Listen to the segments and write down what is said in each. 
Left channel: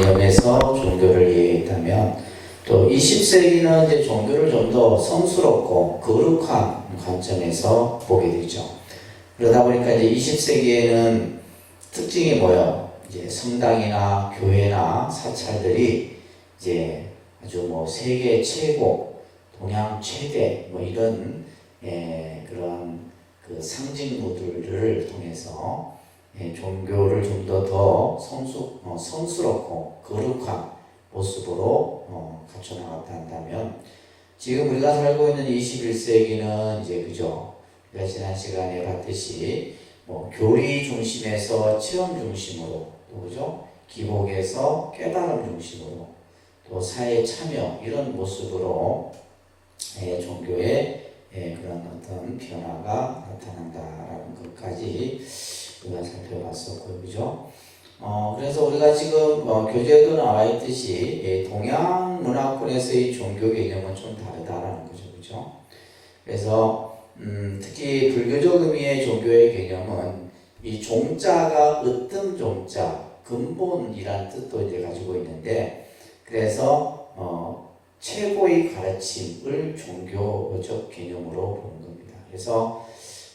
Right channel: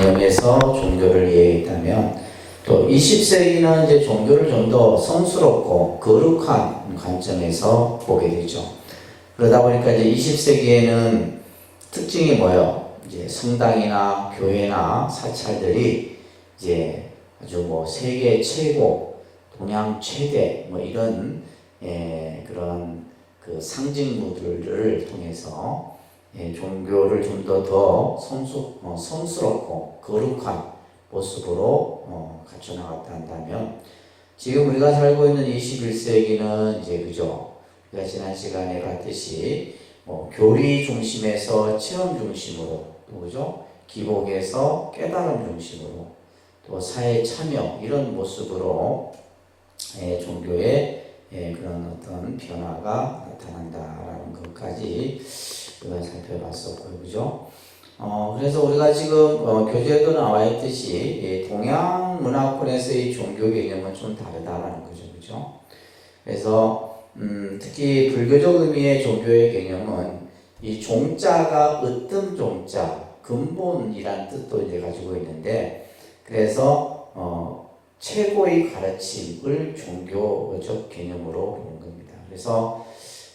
개념에서 종교를 이해했다면 또 20세기는 이제 종교를 좀 더 성스럽고 거룩한 관점에서 보게 되죠. 그러다 보니까 이제 20세기에는 특징이 뭐예요? 이제 성당이나 교회나 사찰들이 이제 아주 뭐 세계 최고, 동양 최대 뭐 이런 그런 그 상징물들을 통해서 종교를 좀 더 성스럽고 거룩한 모습으로 갖춰나갔다 한다면 지금 우리가 살고 있는 21세기는 이제 그죠? 우리가 지난 시간에 봤듯이 교리 중심에서 체험 중심으로 또 그죠? 기복에서 깨달음 중심으로 또 사회 참여 이런 모습으로 종교의 그런 어떤 변화가 나타난다라는 것까지 우리가 살펴봤었고요, 그죠? 그래서 우리가 지금 교재에도 나와 있듯이 동양 문화권에서의 종교 개념은 좀 다르다라는 거죠, 그죠? 그래서 특히 불교적 의미의 종교의 개념은 이 종자가 으뜸 종자, 근본이라는 뜻도 이제 가지고 있는데, 그래서 최고의 가르침을 종교적 개념으로 보는 겁니다. 그래서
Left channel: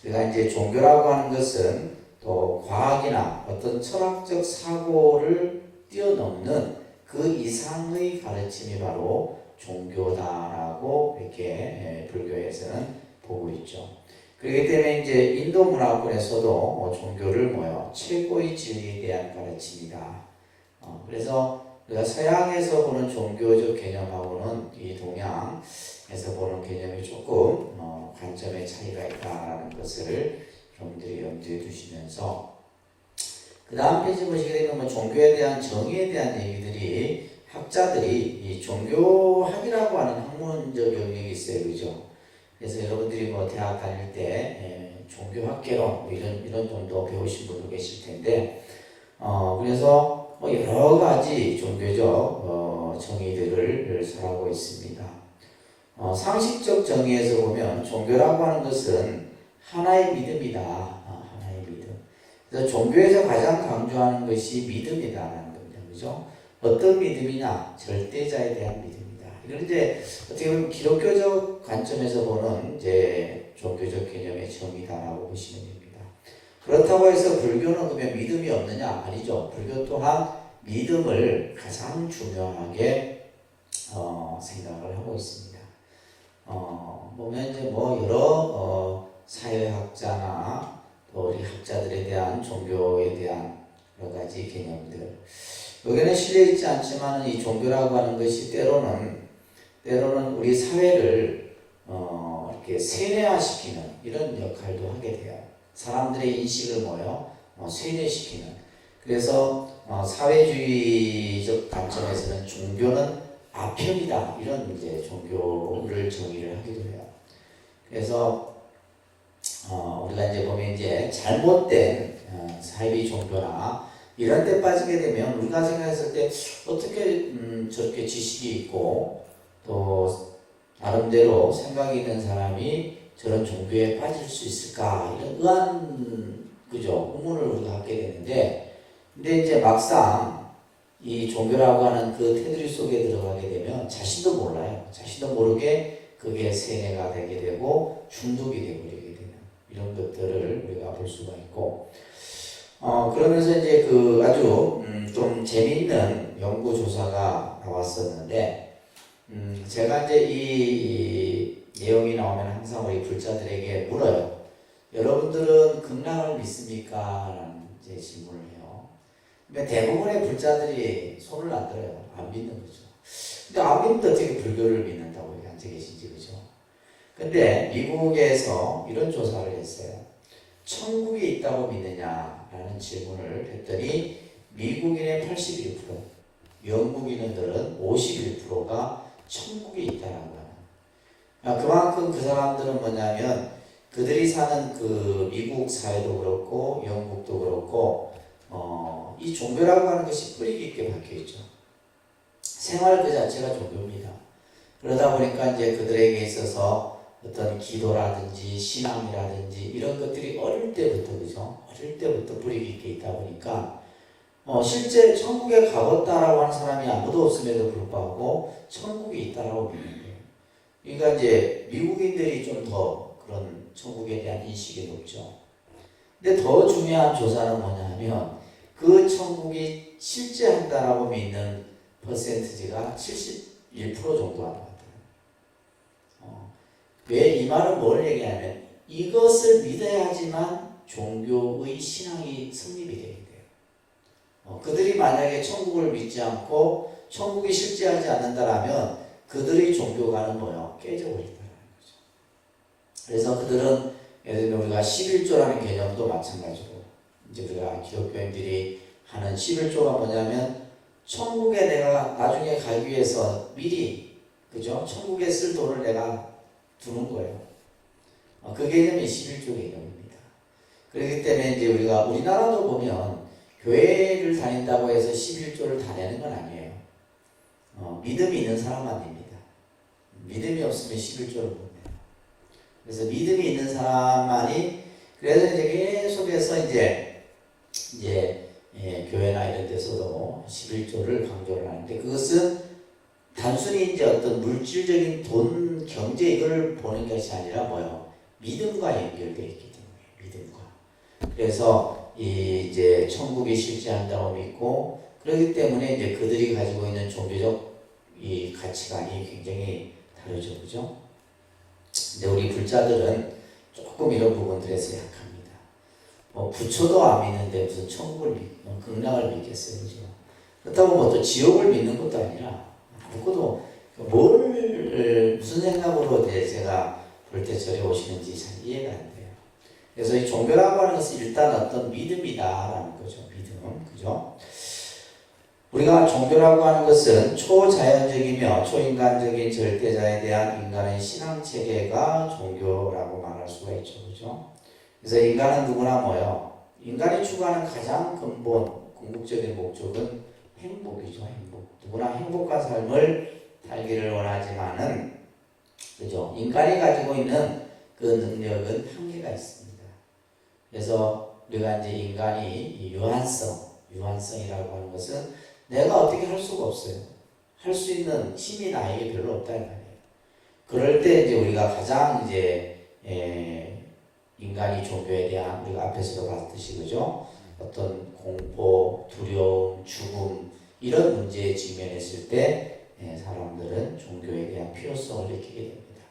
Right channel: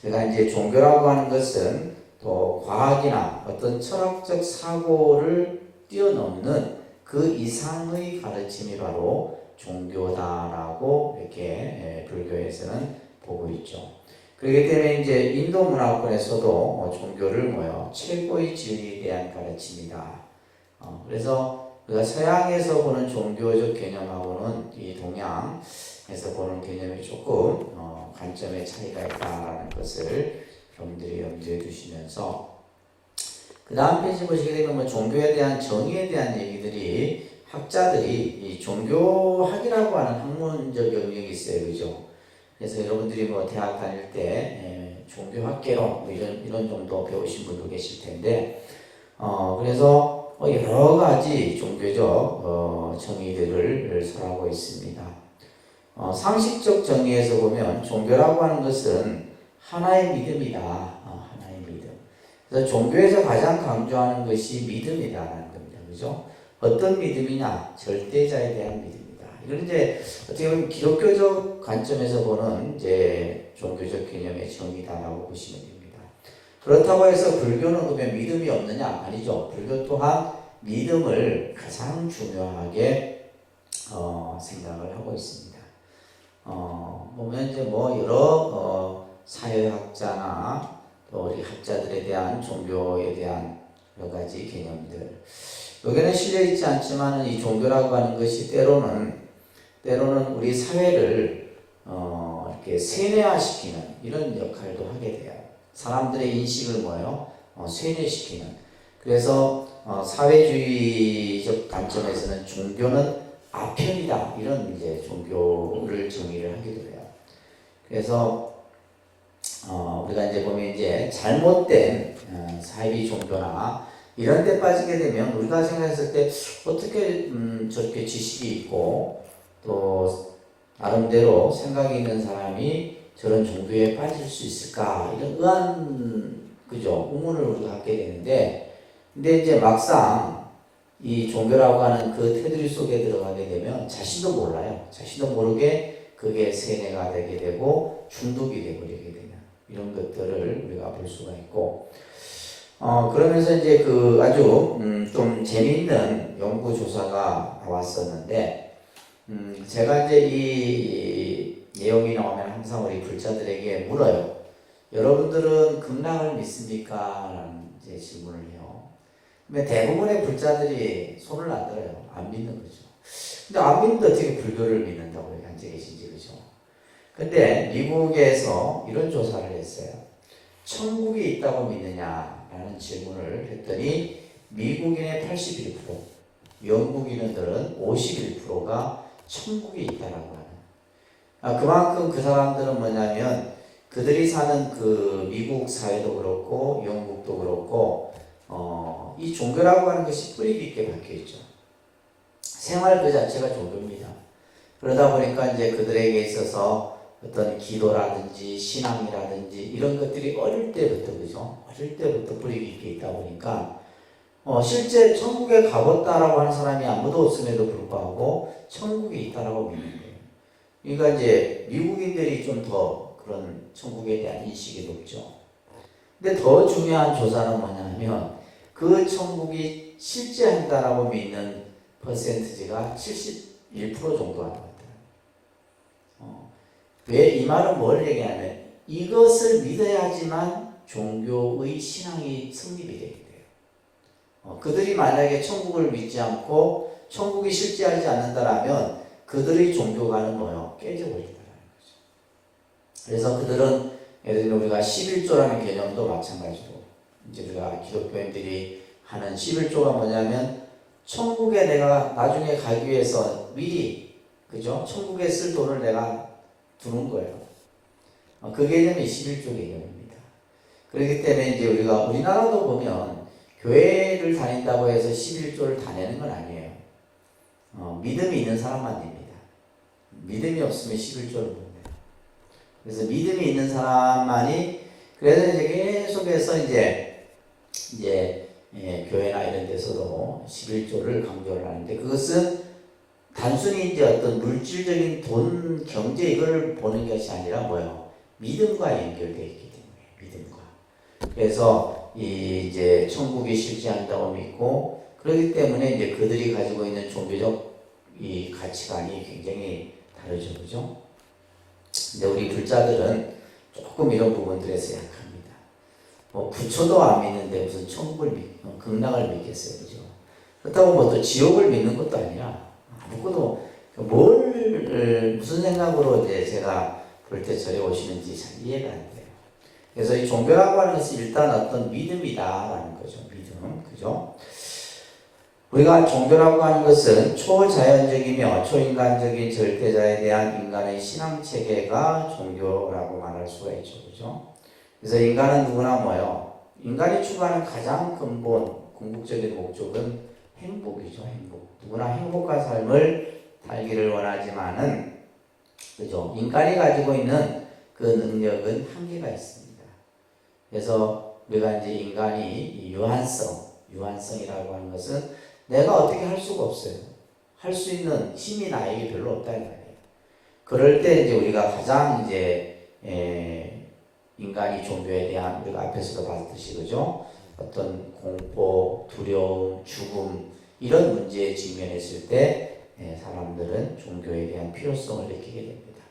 우리가 이제 종교라고 하는 것은 또 과학이나 어떤 철학적 사고를 뛰어넘는 그 이상의 가르침이 바로 종교다라고 이렇게 불교에서는 보고 있죠. 그렇기 때문에 이제 인도 문화권에서도 종교를 최고의 진리에 대한 가르침이다. 그래서 우리가 서양에서 보는 종교적 개념하고는 이 동양에서 보는 개념이 조금 관점의 차이가 있다는 것을 여러분들이 염두에 두시면서 그 다음 페이지 보시게 되면 종교에 대한 정의에 대한 얘기들이 학자들이 이 종교학이라고 하는 학문적 영역이 있어요, 그죠? 그래서 여러분들이 대학 다닐 때 종교학개론 이런 정도 배우신 분도 계실 텐데 그래서 여러 가지 종교적 정의들을 설하고 있습니다. 상식적 정의에서 보면 종교라고 하는 것은 하나의 믿음이다. 하나의 믿음. 그래서 종교에서 가장 강조하는 것이 믿음이다라는 겁니다. 그죠? 어떤 믿음이냐? 절대자에 대한 믿음이다. 이건 이제 어떻게 보면 기독교적 관점에서 보는 이제 종교적 개념의 정의다라고 보시면 됩니다. 그렇다고 해서 불교는 그러면 믿음이 없느냐? 아니죠. 불교 또한 믿음을 가장 중요하게 생각을 하고 있습니다. 보면 이제 여러 사회학자나 또 우리 학자들에 대한 종교에 대한 여러 가지 개념들. 여기는 실려 있지 않지만 이 종교라고 하는 것이 때로는 우리 사회를 이렇게 세뇌화시키는 이런 역할도 하게 돼요. 사람들의 인식을 세뇌시키는. 그래서 사회주의적 관점에서는 종교는 아편이다 이런 이제 종교를 정의를 하기도 해요. 그래서 우리가 이제 보면 이제 잘못된 사이비 종교나 이런 데 빠지게 되면 우리가 생각했을 때 어떻게 저렇게 지식이 있고 또 나름대로 생각이 있는 사람이 저런 종교에 빠질 수 있을까 이런 의문을 우리가 갖게 되는데, 근데 이제 막상 이 종교라고 하는 그 테두리 속에 들어가게 되면 자신도 몰라요. 자신도 모르게 그게 세뇌가 되게 되고 중독이 되버리게 되는 이런 것들을 우리가 볼 수가 있고, 그러면서 이제 아주 좀 재미있는 연구 조사가 나왔었는데, 제가 이제 이 내용이 나오면 항상 우리 불자들에게 물어요. 여러분들은 극락을 믿습니까? 라는 이제 질문을 해요. 근데 대부분의 불자들이 손을 안 들어요. 안 믿는 거죠. 근데 안 믿는데 어떻게 불교를 믿는다고 앉아 계신지, 그죠? 근데 미국에서 이런 조사를 했어요. 천국이 있다고 믿느냐라는 질문을 했더니 미국인의 81%, 영국인들은 51%가 천국이 있다라고 하는. 그만큼 그 사람들은 뭐냐면 그들이 사는 그 미국 사회도 그렇고 영국도 그렇고 이 종교라고 하는 것이 뿌리 깊게 박혀 있죠. 생활 그 자체가 종교입니다. 그러다 보니까 이제 그들에게 있어서 어떤 기도라든지 신앙이라든지 이런 것들이 어릴 때부터, 그죠? 어릴 때부터 뿌리 깊게 있다 보니까 실제 천국에 가봤다라고 하는 사람이 아무도 없음에도 불구하고 천국이 있다라고 믿는 거예요. 그러니까 이제 미국인들이 좀 더 그런 천국에 대한 인식이 높죠. 근데 더 중요한 조사는 뭐냐면 그 천국이 실제한다라고 믿는 퍼센티지가 71% 정도 하는 것 같아요. 왜 이 말은 뭘 얘기하냐면 이것을 믿어야지만 종교의 신앙이 성립이 되게 돼요. 그들이 만약에 천국을 믿지 않고 천국이 실제하지 않는다라면 그들의 종교관은 뭐요? 깨져버린다는 거죠. 그래서 그들은 예를 들면 우리가 11조라는 개념도 마찬가지로 이제 우리가 기독교인들이 하는 11조가 뭐냐면 천국에 내가 나중에 가기 위해서 미리 그죠? 천국에 쓸 돈을 내가 두는 거예요. 그 개념이 11조 개념입니다. 그렇기 때문에 이제 우리가 우리나라도 보면 교회를 다닌다고 해서 11조를 다 내는 건 아니에요. 믿음이 있는 사람만 냅니다. 믿음이 없으면 11조를 못 내요. 그래서 믿음이 있는 사람만이 그래서 이제 계속해서 교회나 이런 데서도 11조를 강조를 하는데 그것은 단순히 이제 어떤 물질적인 돈, 경제 이걸 보는 것이 아니라 뭐예요? 믿음과 연결되어 있기 때문에 믿음과. 그래서 이제 천국이 실제한다고 믿고 그렇기 때문에 이제 그들이 가지고 있는 종교적 이 가치관이 굉장히 다르죠, 그죠? 근데 우리 불자들은 조금 이런 부분들에서 약합니다. 부처도 안 믿는데 무슨 천국을 믿고 극락을 믿겠어요, 그죠? 그렇다고 뭐 또 지옥을 믿는 것도 아니라 아무것도 무슨 생각으로 이제 제가 볼 때 저희 오시는지 잘 이해가 안 돼요. 그래서 이 종교라고 하는 것은 일단 어떤 믿음이다라는 거죠, 믿음, 그죠? 우리가 종교라고 하는 것은 초자연적이며 초인간적인 절대자에 대한 인간의 신앙 체계가 종교라고 말할 수가 있죠, 그죠? 그래서 인간은 누구나 뭐요? 인간이 추구하는 가장 근본, 궁극적인 목적은 행복이죠, 행복. 누구나 행복한 삶을 살기를 원하지만은, 그죠? 인간이 가지고 있는 그 능력은 한계가 있습니다. 그래서 우리가 이제 인간이 유한성이라고 하는 것은 내가 어떻게 할 수가 없어요. 할 수 있는 힘이 나에게 별로 없다는 말이에요. 그럴 때 이제 우리가 가장 인간이 종교에 대한 우리가 앞에서도 봤듯이 그죠? 어떤 공포, 두려움, 죽음 이런 문제에 직면했을 때 사람들은 종교에 대한 필요성을 느끼게 됩니다.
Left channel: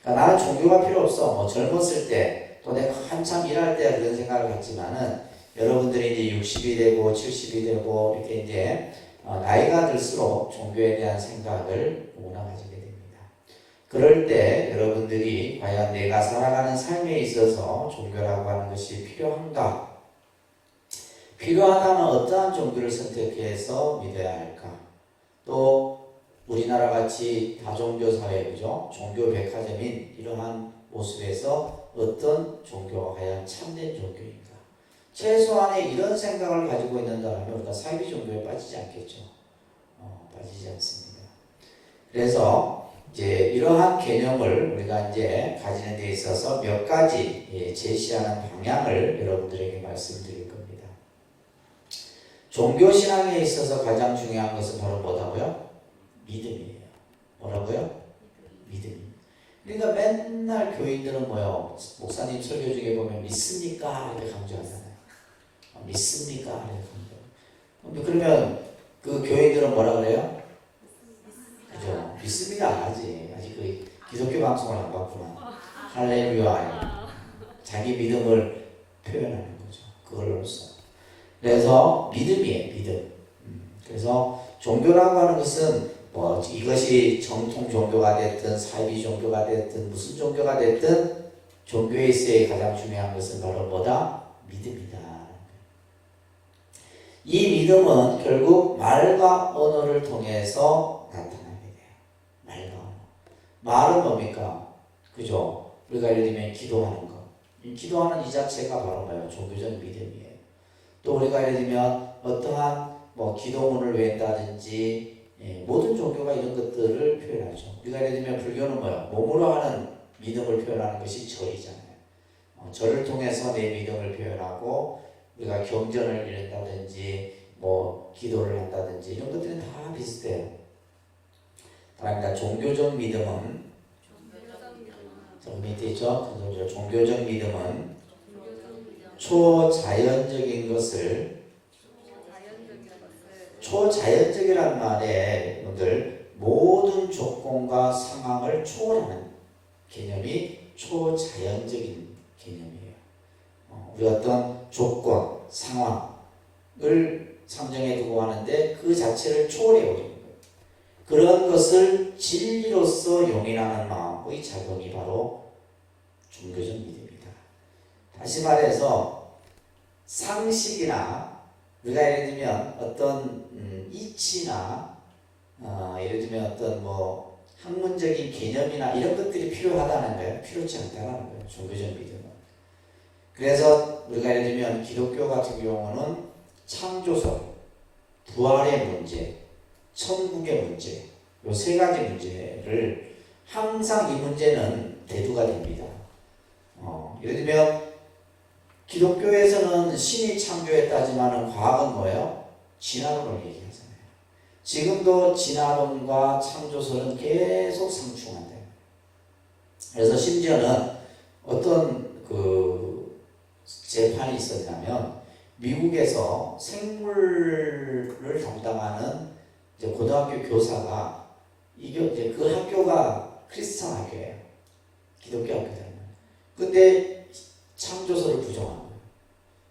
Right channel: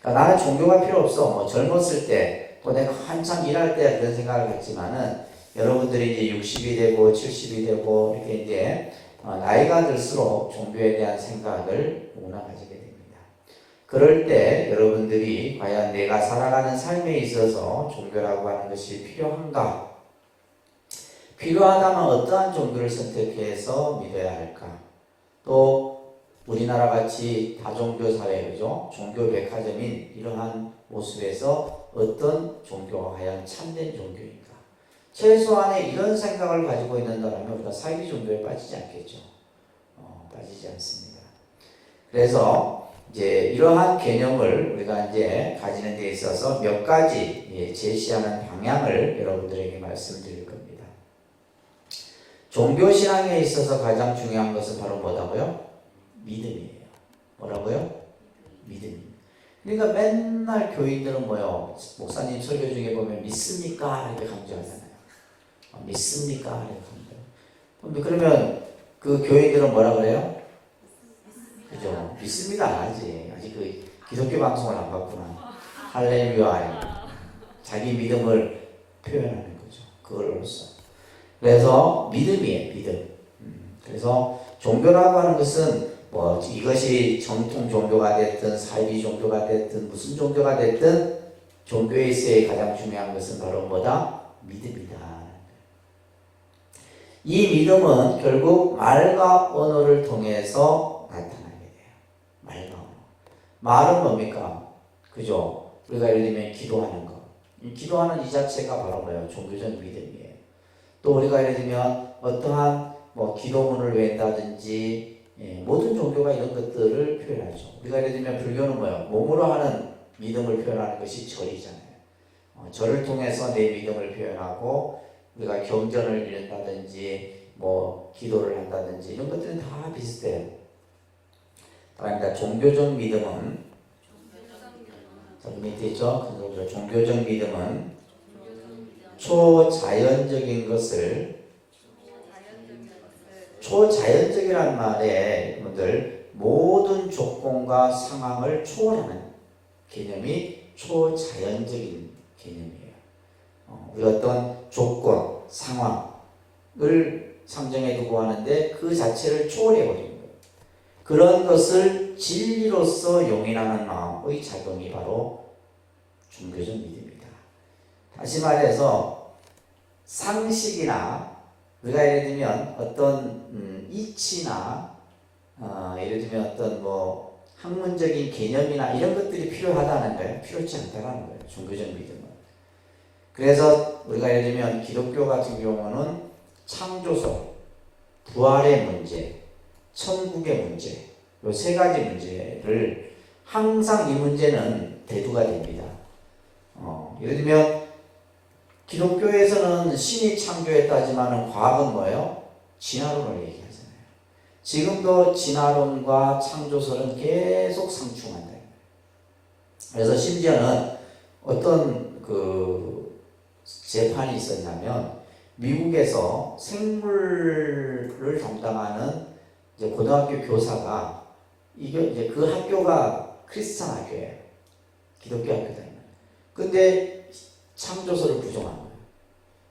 그러니까 나는 종교가 필요 없어. 젊었을 때, 또 내가 한참 일할 때 그런 생각을 갖지만은 여러분들이 이제 60이 되고 70이 되고 이렇게 이제 나이가 들수록 종교에 대한 생각을 누구나 가지게 됩니다. 그럴 때 여러분들이 과연 내가 살아가는 삶에 있어서 종교라고 하는 것이 필요한가? 필요하다면 어떠한 종교를 선택해서 믿어야 할까? 또 우리나라 같이 다종교 사회, 그죠? 종교 백화점인 이러한 모습에서 어떤 종교가 과연 참된 종교인가? 최소한의 이런 생각을 가지고 있는다면 우리가 사이비 종교에 빠지지 않겠죠. 빠지지 않습니다. 그래서 이제 이러한 개념을 우리가 이제 가지는 데 있어서 몇 가지 제시하는 방향을 여러분들에게 말씀드릴 겁니다. 종교 신앙에 있어서 가장 중요한 것은 바로 뭐라고요? 믿음이에요. 뭐라고요? 믿음. 그러니까 맨날 교인들은 뭐요? 목사님 설교 중에 보면 믿습니까? 이렇게 강조하잖아요. 믿습니까? 그러면 그 교인들은 뭐라 그래요? 그죠? 믿습니다 안 하지. 아직 그 기독교 방송을 안 봤구나. 할렐루야. 자기 믿음을 표현하는 거죠. 그걸로써. 그래서 믿음이에요. 믿음. 그래서 종교라고 하는 것은 이것이 정통 종교가 됐든 사이비 종교가 됐든 무슨 종교가 됐든 종교에 있어야 가장 중요한 것은 바로 뭐다? 믿음이다. 이 믿음은 결국 말과 언어를 통해서 나타나게 돼요. 말과 언어. 말은 뭡니까? 그죠? 우리가 예를 들면 기도하는 것. 기도하는 이 자체가 바로 뭐예요? 종교적 믿음이에요. 또 우리가 예를 들면 어떠한 기도문을 외운다든지 모든 종교가 이런 것들을 표현하죠. 우리가 예를 들면 불교는 뭐예요? 몸으로 하는 믿음을 표현하는 것이 절이잖아요. 절을 통해서 내 믿음을 표현하고 우리가 경전을 읽는다든지 뭐 기도를 한다든지 이런 것들은 다 비슷해요. 그러니까 종교적 믿음은 밑에 있죠? 종교적 믿음은 초자연적인 것을 초자연적이라는 말에 여러분들 모든 조건과 상황을 초월하는 개념이 초자연적인 개념이에요. 우리 어떤 조건, 상황을 상정해 두고 하는데 그 자체를 초월해 버리는 거예요. 그런 것을 진리로서 용인하는 마음의 작용이 바로 종교적 믿음입니다. 다시 말해서 상식이나 우리가 예를 들면 어떤 이치나 예를 들면 어떤 뭐 학문적인 개념이나 이런 것들이 필요하다는 거예요. 필요치 않다는 거예요. 종교적 믿음은. 그래서 우리가 예를 들면 기독교 같은 경우는 창조설, 부활의 문제, 천국의 문제, 이 세 가지 문제를 항상 이 문제는 대두가 됩니다. 예를 들면 기독교에서는 신이 창조했다지만 과학은 뭐예요? 진화론을 얘기하잖아요. 지금도 진화론과 창조설은 계속 상충한대요. 그래서 심지어는 어떤 그 재판이 있었냐면 미국에서 생물을 담당하는 이제 고등학교 교사가 이게 이제 그 학교가 크리스찬 학교예요. 기독교 학교잖아요. 근데 창조설을 부정하는 거예요.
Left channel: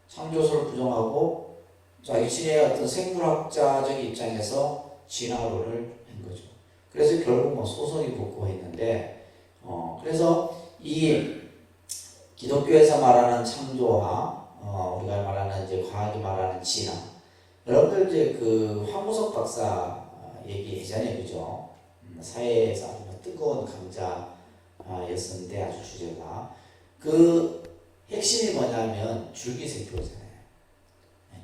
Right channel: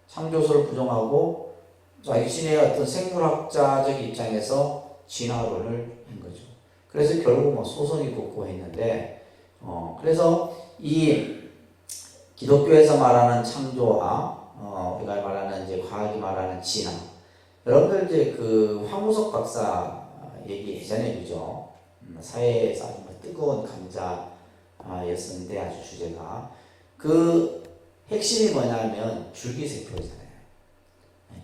창조설을 부정하고 자신의 어떤 생물학자적 입장에서 진화론을 한 거죠. 그래서 결국 뭐 소송이 붙고 했는데, 그래서 이 기독교에서 말하는 창조와 우리가 말하는 이제 과학이 말하는 진화. 여러분들 이제 그 황우석 박사 얘기했잖아요, 그죠? 사회에서 아주 뜨거운 감자였었는데 아주 주제가 그 핵심이 뭐냐면 줄기세포잖아요.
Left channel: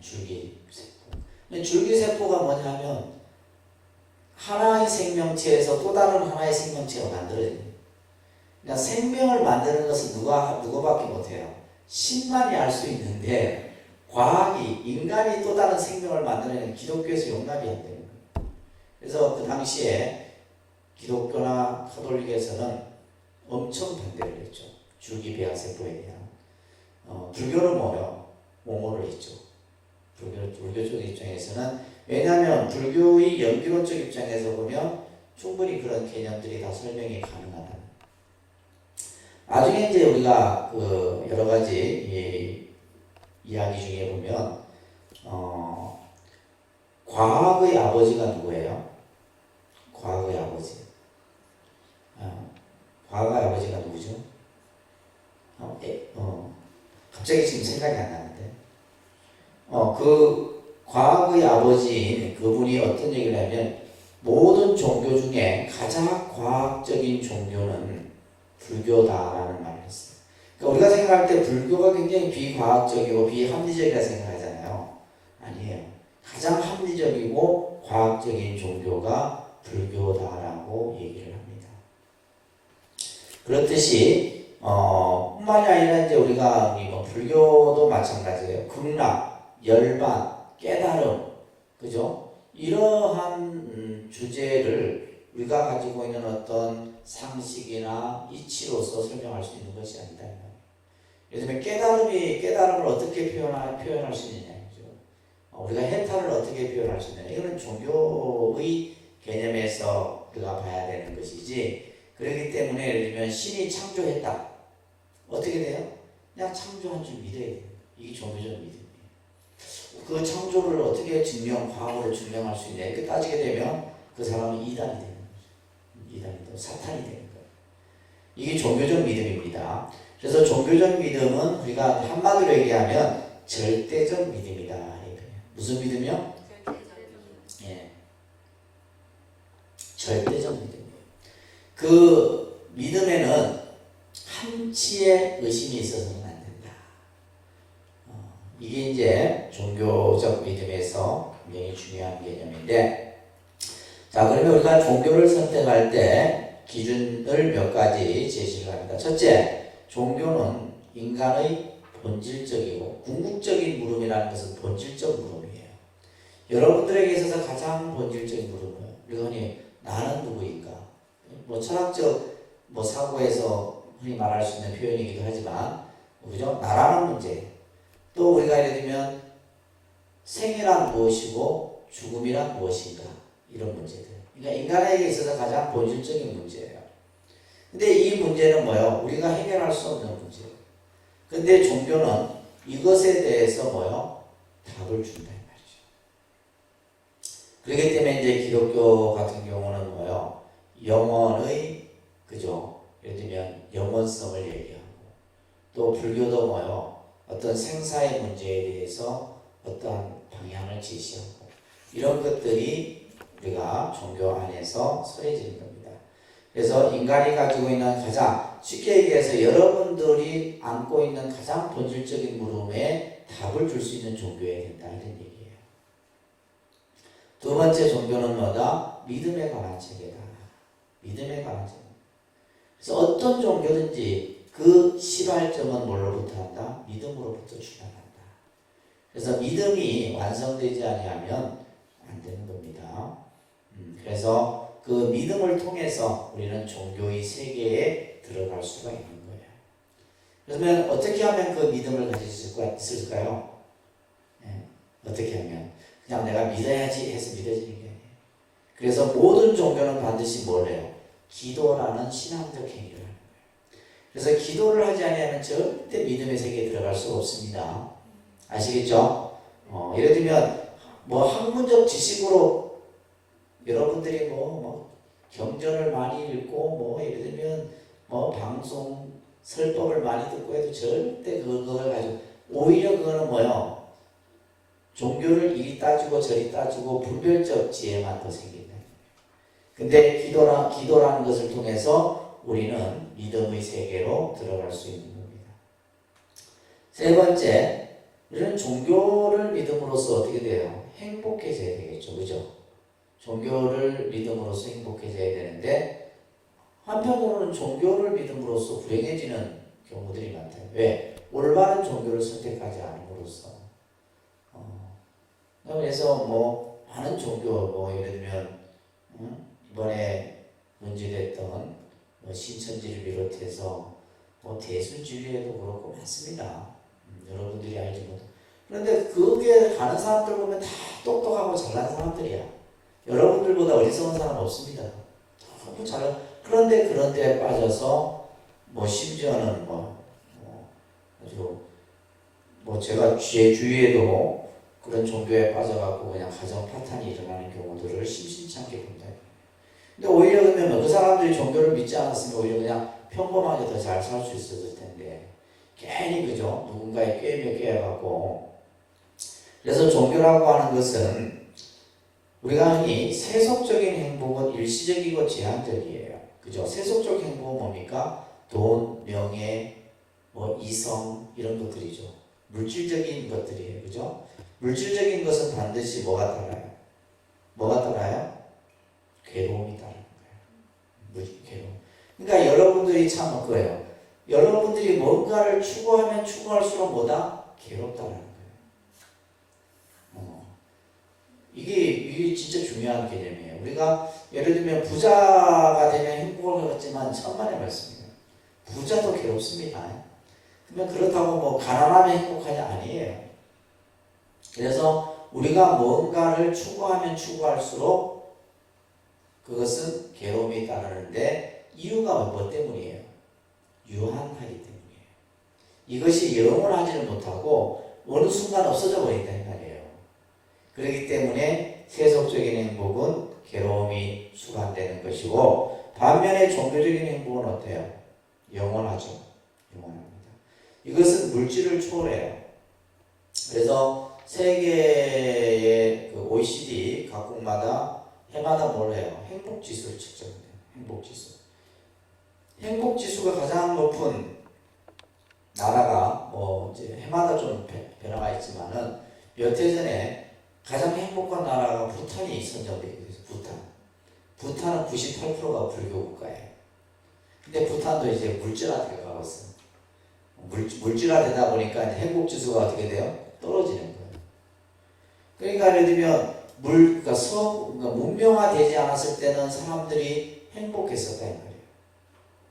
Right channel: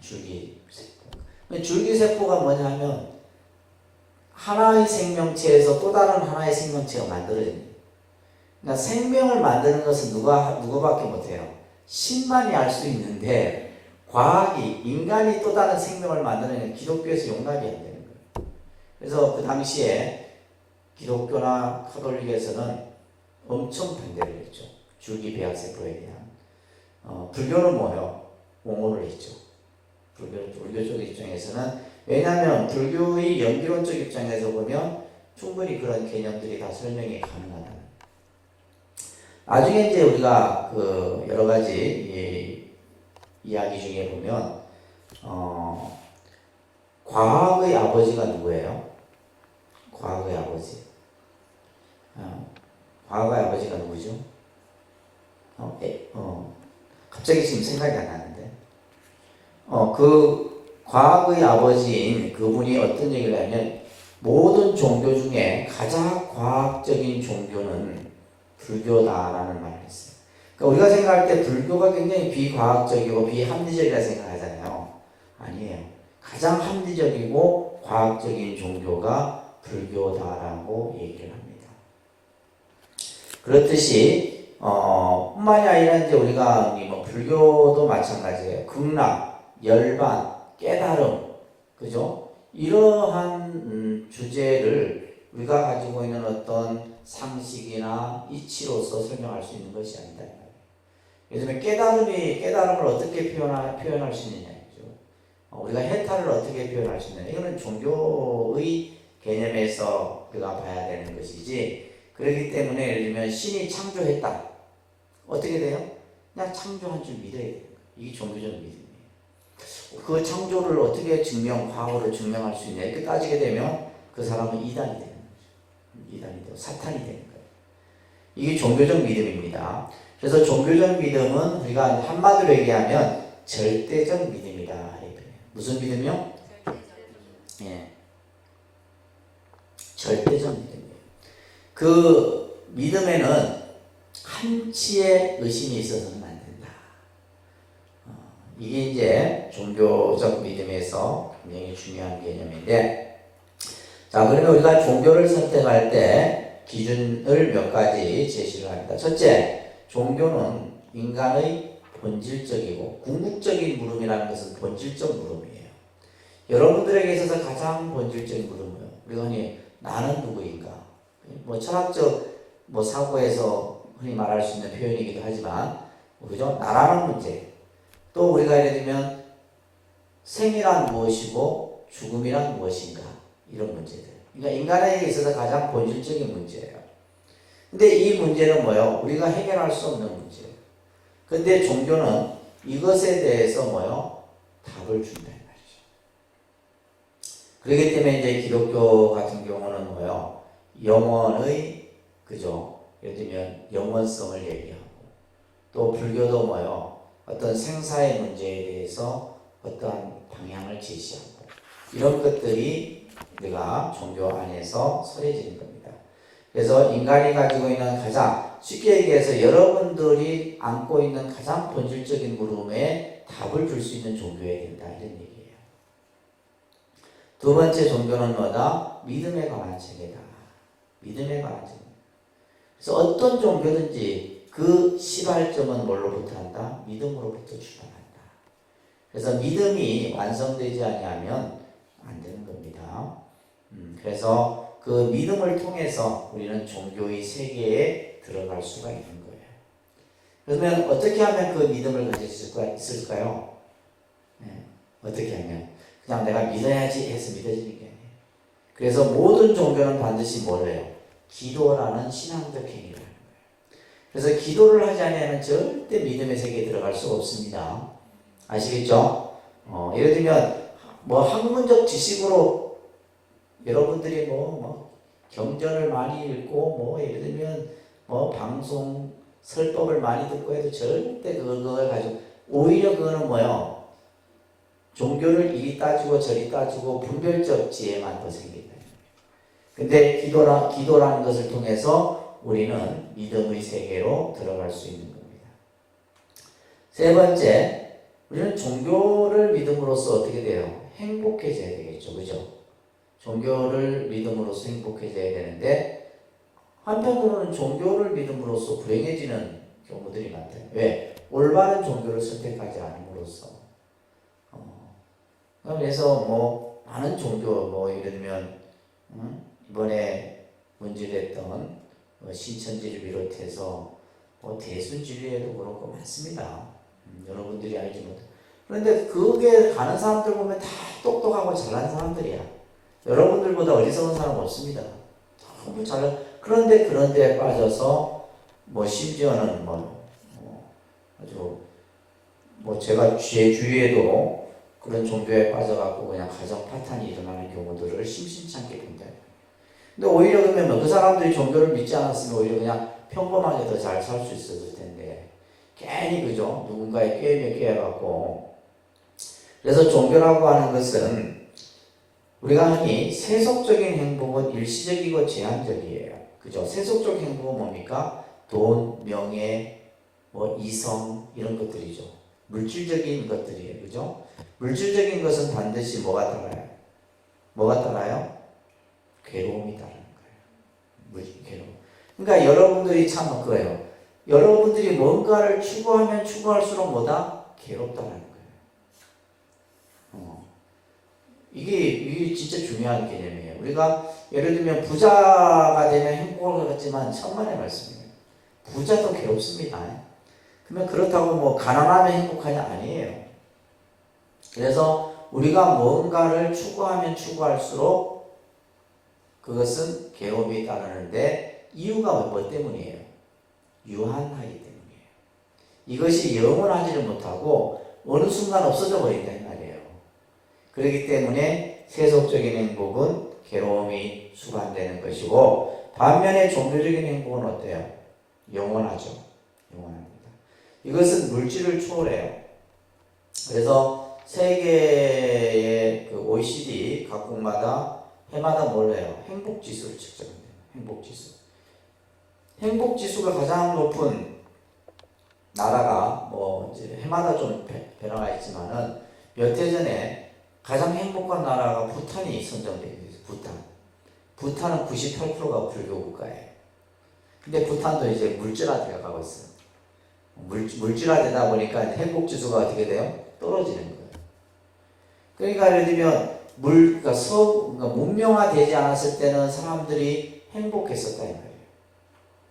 줄기세포. 줄기세포가 뭐냐면 하나의 생명체에서 또 다른 하나의 생명체가 만들어집니다. 그러니까 생명을 만드는 것은 누구밖에 못해요. 신만이 알 수 있는데 과학이 인간이 또 다른 생명을 만드는 기독교에서 용납이 안 되는 거예요. 그래서 그 당시에 기독교나 카톨릭에서는 엄청 반대를 했죠. 줄기배양세포에 대한. 불교는 뭐예요? 옹호를 했죠. 불교적 입장에서는. 왜냐하면 불교의 연기론적 입장에서 보면 충분히 그런 개념들이 다 설명이 가능하다. 나중에 이제 우리가 그 여러 가지 이야기 중에 보면 과학의 아버지가 누구예요? 과학의 아버지. 과학의 아버지가 누구죠? 갑자기 지금 생각이 안 나는데. 그 과학의 아버지인 그분이 어떤 얘기를 하면 모든 종교 중에 가장 과학적인 종교는 불교다라는 말을 했어요. 그러니까 우리가 생각할 때 불교가 굉장히 비과학적이고 비합리적이라 생각하잖아요. 아니에요. 가장 합리적이고 과학적인 종교가 불교다라고 얘기를 합니다. 그렇듯이 뿐만이 아니라 이제 우리가 뭐 불교도 마찬가지예요. 극락, 열반, 깨달음, 그죠? 이러한 주제를 우리가 가지고 있는 어떤 상식이나 이치로서 설명할 수 있는 것이 아니다. 예를 들면 깨달음을 어떻게 표현할 수 있느냐, 그죠? 우리가 해탈을 어떻게 표현할 수 있느냐. 이거는 종교의 개념에서 우리가 봐야 되는 것이지. 그렇기 때문에 예를 들면 신이 창조했다. 어떻게 돼요? 그냥 창조한 줄 믿어야 돼요. 이게 종교적 믿음이에요. 그 창조를 어떻게 과학으로 증명할 수 있냐. 이렇게 따지게 되면 그 사람은 이단이 되는 거죠. 이단이 되고 사탄이 되는 거예요. 이게 종교적 믿음입니다. 그래서 종교적 믿음은 우리가 한마디로 얘기하면 절대적 믿음이다. 무슨 믿음이요? 예. 절대적 믿음이에요. 그 믿음에는 한치의 의심이 있어서는 안 된다. 이게 이제 종교적 믿음에서 굉장히 중요한 개념인데, 자, 그러면 우리가 종교를 선택할 때 기준을 몇 가지 제시를 합니다. 첫째, 종교는 인간의 본질적이고 궁극적인 물음이라는 것은 본질적 물음이에요. 여러분들에게 있어서 가장 본질적인 물음은 우리가 흔히 나는 누구인가? 뭐 철학적 뭐 사고에서 흔히 말할 수 있는 표현이기도 하지만, 그죠? 나라는 문제. 또 우리가 예를 들면 생이란 무엇이고 죽음이란 무엇인가? 이런 문제들. 그러니까 인간에게 있어서 가장 본질적인 문제예요. 근데 이 문제는 뭐예요? 우리가 해결할 수 없는 문제예요. 근데 종교는 이것에 대해서 뭐예요? 답을 준다 이 말이죠. 그렇기 때문에 이제 기독교 같은 경우는 뭐예요? 영원의, 그죠? 예를 들면 영원성을 얘기하고, 또 불교도 뭐예요? 어떤 생사의 문제에 대해서 어떠한 방향을 제시하고, 이런 것들이 우리가 종교 안에서 서해지는 겁니다. 그래서 인간이 가지고 있는 가장 쉽게 얘기해서 여러분들이 안고 있는 가장 본질적인 물음에 답을 줄 수 있는 종교여야 된다 이런 얘기예요. 두 번째 종교는 뭐다? 믿음에 관한 체계다. 믿음에 관한 체계. 그래서 어떤 종교든지 그 시발점은 뭘로부터 한다? 믿음으로부터 출발한다. 그래서 믿음이 완성되지 아니하면 안 되는 겁니다. 그래서 그 믿음을 통해서 우리는 종교의 세계에 들어갈 수가 있는 거예요. 그러면 어떻게 하면 그 믿음을 가질 수 있을까요? 네. 어떻게 하면? 그냥 내가 믿어야지 해서 믿어지는 게 아니에요. 그래서 모든 종교는 반드시 뭘 해요? 기도라는 신앙적 행위를 하는 거예요. 그래서 기도를 하지 않으면 절대 믿음의 세계에 들어갈 수가 없습니다. 아시겠죠? 예를 들면 뭐 학문적 지식으로 여러분들이 뭐 경전을 많이 읽고 뭐 예를 들면 뭐 방송 설법을 많이 듣고 해도 절대 그걸 가지고 오히려 그거는 뭐예요? 종교를 이리 따지고 저리 따지고 분별적 지혜만 더 생긴다. 근데 기도라는 것을 통해서 우리는 믿음의 세계로 들어갈 수 있는 겁니다. 세 번째, 우리는 종교를 믿음으로써 어떻게 돼요? 행복해져야 되겠죠. 그죠? 종교를 믿음으로써 행복해져야 되는데 한편으로는 종교를 믿음으로써 불행해지는 경우들이 많대요. 왜? 올바른 종교를 선택하지 않음으로써. 그래서 뭐 많은 종교, 뭐 예를 들면 이번에 문제됐던 신천지를 비롯해서 뭐 대순진리에도 그렇고 많습니다. 여러분들이 알지 못해. 그런데 그게 가는 사람들 보면 다 똑똑하고 잘난 사람들이야. 여러분들보다 어리석은 사람 없습니다. 너무 잘난. 그런데 그런 데에 빠져서 뭐 심지어는 아주 제가 제 주위에도 그런 종교에 빠져갖고 그냥 가정 파탄이 일어나는 경우들을 심심찮게 본다. 근데 오히려 그러면 그 사람들이 종교를 믿지 않았으면 오히려 그냥 평범하게 더 잘 살 수 있었을 텐데 괜히 그죠? 누군가의 꾀임에 꾀해갖고. 그래서 종교라고 하는 것은 우리가 흔히 세속적인 행복은 일시적이고 제한적이에요. 그죠? 세속적 행복은 뭡니까? 돈, 명예, 뭐 이성 이런 것들이죠. 물질적인 것들이에요. 그죠? 물질적인 것은 반드시 뭐가 따라요? 뭐가 따라요? 괴로움이 따르는 거예요. 괴로움. 그러니까 여러분들이 참 그거예요. 여러분들이 뭔가를 추구하면 추구할수록 뭐다? 괴롭다는 거예요. 이게 진짜 중요한 개념이에요. 우리가 예를 들면 부자가 되면 행복을 갖지만 천만의 말씀이에요. 부자도 괴롭습니다. 그러면 그렇다고 뭐 가난하면 행복하냐? 아니에요. 그래서 우리가 뭔가를 추구하면 추구할수록 그것은 괴로움이 따르는데 이유가 뭐 때문이에요? 유한하기 때문이에요. 이것이 영원하지를 못하고 어느 순간 없어져 버린다는 말이에요. 그렇기 때문에 세속적인 행복은 괴로움이 수반되는 것이고 반면에 종교적인 행복은 어때요? 영원하죠. 영원합니다. 이것은 물질을 초월해요. 그래서 세계의 그 OECD 각국마다 해마다 뭘 해요? 행복지수를 측정해요. 행복지수. 행복지수가 가장 높은 나라가 뭐 이제 해마다 좀 변화가 있지만은 몇 해 전에 가장 행복한 나라가 부탄이 선정되어 있어요. 부탄은 98%가 불교 국가예요. 근데 부탄도 이제 물질화되어 가고 있어요. 물질화되다 보니까 행복지수가 어떻게 돼요? 떨어지는 거예요. 그러니까 예를 들면 그러니까 문명화되지 않았을 때는 사람들이 행복했었다 이 말이에요.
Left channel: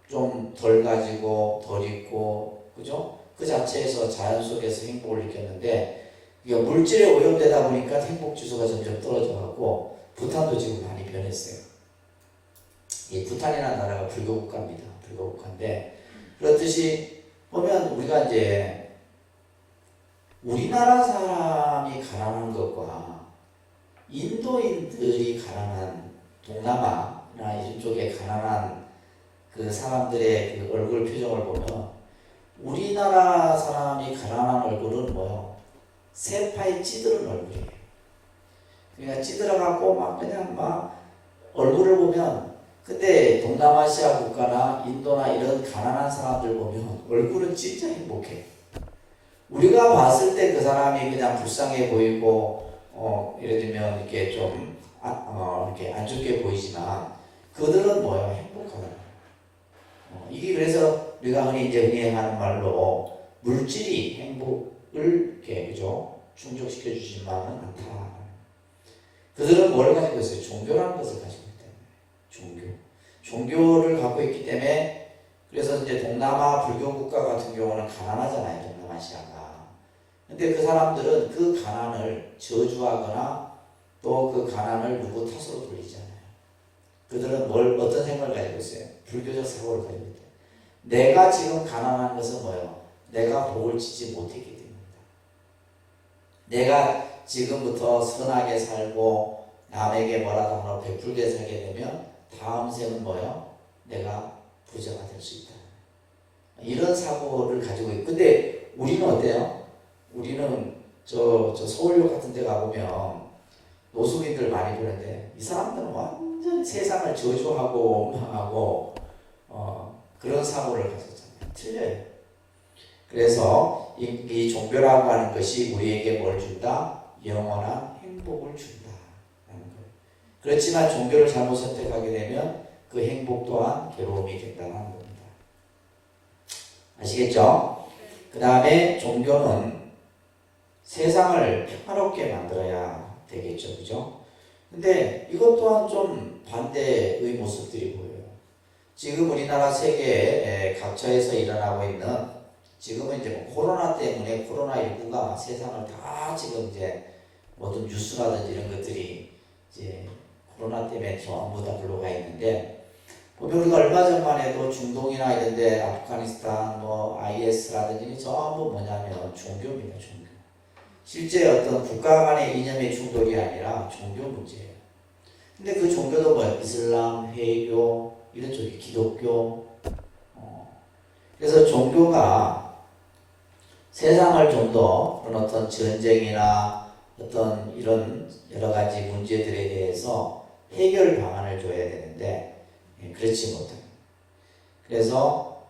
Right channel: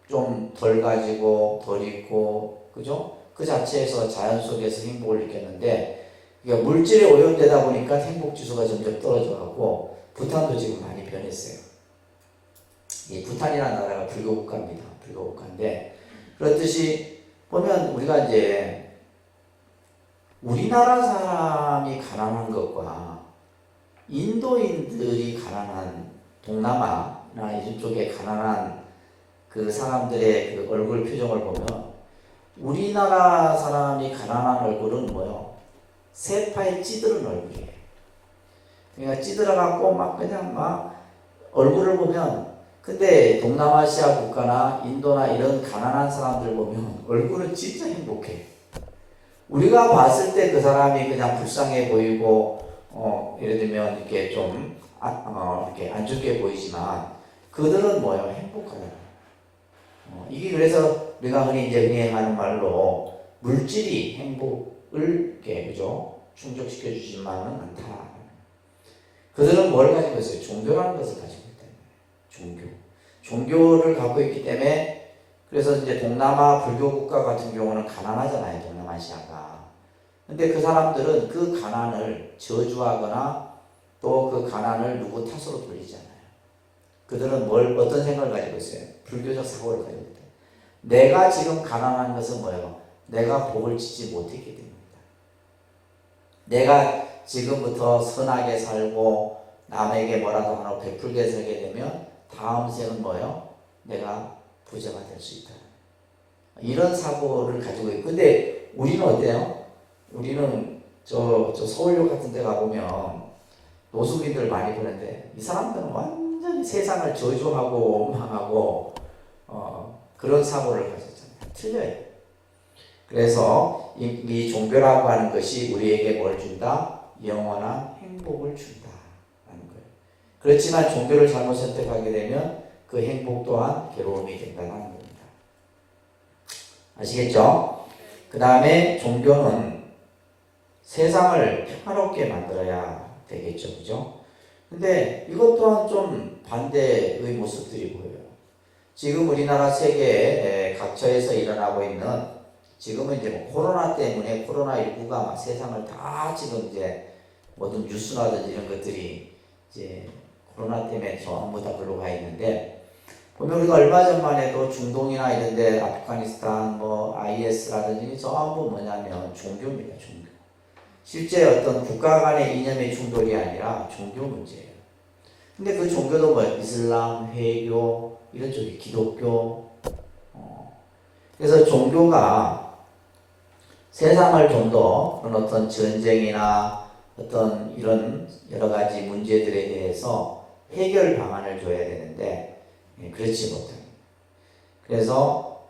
좀 덜 가지고 덜 있고 그죠? 그 자체에서 자연 속에서 행복을 느꼈는데 그러니까 물질에 오염되다 보니까 행복 지수가 점점 떨어져가고 부탄도 지금 많이 변했어요. 이 부탄이라는 나라가 불교 국가입니다. 불교 국가인데 그렇듯이 보면 우리가 이제 우리나라 사람이 가난한 것과 인도인들이 가난한 동남아나 이쪽에 가난한 그 사람들의 그 얼굴 표정을 보면 우리나라 사람이 가난한 얼굴은 뭐요? 세파에 찌들은 얼굴이에요. 그러니까 찌들어갖고 막 그냥 막 얼굴을 보면 근데 동남아시아 국가나 인도나 이런 가난한 사람들 보면 얼굴은 진짜 행복해. 우리가 봤을 때 그 사람이 그냥 불쌍해 보이고 예를 들면 이렇게 좀 이렇게 안 좋게 보이지만 그들은 뭐예요? 행복하다. 이게 그래서 우리가 흔히 이제 흥행하는 말로 물질이 행복을 이렇게 그죠? 충족시켜 주지만은 않다. 그들은 뭘 가지고 있어요? 종교라는 것을 가지고 있다. 종교를 갖고 있기 때문에 그래서 이제 동남아 불교 국가 같은 경우는 가난하잖아요. 동남아시아가. 근데 그 사람들은 그 가난을 저주하거나 또 그 가난을 누구 탓으로 돌리잖아요. 그들은 어떤 생각을 가지고 있어요? 불교적 사고를 가지고 있다. 내가 지금 가난한 것은 뭐예요? 내가 복을 짓지 못했기 때문이다. 내가 지금부터 선하게 살고 남에게 뭐라도 하나 베풀게 살게 되면 다음 생은 뭐예요? 내가 부자가 될 수 있다. 이런 사고를 가지고 있고 근데 우리는 어때요? 우리는 저 서울역 같은 데 가보면 노숙인들 많이 보는데 이 사람들은 완전히 세상을 저주하고 원망하고 그런 사고를 가졌잖아요. 틀려요. 그래서 이 종교라고 하는 것이 우리에게 뭘 준다? 영원한 행복을 준다라는 거예요. 그렇지만 종교를 잘못 선택하게 되면 그 행복 또한 괴로움이 된다는 겁니다. 아시겠죠? 그 다음에 종교는 세상을 평화롭게 만들어야 되겠죠. 그죠? 근데 이것 또한 좀 반대의 모습들이 보여요. 지금 우리나라 세계 각처에서 일어나고 있는 지금은 이제 뭐 코로나 때문에 코로나19가 세상을 다 지금 이제 모든 뉴스라든지 이런 것들이 이제 코로나 때문에 전부 다 불러가 있는데 보면 우리가 얼마 전만 해도 중동이나 이런 데 아프가니스탄 뭐 IS라든지 전부 뭐냐면 종교입니다. 종교. 실제 어떤 국가 간의 이념의 충돌이 아니라 종교 문제예요. 근데 그 종교도 뭐 이슬람, 회교 이런 쪽이 기독교 그래서 종교가 세상을 좀 더 어떤 전쟁이나 어떤 이런 여러 가지 문제들에 대해서 해결 방안을 줘야 되는데 그렇지 못해요. 그래서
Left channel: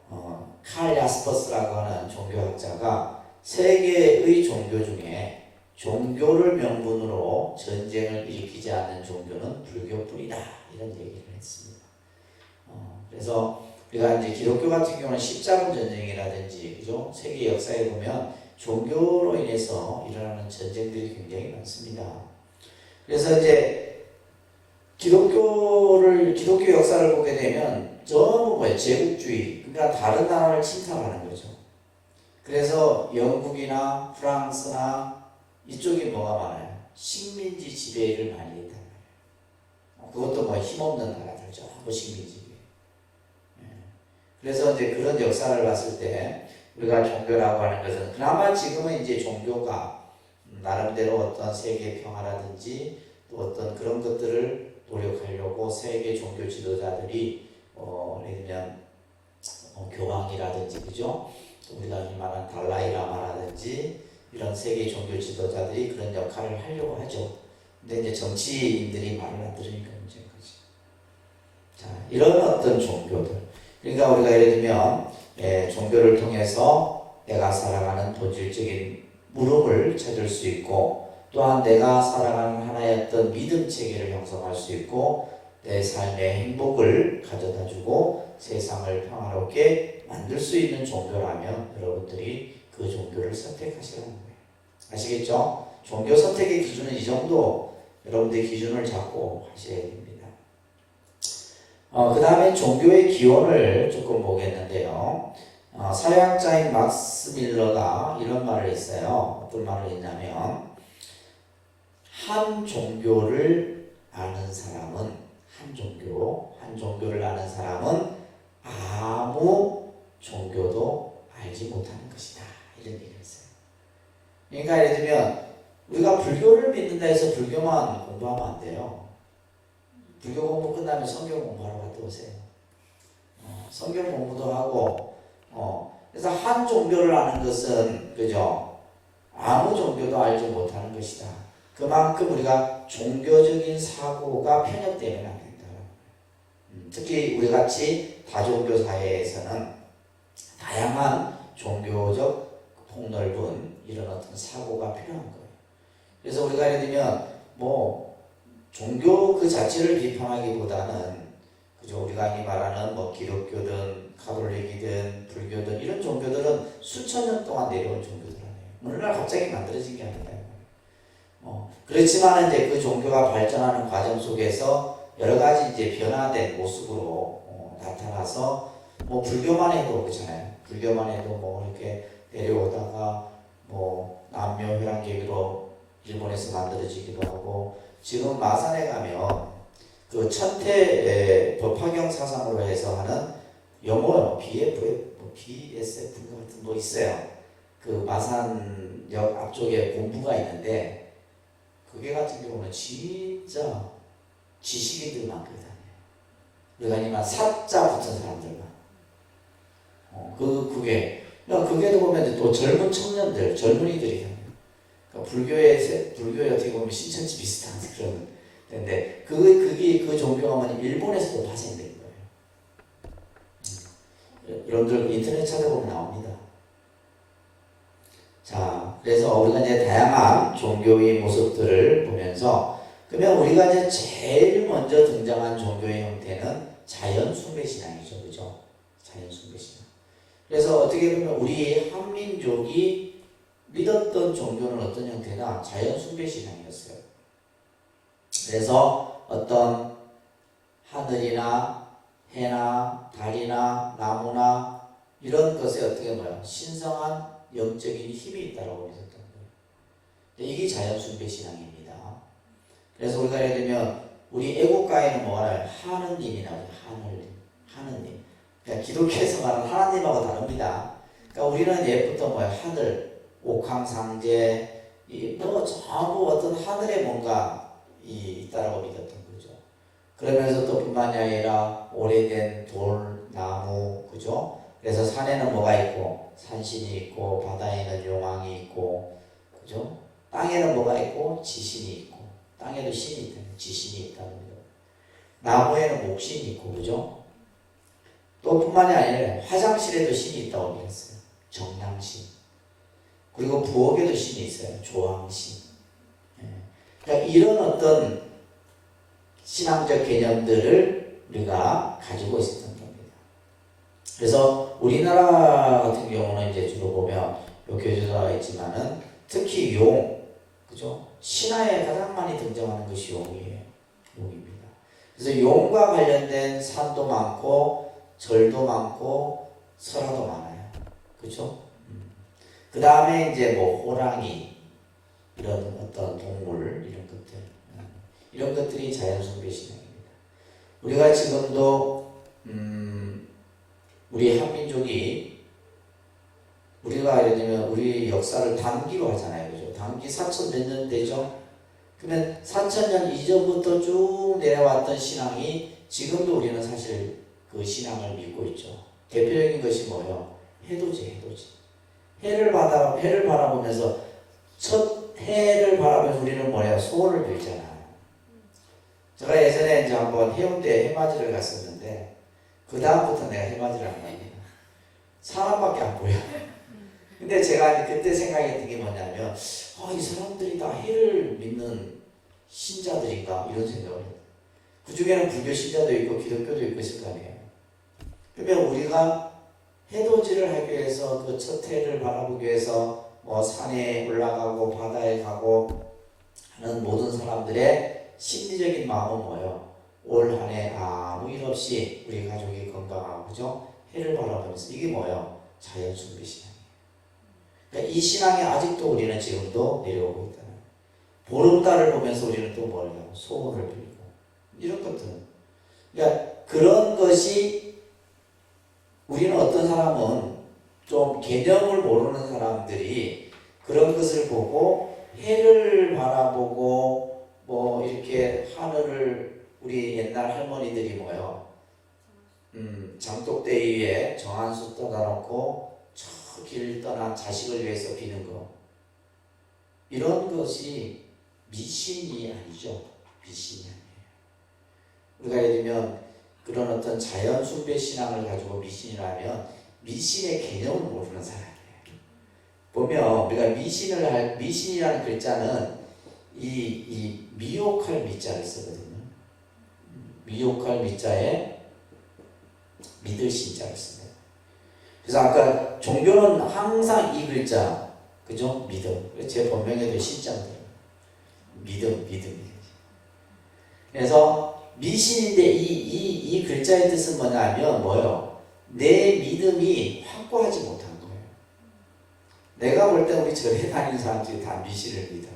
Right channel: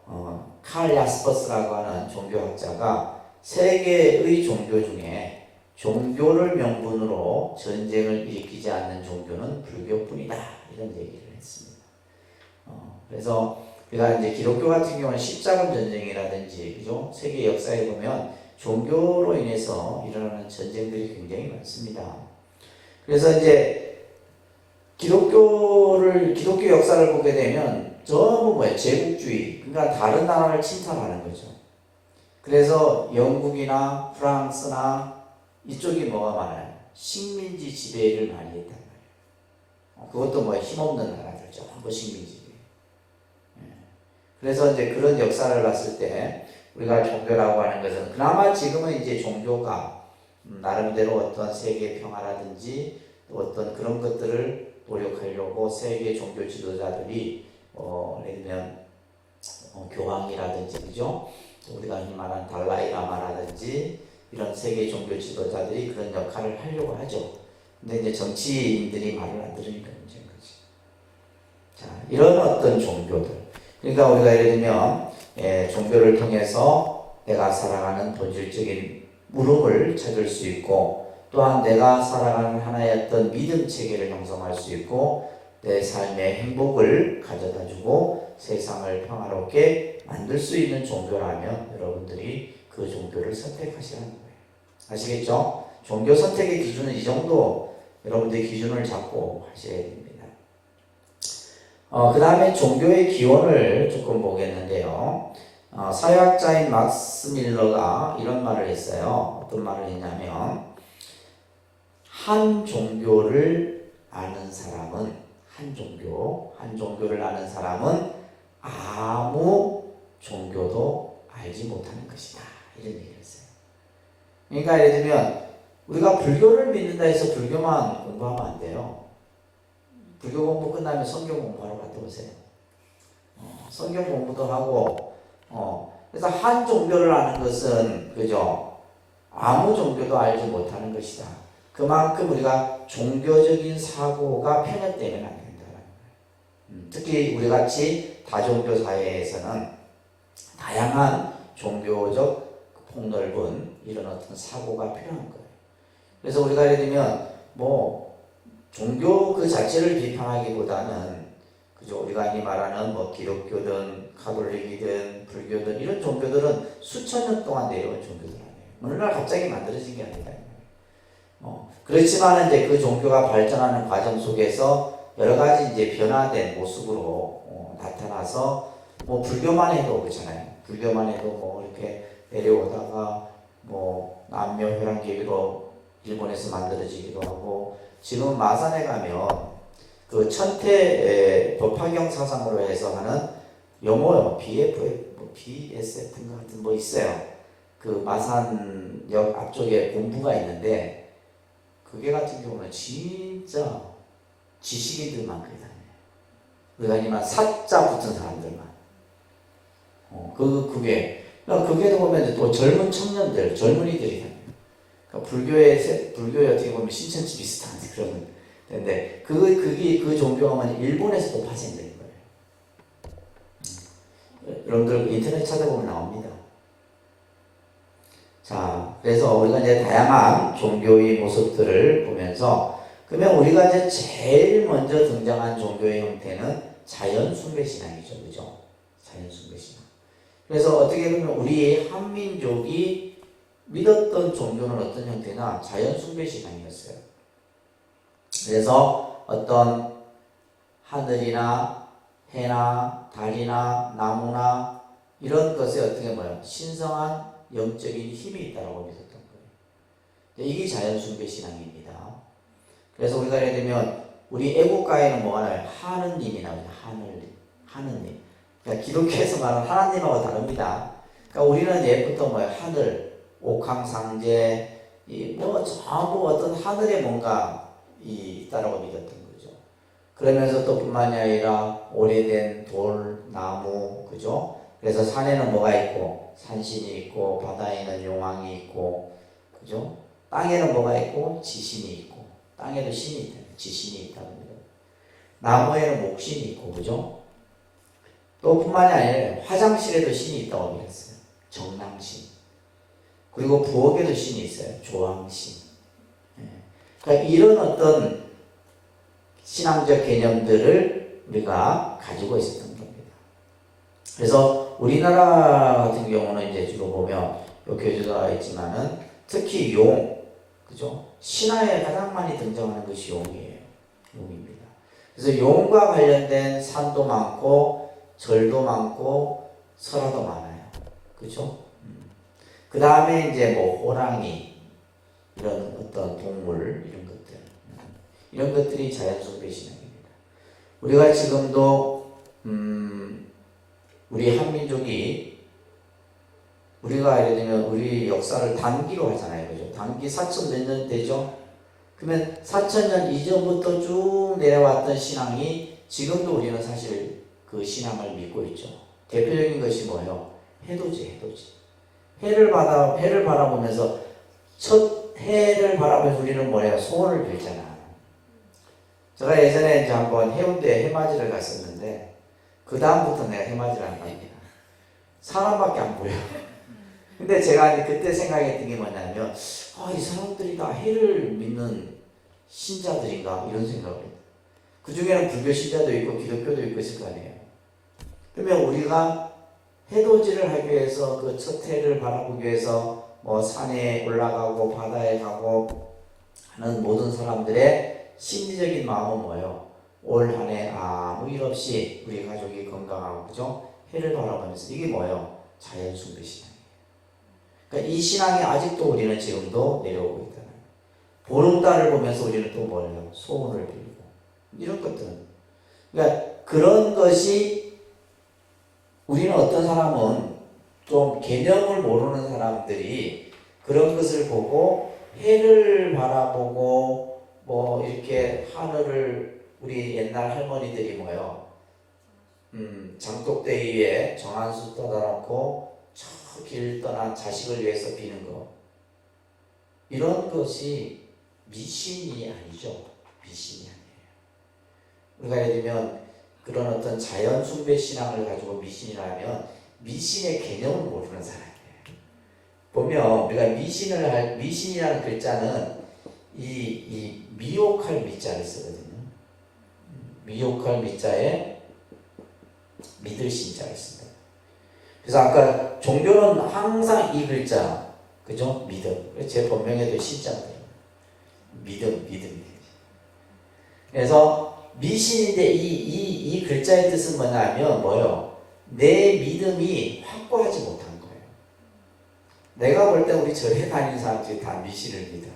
칼 야스퍼스라고 하는 종교학자가 세계의 종교 중에 종교를 명분으로 전쟁을 일으키지 않는 종교는 불교뿐이다 이런 얘기를 했습니다. 그래서 우리가 이제 기독교 같은 경우는 십자군 전쟁이라든지 그죠? 세계 역사에 보면 종교로 인해서 일어나는 전쟁들이 굉장히 많습니다. 그래서 이제 기독교 역사를 보게 되면 전부 뭐예요? 제국주의, 그러니까 다른 나라를 침탈하는 거죠. 그래서 영국이나 프랑스나 이쪽이 뭐가 많아요? 식민지 지배를 많이 했단 말이에요. 그것도 뭐 힘없는 나라들 전부 식민지. 그래서 이제 그런 역사를 봤을 때 우리가 종교라고 하는 것은 그나마 지금은 이제 종교가 나름대로 어떤 세계 평화라든지 어떤 그런 것들을 노력하려고 세계 종교 지도자들이 예를 들면 교황이라든지 그죠? 우리가 흔히 말하는 달라이라마라든지 이런 세계 종교 지도자들이 그런 역할을 하려고 하죠. 근데 이제 정치인들이 말을 안 들으니까 문제인 거지. 자, 이런 어떤 종교들. 그러니까 우리가 예를 들면 종교를 통해서 내가 살아가는 본질적인 물음을 찾을 수 있고 또한 내가 살아가는 하나의 어떤 믿음 체계를 형성할 수 있고 내 삶의 행복을 가져다주고 세상을 평화롭게 만들 수 있는 종교라면 여러분들이 그 종교를 선택하시라는 거예요. 아시겠죠? 종교 선택의 기준은 이 정도 여러분들 기준을 잡고 하셔야 됩니다. 그 다음에 종교의 기원을 조금 보겠는데요. 사회학자인 막스 밀러가 이런 말을 했어요. 어떤 말을 했냐면 한 종교를 아는 사람은 한 종교를 아는 사람은 아무 종교도 알지 못하는 것이다. 이런 얘기를 했어요. 그러니까 예를 들면 우리가 불교를 믿는다 해서 불교만 공부하면 안 돼요. 불교 공부 끝나면 성경 공부하러 갔다 오세요. 성경 공부도 하고, 그래서 한 종교를 아는 것은, 그죠? 아무 종교도 알지 못하는 것이다. 그만큼 우리가 종교적인 사고가 편협되면 안 된다. 특히 우리 같이 다종교 사회에서는 다양한 종교적 폭넓은 이런 어떤 사고가 필요한 거예요. 그래서 우리가 예를 들면, 종교 그 자체를 비판하기보다는 그죠? 우리가 흔히 말하는 기독교든 가톨릭이든 불교든 이런 종교들은 수천 년 동안 내려온 종교들 아니에요. 어느 날 갑자기 만들어진 게 아니다. 그렇지만 이제 그 종교가 발전하는 과정 속에서 여러 가지 이제 변화된 모습으로 나타나서 불교만 해도 그렇잖아요. 불교만 해도 이렇게 내려오다가 남묘 회랑계비로 일본에서 만들어지기도 하고 지금 마산에 가면 그 천태 법화경 사상으로 해서 하는 용어요. BSF 같은 있어요. 그 마산역 앞쪽에 공부가 있는데 그게 같은 경우는 진짜 지식인들만 그래 다녀요. 우리가 아니면 사자 붙은 사람들만. 그게 보면 또 젊은 청년들, 젊은이들이 다녀요. 그러니까 불교에 어떻게 보면 신천지 비슷한 그런 데인데 그 종교가 일본에서도 파생된 거예요. 여러분들 인터넷 찾아보면 나옵니다. 자, 그래서 우리가 이제 다양한 종교의 모습들을 보면서 그러면 우리가 이제 제일 먼저 등장한 종교의 형태는 자연 숭배 신앙이죠, 그죠? 자연 숭배 신앙. 그래서 어떻게 보면 우리 한민족이 믿었던 종교는 어떤 형태나 자연 숭배 신앙이었어요. 그래서 어떤 하늘이나 해나 달이나 나무나 이런 것에 어떻게 신성한 영적인 힘이 있다고 믿었던 거예요. 이게 자연 숭배 신앙입니다. 그래서 우리가 예를 들면 우리 애국가에는 뭐가요? 하느님이 나오죠. 하느님. 그러니까 기독교에서 말하는 하나님하고 다릅니다. 그러니까 우리는 예부터 하늘, 옥황상제, 전부 어떤 하늘에 뭔가 있다라고 믿었던 거죠. 그러면서 또 뿐만이 아니라 오래된 돌, 나무, 그죠? 그래서 산에는 뭐가 있고, 산신이 있고, 바다에는 용왕이 있고, 그죠? 땅에는 뭐가 있고, 지신이 있고, 땅에도 신이 있다, 지신이 있다는 거죠. 나무에는 목신이 있고, 그죠? 또 뿐만이 아니라 화장실에도 신이 있다고 믿었어요. 정랑신. 그리고 부엌에도 신이 있어요. 조왕신. 그러니까 이런 어떤 신앙적 개념들을 우리가 가지고 있었던 겁니다. 그래서 우리나라 같은 경우는 이제 주로 보면 교주가 있지만은 특히 그죠? 신화에 가장 많이 등장하는 것이 용입니다. 그래서 용과 관련된 산도 많고 절도 많고 설화도 많아요. 그죠? 그 다음에 이제 호랑이 이런 어떤 동물 이런 것들이 자연 숭배 신앙입니다. 우리가 지금도 우리 한민족이 우리가 예를 들면 우리 역사를 단기로 하잖아요. 그죠? 단기 4천 몇 년 되죠? 그러면 4,000년 이전부터 쭉 내려왔던 신앙이 지금도 우리는 사실 그 신앙을 믿고 있죠. 대표적인 것이 뭐예요? 해돋이. 해를 바라보면서 첫 해를 바라보면서 우리는 뭐예요? 소원을 빌잖아. 제가 예전에 이제 한번 해운대 해맞이를 갔었는데 그 다음부터 내가 해맞이를 안 갑니다. 사람밖에 안 보여. 근데 제가 그때 생각했던 게 뭐냐면 이 사람들이 다 해를 믿는 신자들인가 이런 생각을 해요. 그 중에는 불교 신자도 있고 기독교도 있고 있을 거 아니에요. 그러면 우리가 해돋이를 하기 위해서 그 첫 해를 바라보기 위해서 산에 올라가고 바다에 가고 모든 사람들의 심리적인 마음은 뭐예요? 올 한 해 아무 일 없이 우리 가족이 건강하고 그죠? 해를 바라보면서 이게 뭐예요? 자연 숭배 신앙이에요. 그러니까 이 신앙이 아직도 우리는 지금도 내려오고 있다. 보름달을 보면서 우리는 또 뭐예요? 소원을 빌리고 이런 것들. 그러니까 그런 것이 우리는 어떤 사람은 좀 개념을 모르는 사람들이 그런 것을 보고 해를 바라보고 뭐 이렇게 하늘을 우리 옛날 할머니들이 뭐요? 장독대 위에 정한수 떠다놓고 저 길 떠난 자식을 위해서 비는 거. 이런 것이 미신이 아니죠. 미신이 아니에요. 우리가 예를 들면 그런 어떤 자연 숭배 신앙을 가지고 미신이라면 미신의 개념을 모르는 사람이에요. 보면 우리가 미신이라는 글자는 이 미혹할 미자를 쓰거든요. 미혹할 미자에 믿을 신자를 씁니다. 그래서 아까 종교는 항상 이 글자, 그죠? 믿음. 제 본명에도 신자인데 믿음. 그래서 미신인데 이 글자의 뜻은 뭐냐면 뭐요? 내 믿음이 확고하지 못한 거예요. 내가 볼 때 우리 절에 다니는 사람들이 다 미신을 믿어.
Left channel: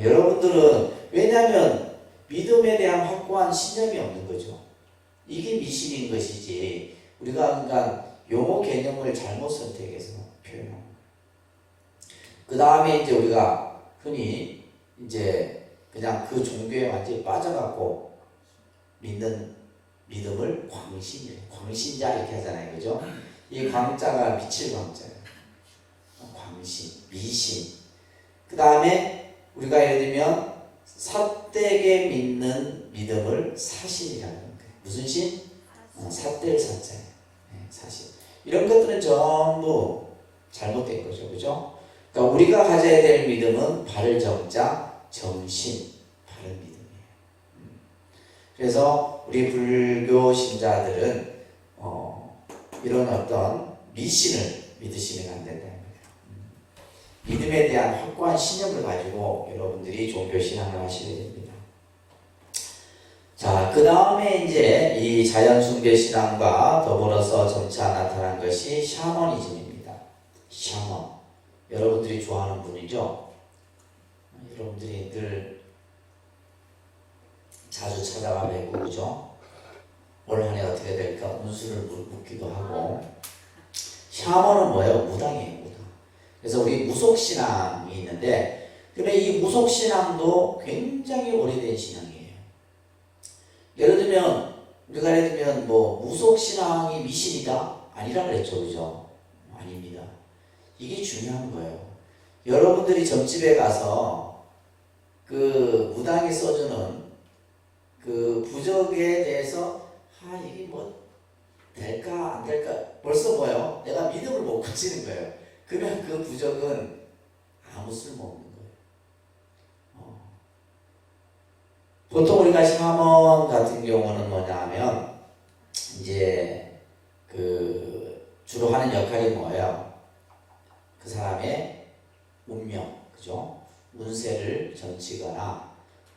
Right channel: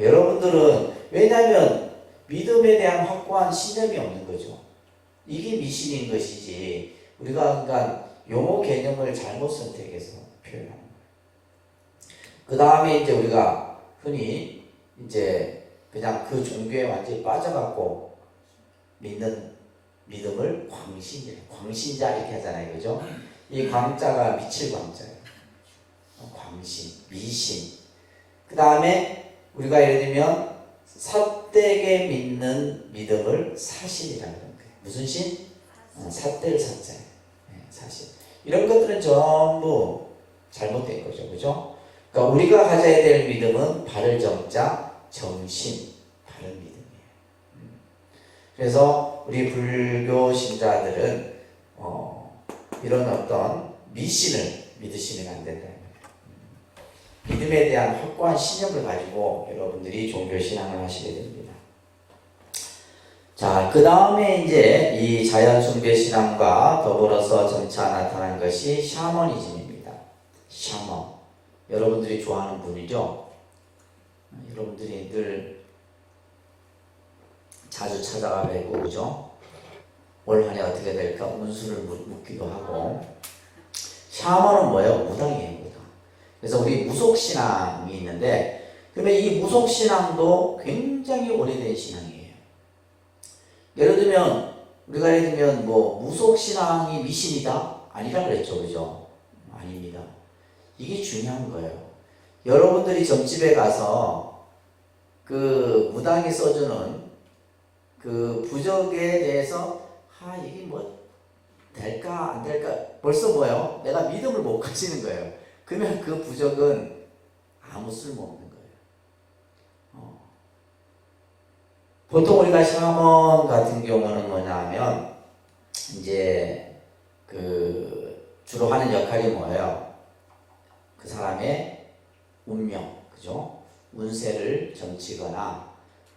여러분들은 왜냐하면 믿음에 대한 확고한 신념이 없는 거죠. 이게 미신인 것이지 우리가 그러니까 용어 개념을 잘못 선택해서 표현하는 거예요. 그 다음에 이제 우리가 흔히 이제 그냥 그 종교에 완전히 빠져갖고 믿는 믿음을 광신자 이렇게 하잖아요, 그죠? 이 광자가 미칠 광자예요. 광신, 미신. 그 다음에 우리가 예를 들면 삿되게 믿는 믿음을 사실이라는 거예요. 무슨 신? 삿될 사자예요. 사실. 이런 것들은 전부 잘못된 거죠, 그죠? 그러니까 우리가 가져야 될 믿음은 바를 정자, 정신, 바른 믿음이에요. 그래서 우리 불교 신자들은 이런 어떤 미신을 믿으시면 안 된다. 믿음에 대한 확고한 신념을 가지고 여러분들이 종교신앙을 하시게 됩니다. 자, 그 다음에 이제 이 자연숭배신앙과 더불어서 점차 나타난 것이 샤머니즘입니다. 샤먼. 여러분들이 좋아하는 분이죠? 여러분들이 늘 자주 찾아가 뵈고, 그죠? 올 한 해 어떻게 될까 운수를 묻기도 하고. 샤먼은 뭐예요? 무당이에요, 무당. 그래서 우리 무속신앙이 있는데, 그러면 이 무속신앙도 굉장히 오래된 신앙이에요. 예를 들면, 우리가 예를 들면, 뭐, 무속신앙이 미신이다? 아니라 그랬죠, 그죠? 아닙니다. 이게 중요한 거예요. 여러분들이 점집에 가서 그 무당이 써주는 그 부적에 대해서 이게 뭐 될까 안 될까 벌써 뭐예요? 내가 믿음을 못 가지는 거예요. 그러면 그 부적은 아무 쓸모없는 거예요. 보통 우리가 샤먼 같은 경우는 뭐냐면 이제 그 주로 하는 역할이 뭐예요? 그 사람의 운명, 그죠? 운세를 점치거나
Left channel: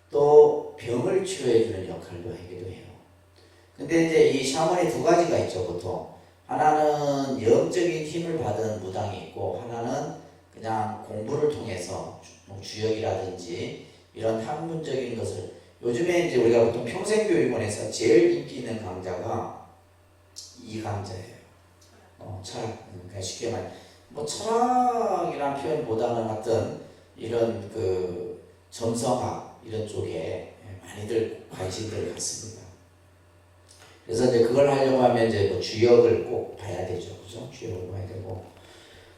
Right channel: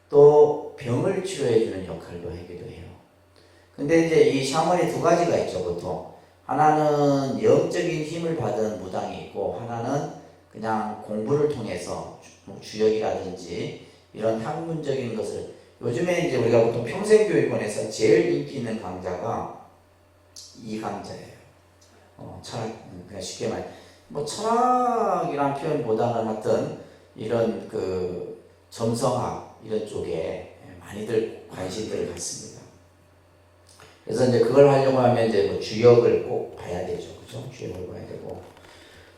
또 병을 치료해주는 역할도 하기도 해요. 근데 이제 이 샤먼이 두 가지가 있죠, 보통. 하나는 영적인 힘을 받은 무당이 있고, 하나는 그냥 공부를 통해서 주역이라든지 이런 학문적인 것을. 요즘에 이제 우리가 보통 평생교육원에서 제일 인기 있는 강좌가 이 강좌예요. 철학. 그러니까 쉽게 말해, 뭐 철학이란 표현보다는 어떤 이런 그 점성학 이런 쪽에 많이들 관심들을 갖습니다. 그래서 이제 그걸 하려고 하면 이제 뭐 주역을 꼭 봐야 되죠, 그죠? 주역을 봐야 되고.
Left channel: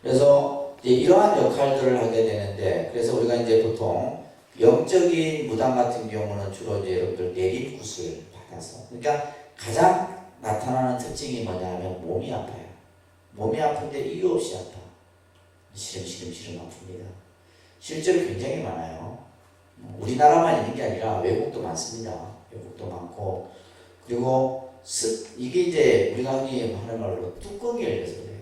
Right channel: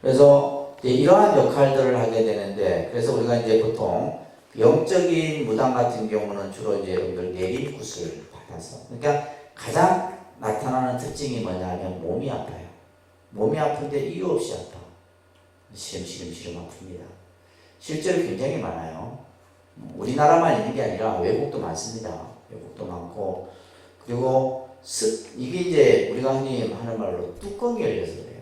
그래서 이제 이러한 역할들을 하게 되는데, 그래서 우리가 이제 보통 영적인 무당 같은 경우는 주로 이제 여러분들 내림굿을 받아서, 그러니까 가장 나타나는 특징이 뭐냐면 몸이 아파요. 몸이 아픈데 이유 없이 아파. 시름시름 아픕니다. 실제로 굉장히 많아요. 우리나라만 있는 게 아니라 외국도 많습니다. 외국도 많고, 그리고 이게 이제 우리가 흔히 하는 말로 뚜껑이 열려서 그래요.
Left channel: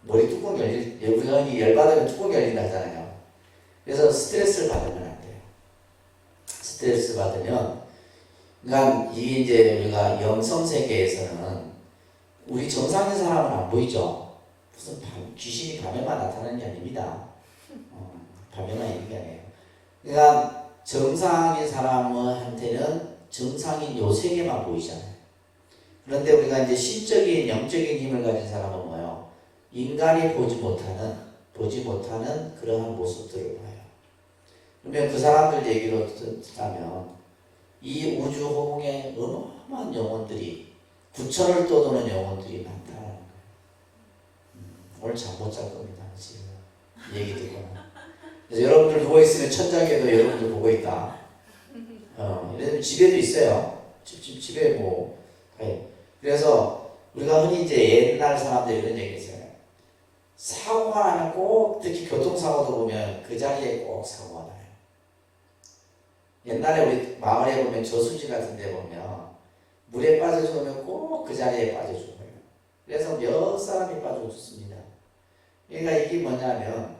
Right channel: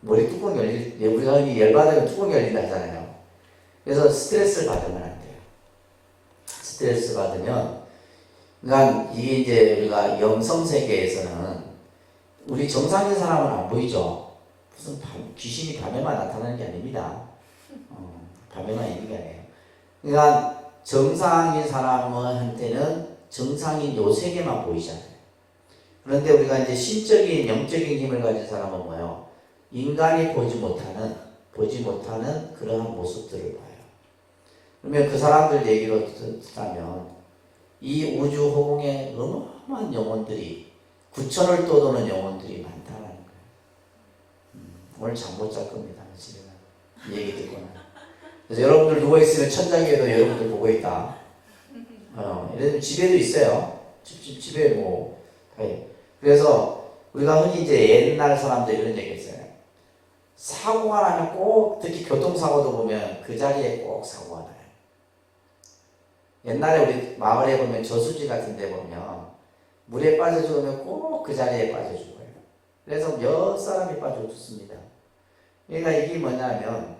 머리 뚜껑이 우리가 흔히 열받으면 뚜껑이 열린다 하잖아요. 그래서 스트레스를 받으면 안 돼요. 스트레스 받으면, 그러니까 이게 이제 우리가 영성 세계에서는 우리 정상인 사람은 안 보이죠. 무슨 귀신이 밤에만 나타나는 게 아닙니다. 밤에만 있는 게 아니에요. 그러니까 정상인 사람한테는 정상인 요 세계만 보이잖아요. 그런데 우리가 이제 신적인 영적인 힘을 가진 사람은 뭐예요? 인간이 보지 못하는 그러한 모습들을 봐요. 그러면 그 사람들 얘기로 듣자면 이 우주 허공에 어마어마한 영혼들이, 구천을 떠도는 영혼들이 많다는 거예요. 오늘 잠 못 잘 겁니다. 지금 얘기 듣거나. 그래서 여러분들 누워있으면 천장에도 여러분들 보고 있다. 예를 집에도 있어요. 집에 뭐. 그래서 우리가 흔히 이제 옛날 사람들 이런 얘기 있어요. 사고가 나면 꼭, 특히 교통사고도 보면 그 자리에 꼭 사고가 나요. 옛날에 우리 마을에 보면 저수지 같은 데 보면 물에 빠져 죽으면 꼭 그 자리에 빠져 죽어요. 그래서 몇 사람이 빠져 죽습니다. 그러니까 이게 뭐냐면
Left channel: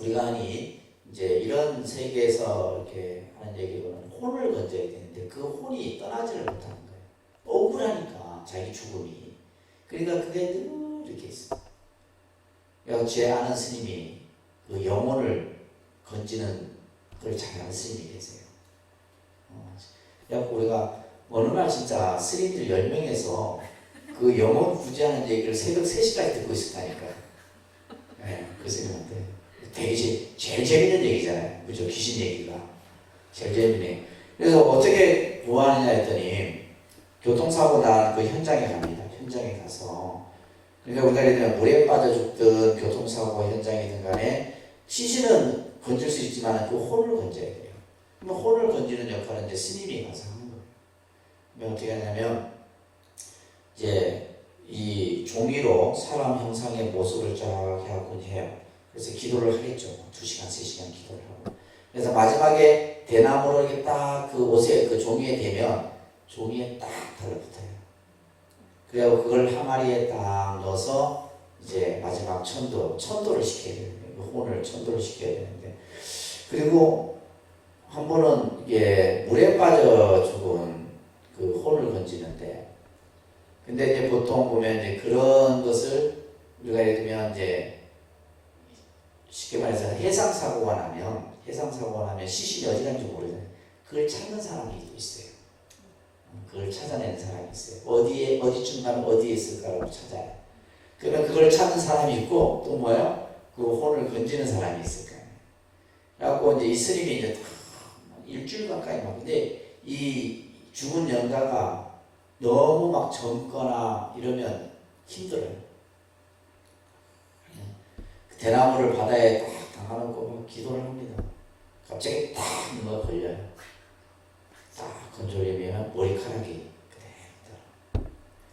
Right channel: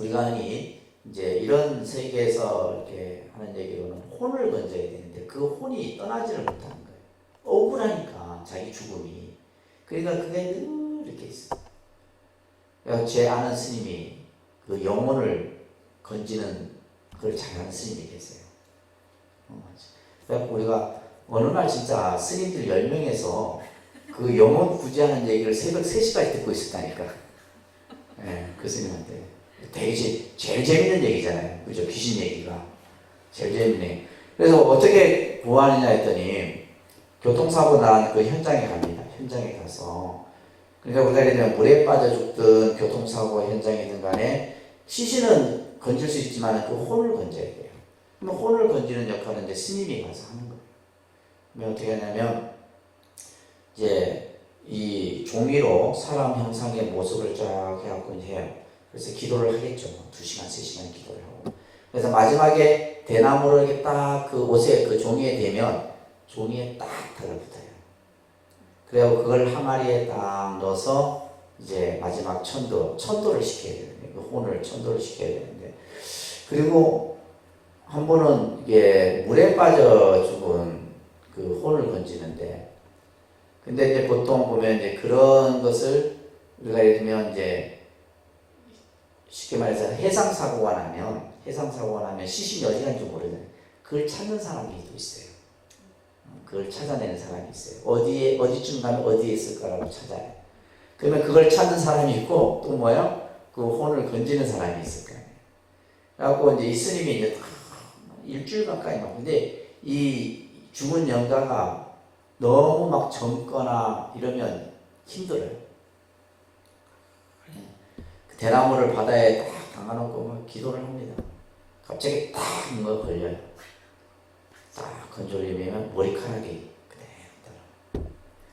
우리가 흔히 이제 이런 세계에서 이렇게 하는 얘기로는 혼을 건져야 되는데 그 혼이 떠나지를 못하는 거예요. 억울하니까 자기 죽음이. 그러니까 그게 늘 이렇게 있어요. 제 아는 스님이 그 영혼을 건지는 그걸 잘하는 스님이 계세요. 그래서 우리가 어느 날 진짜 스님들 10명에서 그 영혼 구제하는 얘기를 새벽 3시까지 듣고 있었다니까요. 네, 그 스님한테. 되게 제일 재밌는 얘기잖아요. 그죠? 귀신 얘기가. 제일 재밌네. 그래서 어떻게 구하느냐 했더니 교통사고 난 그 현장에 갑니다. 현장에 가서. 그러니까 우리가 예를 들면 물에 빠져 죽든 교통사고 현장이든 간에 시신은 건질 수 있지만 그 혼을 건져야 돼요. 그럼 혼을 건지는 역할은 이제 스님이 가서 하는 거예요. 그러면 어떻게 하냐면 이제 이 종이로 사람 형상의 모습을 쫙 해갖고 해요. 그래서 기도를 하겠죠. 2시간, 3시간 기도를 하고. 그래서 마지막에 대나무로 이렇게 딱 그 옷에 그 종이에 대면 종이에 딱 달라붙어요. 그리고 그걸 항아리에 딱 넣어서 이제 마지막 천도를 시켜야 되는데, 그 혼을 천도를 시켜야 되는데, 그리고 한 번은 이게 물에 빠져 죽은 그 혼을 건지는데, 근데 이제 보통 보면 이제 그런 것을 우리가 예를 들면 이제 쉽게 말해서 해상 사고가 나면 시신이 어디 간지 모르잖아요. 그걸 찾는 사람이 또 있어요. 그걸 찾아내는 사람이 있어요. 어디쯤 가면 어디에 있을까라고 찾아요. 그러면 그걸 찾는 사람이 있고, 또 뭐요? 그 혼을 건지는 사람이 있을 거예요. 그래갖고 이제 이 스님이 이제 일주일 가까이 막, 근데 이 죽은 영가가 너무 막 젊거나 이러면 힘들어요. 그 대나무를 바다에 딱 담아놓고 막 기도를 합니다. 갑자기 딱 뭐가 걸려요. 딱 건조리면 머리카락이 그대로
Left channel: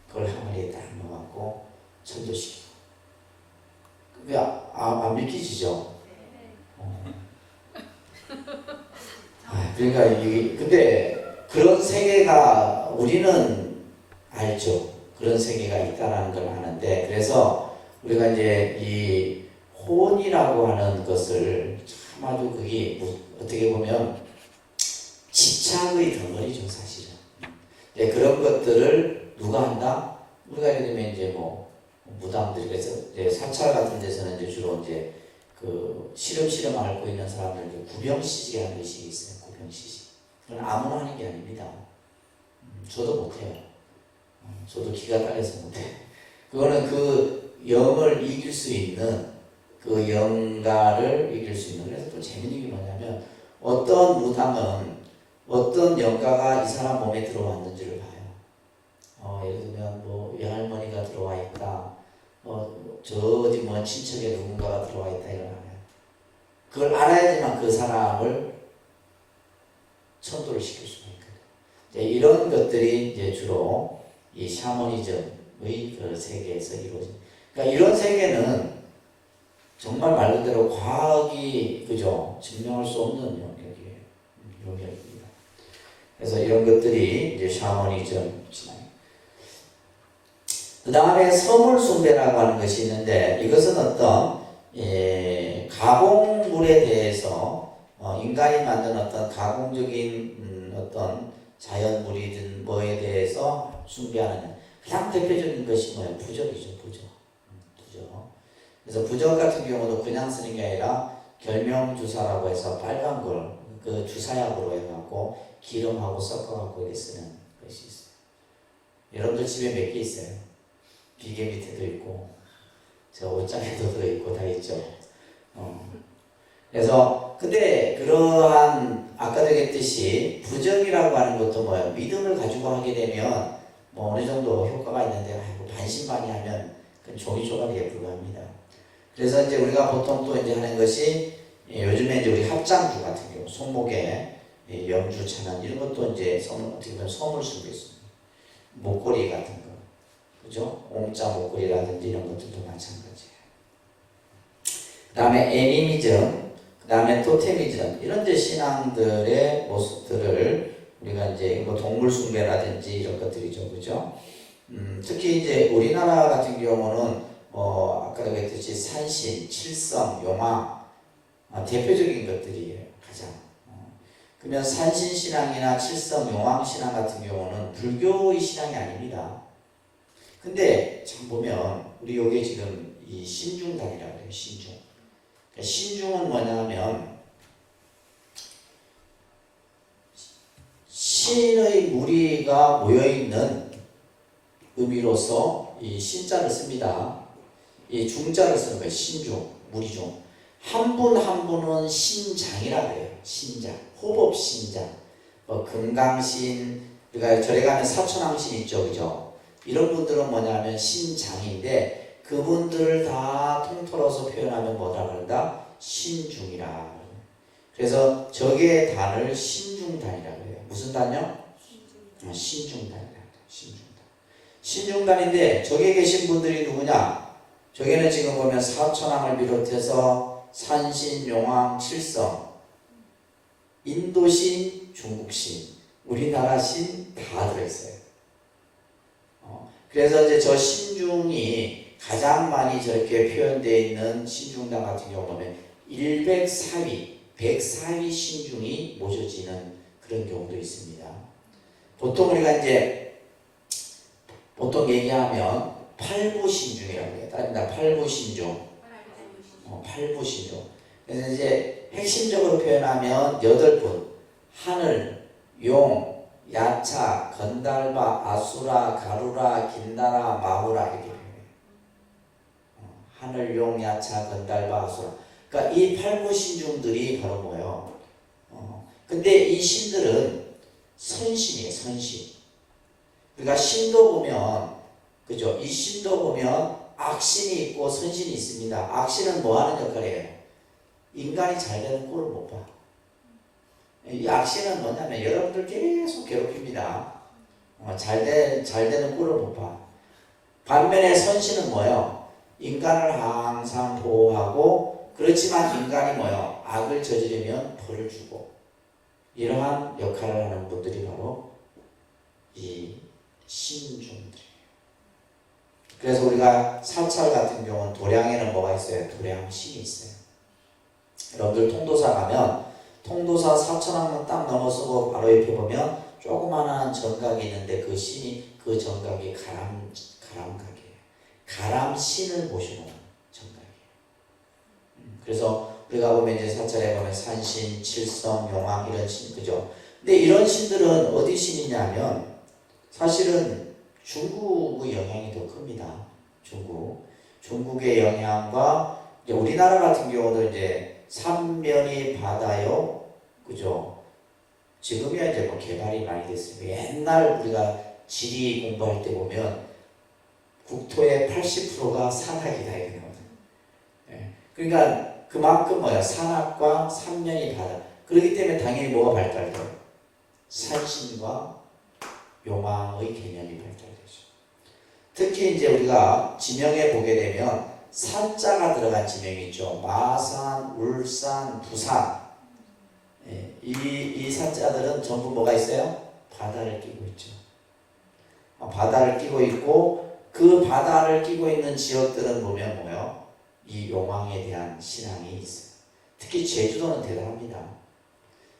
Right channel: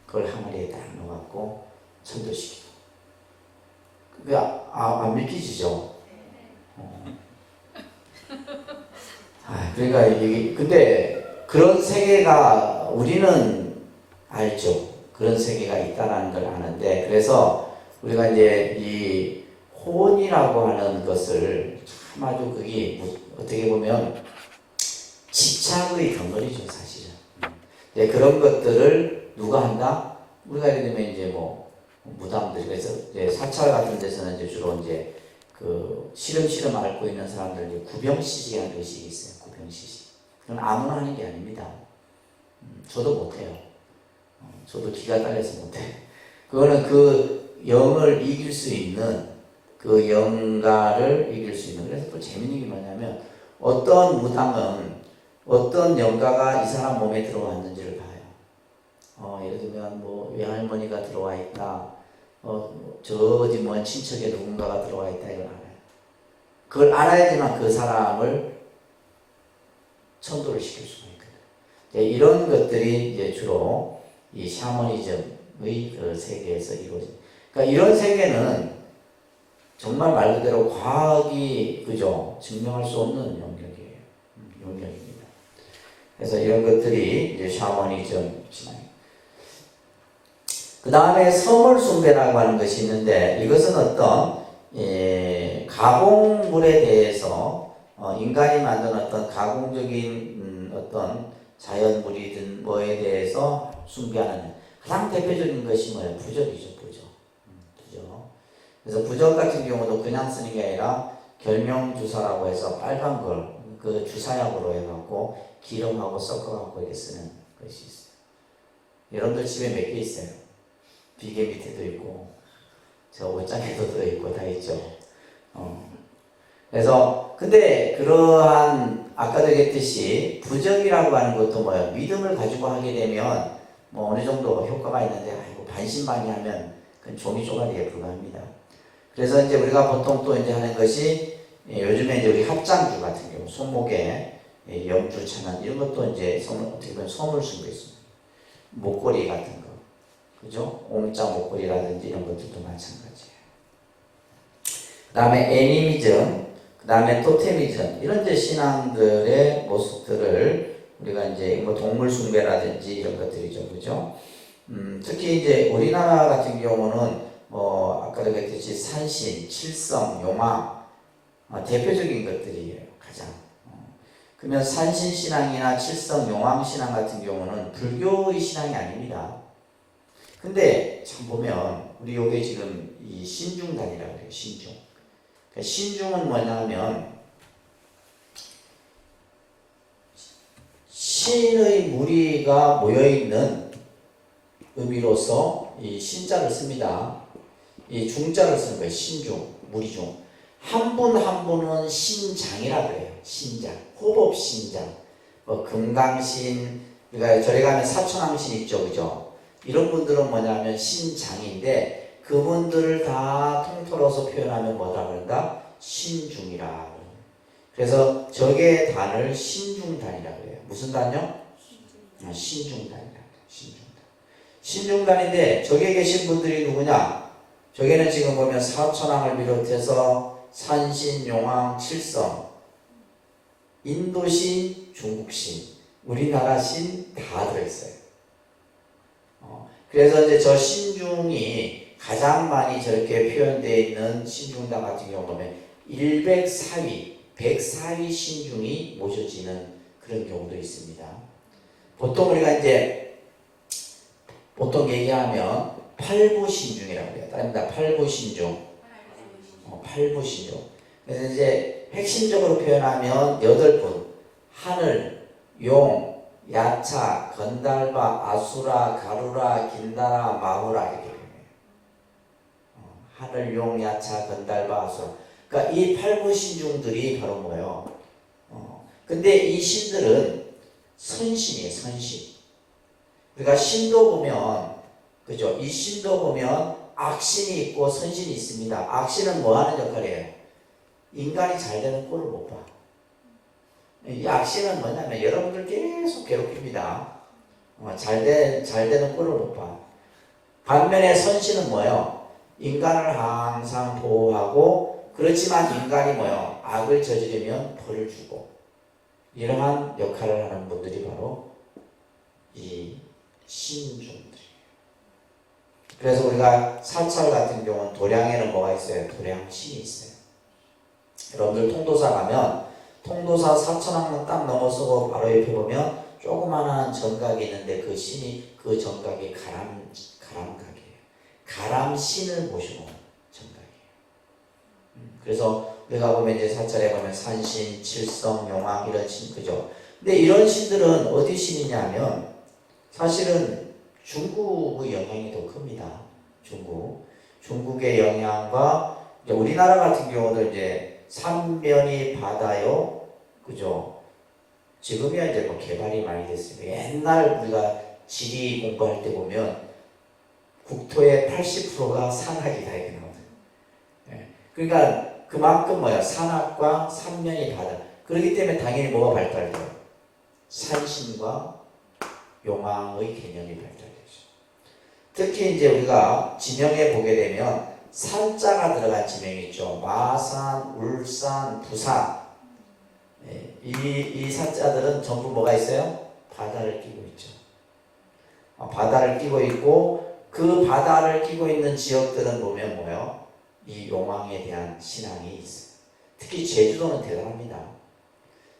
그걸 항아리에 딱 넣어갖고 천도시키고. 왜 안 믿기시죠? 그러니까 이게 근데 그런 세계가 우리는 알죠. 그런 세계가 있다라는 걸 아는데, 그래서 우리가 이제 이 혼이라고 하는 것을 참 아주 그게 어떻게 보면 집착의 덩어리죠, 사실은. 네, 그런 것들을 누가 한다? 우리가 예를 들면 이제 뭐 무당들, 그래서 이제 사찰 같은 데서는 이제 주로 이제 그 시름시름 앓고 있는 사람들 구병시식이라는 의식이 있어요. 구병시식. 그건 아무나 하는 게 아닙니다. 저도 못해요. 저도 기가 딸려서 못해. 그거는 그 영을 이길 수 있는, 그 영가를 이길 수 있는. 그래서 또 재밌는 게 뭐냐면 어떤 무당은 어떤 영가가 이 사람 몸에 들어왔는지를 봐요. 예를 들면 뭐 외할머니가 들어와 있다. 저 어디 뭐 친척에 누군가가 들어와 있다, 이걸 알아요. 그걸 알아야지만 그 사람을 천도를 시킬 수가 있거든요. 이런 것들이 이제 주로 이 샤머니즘의 그 세계에서 이루어집니다. 그러니까 이런 세계는 정말 말 그대로 과학이 그죠 증명할 수 없는 영역입니다. 그래서 이런 것들이 이제 샤머니즘. 그 다음에 서물 숭배라고 하는 것이 있는데, 이것은 어떤 가공물에 대해서 인간이 만든 어떤 가공적인 어떤 자연물이든 뭐에 대해서 숭배하는 가장 대표적인 것이 뭐예요? 부적이죠, 부적. 부적. 그래서 부적 같은 경우도 그냥 쓰는 게 아니라 결명주사라고 해서 빨간 걸 그 주사약으로 해갖고 기름하고 섞어갖고 이렇게 쓰는 것이 있어요. 여러분들 집에 몇 개 있어요? 비계 밑에도 있고, 저 옷장에도 있고 다 있죠. 그래서 근데 그러한 아까도 얘기했듯이 부적이라고 하는 것도 뭐예요? 믿음을 가지고 하게 되면 뭐 어느 정도 효과가 있는데 반신반의하면 그건 종이 조각에 불과합니다. 그래서 이제 우리가 보통 또 이제 하는 것이 요즘에 이제 우리 합장주 같은 경우 손목에 염주 차난 이런 것도 이제 어떻게 보면 선을 쓰고 있습니다. 목걸이 같은 거, 그죠? 옹자 목걸이라든지 이런 것들도 마찬가지예요. 그 다음에 애니미즘, 그 다음에 토테미즘 이런 이제 신앙들의 모습들을 우리가 이제 뭐 동물 숭배라든지 이런 것들이죠, 그죠? 특히 이제 우리나라 같은 경우는 아까도 그랬듯이 산신, 칠성, 용화 대표적인 것들이에요, 가장. 그러면 산신 신앙이나 칠성, 용왕 신앙 같은 경우는 불교의 신앙이 아닙니다. 근데 참 보면 우리 여기 지금 이 신중단이라고 해요, 신중. 그러니까 신중은 뭐냐면 신의 무리가 모여있는 의미로서 이 신자를 씁니다. 이 중자를 쓰는 거예요. 신중, 무리중. 한 분 한 분은 신장이라고 해요. 신장, 호법신장, 금강신, 우리가 절에 가면 사천왕신 있죠, 그죠? 이런 분들은 뭐냐면 신장인데 그분들을 다 통틀어서 표현하면 뭐라 그런다? 신중이라. 그래서 적의 단을 신중단이라고 해요. 무슨 단요? 신중단이라고 해요. 신중단. 신중단인데 적에 계신 분들이 누구냐? 적에는 지금 보면 사천왕을 비롯해서 산신, 용왕, 칠성, 인도신, 중국신, 우리나라 신 다 들어있어요. 그래서 이제 저 신중이 가장 많이 저렇게 표현되어 있는 신중단 같은 경우 보면 104위, 104위 신중이 모셔지는 그런 경우도 있습니다. 보통 우리가 이제 보통 얘기하면 팔부신중이라고 해요. 아닙니다. 팔부신중. 팔부신중. 그래서 이제 핵심적으로 표현하면 8분. 하늘, 용, 야차, 건달바, 아수라, 가루라, 긴나라, 마후라 이렇게 하늘, 용, 야차, 건달바, 아수라. 그러니까 이 팔부신중들이 바로 뭐예요? 근데 이 신들은 선신이에요, 선신. 우리가 신도 보면, 그죠? 이 신도 보면 악신이 있고 선신이 있습니다. 악신은 뭐 하는 역할이에요? 인간이 잘 되는 꼴을 못 봐. 이 악신은 뭐냐면 여러분들 계속 괴롭힙니다. 잘 되는 꼴을 못 봐. 반면에 선신은 뭐예요? 인간을 항상 보호하고 그렇지만 인간이 뭐예요? 악을 저지르면 벌을 주고 이러한 역할을 하는 분들이 바로 이 신중들이에요. 그래서 우리가 사찰 같은 경우는 도량에는 뭐가 있어요? 도량신이 있어요. 여러분들 통도사 가면 통도사 사천왕문 딱 넘어서고 바로 옆에 보면 조그마한 정각이 있는데 그 신이 그 정각이 가람각이에요. 가람신을 모시는 정각이에요. 그래서 우리가 보면 이제 사찰에 보면 산신, 칠성, 용왕 이런 신 그죠? 근데 이런 신들은 어디 신이냐면 사실은 중국의 영향이 더 큽니다. 중국의 영향과 우리나라 같은 경우도 이제 삼면이 바다요, 그죠? 지금이야 이제 뭐 개발이 많이 됐어요. 옛날 우리가 지리 공부할 때 보면 국토의 80%가 산악이다 이거거든요. 그러니까 그만큼 뭐야 산악과 삼면이 바다. 그렇기 때문에 당연히 뭐가 발달돼요? 산신과 용왕의 개념이 발달되죠. 특히 이제 우리가 지명에 보게 되면 산자가 들어간 지명이 있죠. 마산, 울산, 부산. 이 산자들은 전부 뭐가 있어요? 바다를 끼고 있죠. 바다를 끼고 있고 그 바다를 끼고 있는 지역들은 보면 뭐예요? 이 용왕에 대한 신앙이 있어요. 특히 제주도는 대단합니다.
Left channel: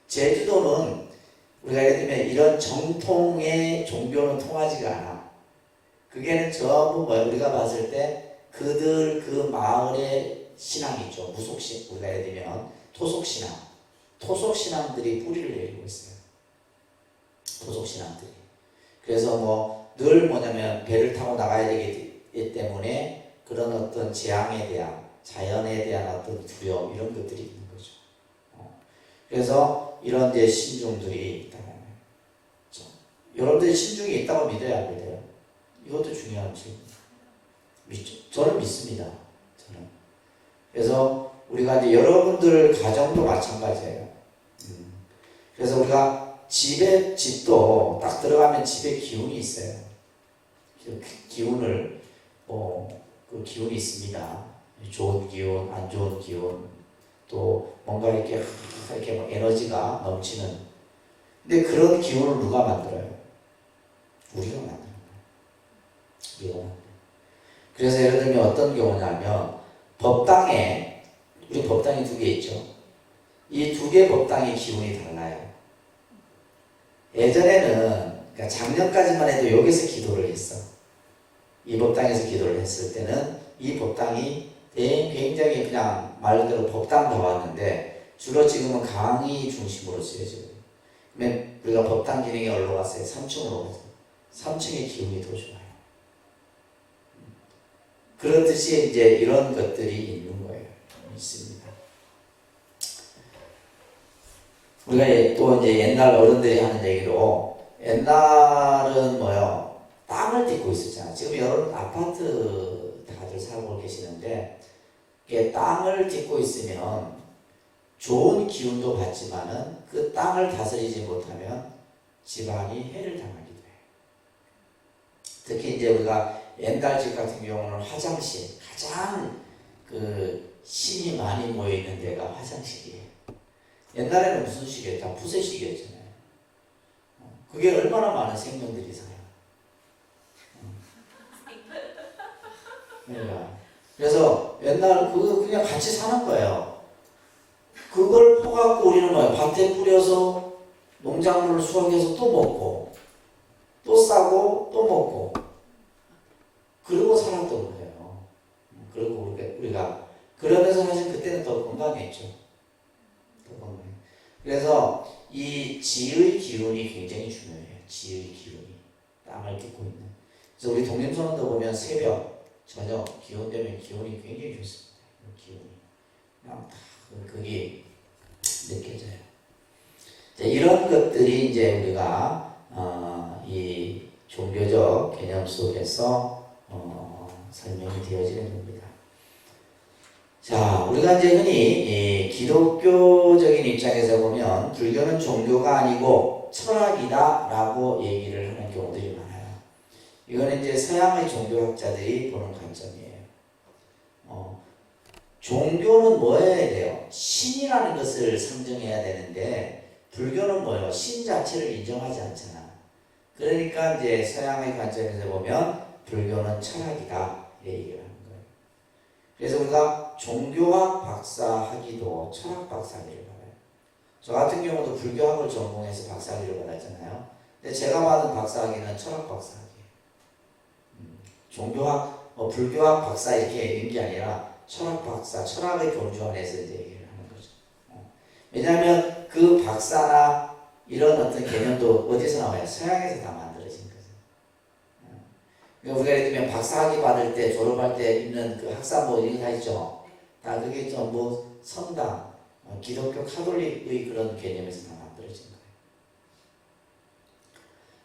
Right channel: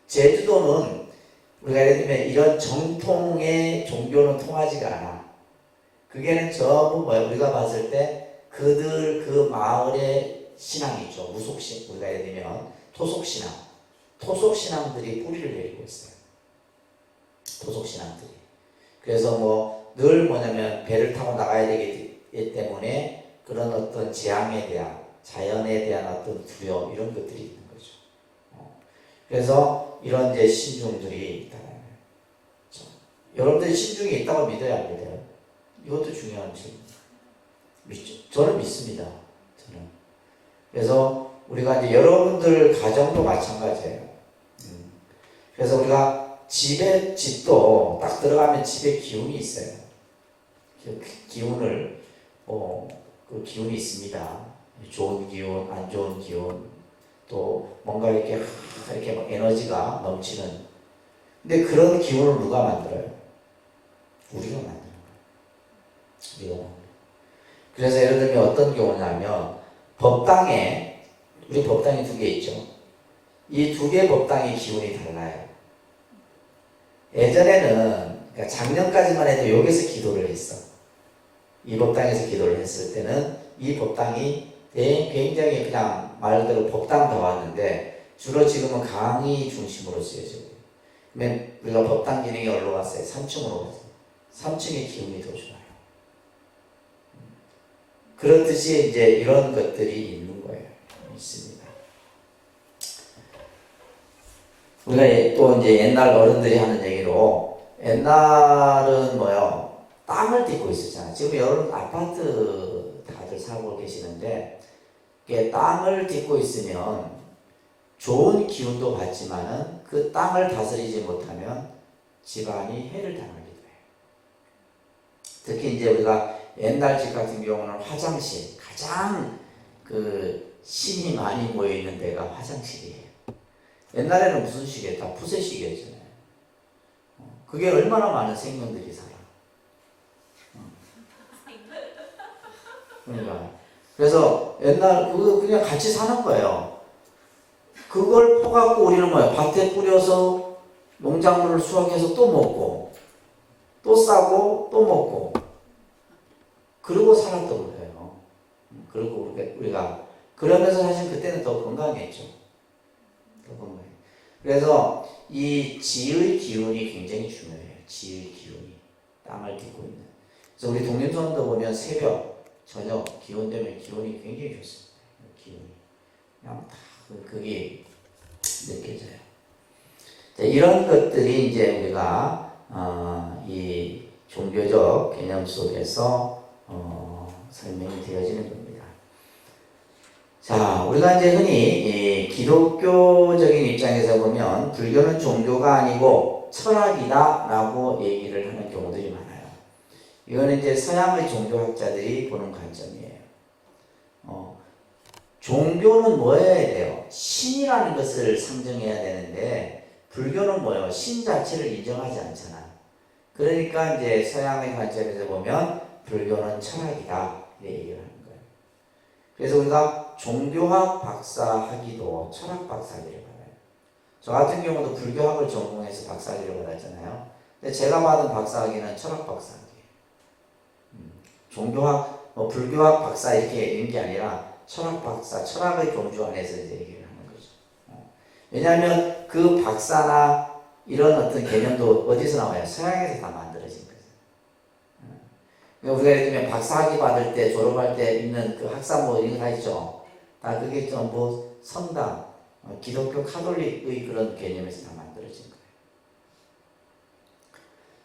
제주도는 우리가 예를 들면 이런 정통의 종교는 통하지가 않아. 그게는 전부 뭐야? 우리가 봤을 때 그들 그 마을의 신앙이 있죠. 무속신, 우리가 예를 들면 토속신앙. 토속신앙들이 뿌리를 내리고 있어요. 토속신앙들이. 그래서 뭐 늘 뭐냐면 배를 타고 나가야 되기 때문에 그런 어떤 재앙에 대한, 자연에 대한 어떤 두려움, 이런 것들이 있는 거죠. 그래서 이런 이제 신중들이 있다. 여러분들이 신중이 있다고 믿어야 안 믿어요? 이것도 중요한 질문입니다. 저는 믿습니다. 저는. 그래서 우리가 이제 여러분들 가정도 마찬가지예요. 그래서 우리가 집도 딱 들어가면 집에 기운이 있어요. 그 기운을 그 기운이 있습니다. 좋은 기운, 안 좋은 기운, 또 뭔가 이렇게 막 에너지가 넘치는. 근데 그런 기운을 누가 만들어요? 우리가 만드는 거예요. 우리가. 그래서 예를 들면 어떤 경우냐면 우리 법당이 2개 있죠. 이 2개 법당의 기운이 달라요. 예전에는, 그러니까 작년까지만 해도 여기서 기도를 했어. 이 법당에서 기도를 했을 때는 이 법당이 굉장히 그냥 말 그대로 법당도 왔는데 주로 지금은 강의 중심으로 쓰여져요. 그러면 우리가 법당 기능이 어디로 갔어요? 3층으로 갔어요. 3층의 기운이 더 좋아요. 그렇듯이 이제 이런 것들이 있는 거예요. 있습니다. 우리가 또 이제 옛날 어른들이 하는 얘기로 옛날은 뭐요? 땅을 딛고 있었잖아요. 지금 여러분 아파트 다들 살고 계시는데 땅을 딛고 있으면 좋은 기운도 받지만은 그 땅을 다스리지 못하면 집안이 해를 당하기도 해요. 특히 이제 우리가 옛날 집 같은 경우는 화장실, 가장 그 신이 많이 모여 있는 데가 화장실이에요. 옛날에는 무슨 시계? 다 푸세시계였잖아요. 그게 얼마나 많은 생명들이 살아요. 그러니까. 그래서 옛날 그거 그냥 같이 사는 거예요. 그걸 퍼갖고 우리는 뭐야? 밭에 뿌려서 농작물을 수확해서 또 먹고, 또 싸고, 또 먹고, 그러고 살았던 거예요. 그리고 우리가 그러면서 사실 그때는 더 건강했죠. 더 건강해. 그래서 이 지의 기운이 굉장히 중요해요. 지의 기운이 땅을 딛고 있는. 그래서 우리 독립선언도 보면 새벽, 저녁 기온 때문에 기온이 굉장히 좋습니다. 기온이 그냥 그게 느껴져요. 이런 것들이 이제 우리가 이 종교적 개념 속에서 설명이 되어지는 겁니다. 자, 우리가 이제 흔히 이 기독교적인 입장에서 보면 불교는 종교가 아니고 철학이다라고 얘기를 하는 경우들이 많아요. 이거는 이제 서양의 종교학자들이 보는 관점이에요. 종교는 뭐 해야 돼요? 신이라는 것을 상정해야 되는데 불교는 뭐예요? 신 자체를 인정하지 않잖아. 그러니까 이제 서양의 관점에서 보면 불교는 철학이다 얘기를 하는 거예요. 그래서 우리가 종교학 박사학위도 철학 박사학위를 받아요. 저 같은 경우도 불교학을 전공해서 박사학위를 받았잖아요. 근데 제가 받은 박사학위는 철학 박사학위예요. 종교학, 불교학 박사 이렇게 있는 게 아니라 철학 박사, 철학의 교주 안에서 이제 얘기를 하는 거죠. 왜냐하면 그 박사나 이런 어떤 개념도 어디서 나와요? 서양에서 다 만들어진 거죠. 그러니까 우리가 예를 들면 박사학위 받을 때, 졸업할 때 있는 그 학사모 이런 거 다 있죠. 다 그게 좀 뭐 성당, 기독교 카톨릭의 그런 개념에서 다 만들어진 거예요.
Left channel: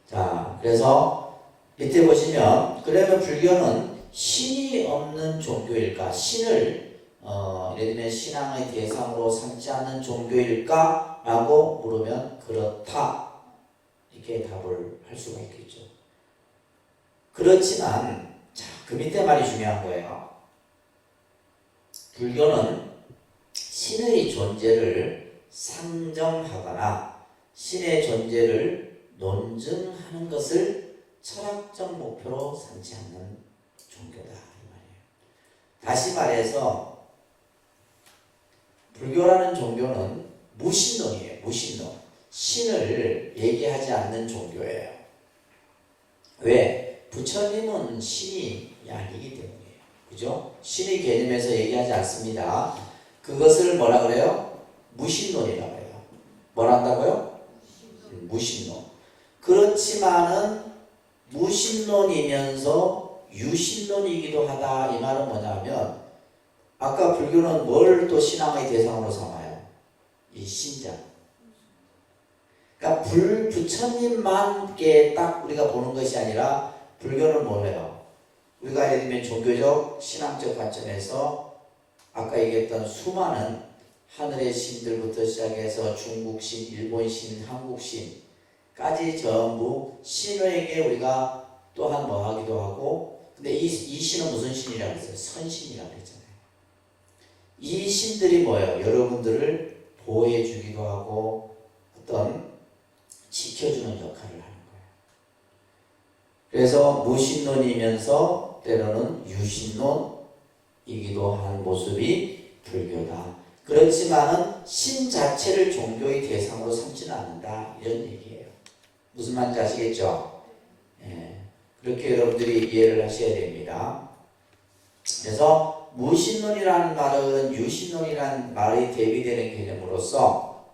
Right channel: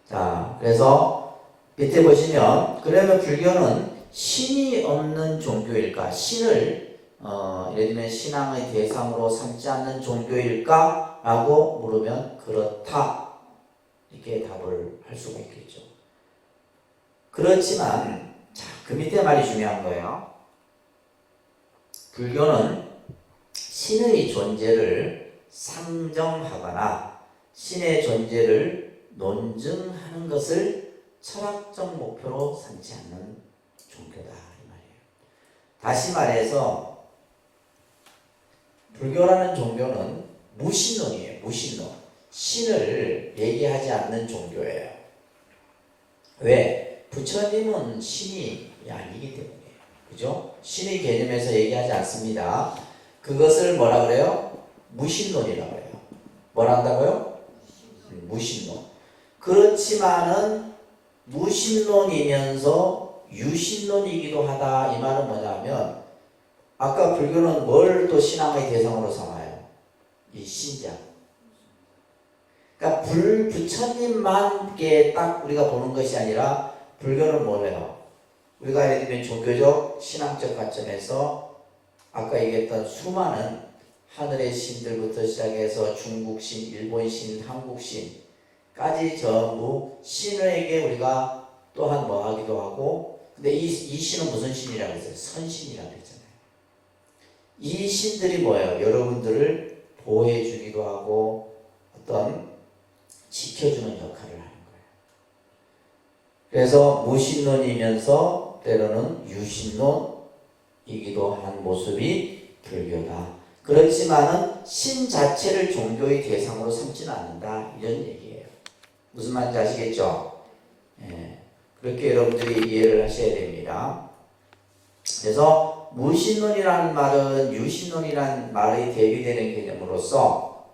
자, 그래서 이때 보시면 그러면 불교는 신이 없는 종교일까? 신을 예를 들면 신앙의 대상으로 삼지 않는 종교일까? 라고 물으면 그렇다. 이렇게 답을 할 수가 있겠죠. 그렇지만 자, 그 밑에 말이 중요한 거예요. 불교는 신의 존재를 상정하거나 신의 존재를 논증하는 것을 철학적 목표로 삼지 않는 종교다 이 말이에요. 다시 말해서 불교라는 종교는 무신론이에요. 무신론. 신을 얘기하지 않는 종교예요. 왜? 부처님은 신이 아니기 때문이에요. 그죠? 신의 개념에서 얘기하지 않습니다. 그것을 뭐라 그래요? 무신론이라고 해요. 뭐라 한다고요? 무신론. 그렇지만은 무신론이면서 유신론이기도 하다. 이 말은 뭐냐면 아까 불교는 뭘 또 신앙의 대상으로 삼아요? 이 신자. 그러니까 부처님만께 딱 우리가 보는 것이 아니라 불교는 뭐예요? 우리가 예를 들면 종교적, 신앙적 관점에서 아까 얘기했던 수많은 하늘의 신들부터 시작해서 중국 신, 일본 신, 한국 신까지 전부 신에게 우리가 또한 뭐 하기도 하고, 근데 이 신은 무슨 신이라고 했어요? 선신이라고 했잖아요. 이 신들이 뭐예요? 여러분들을 보호해 주기도 하고 어떤 지켜주는 역할을 하는 거예요. 그래서 무신론이면서 때로는 유신론이기도 한 모습이 불교다. 그렇지만은 신 자체를 종교의 대상으로 삼지는 않는다. 이런 얘기예요. 무슨 말인지 아시겠죠? 예. 그렇게 여러분들이 이해를 하셔야 됩니다. 그래서 무신론이라는 말은 유신론이라는 말이 대비되는 개념으로서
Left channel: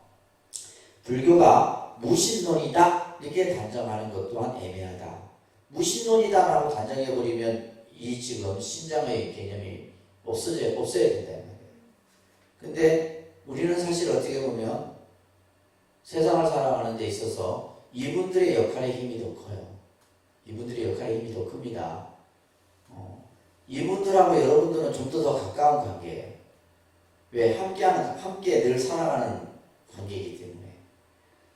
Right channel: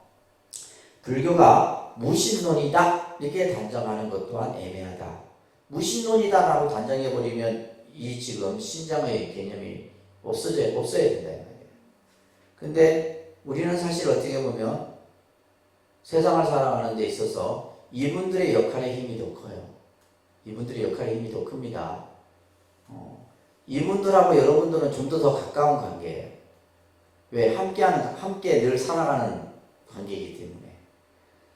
불교가 무신론이다 이렇게 단정하는 것 또한 애매하다. 무신론이다 라고 단정해버리면 이 지금 신장의 개념이 없어야 된다. 근데 우리는 사실 어떻게 보면 세상을 살아가는 데 있어서 이분들의 역할의 힘이 더 커요. 이분들의 역할의 힘이 더 큽니다. 이분들하고 여러분들은 좀 더 가까운 관계예요. 왜? 함께 늘 살아가는 관계이기 때문에.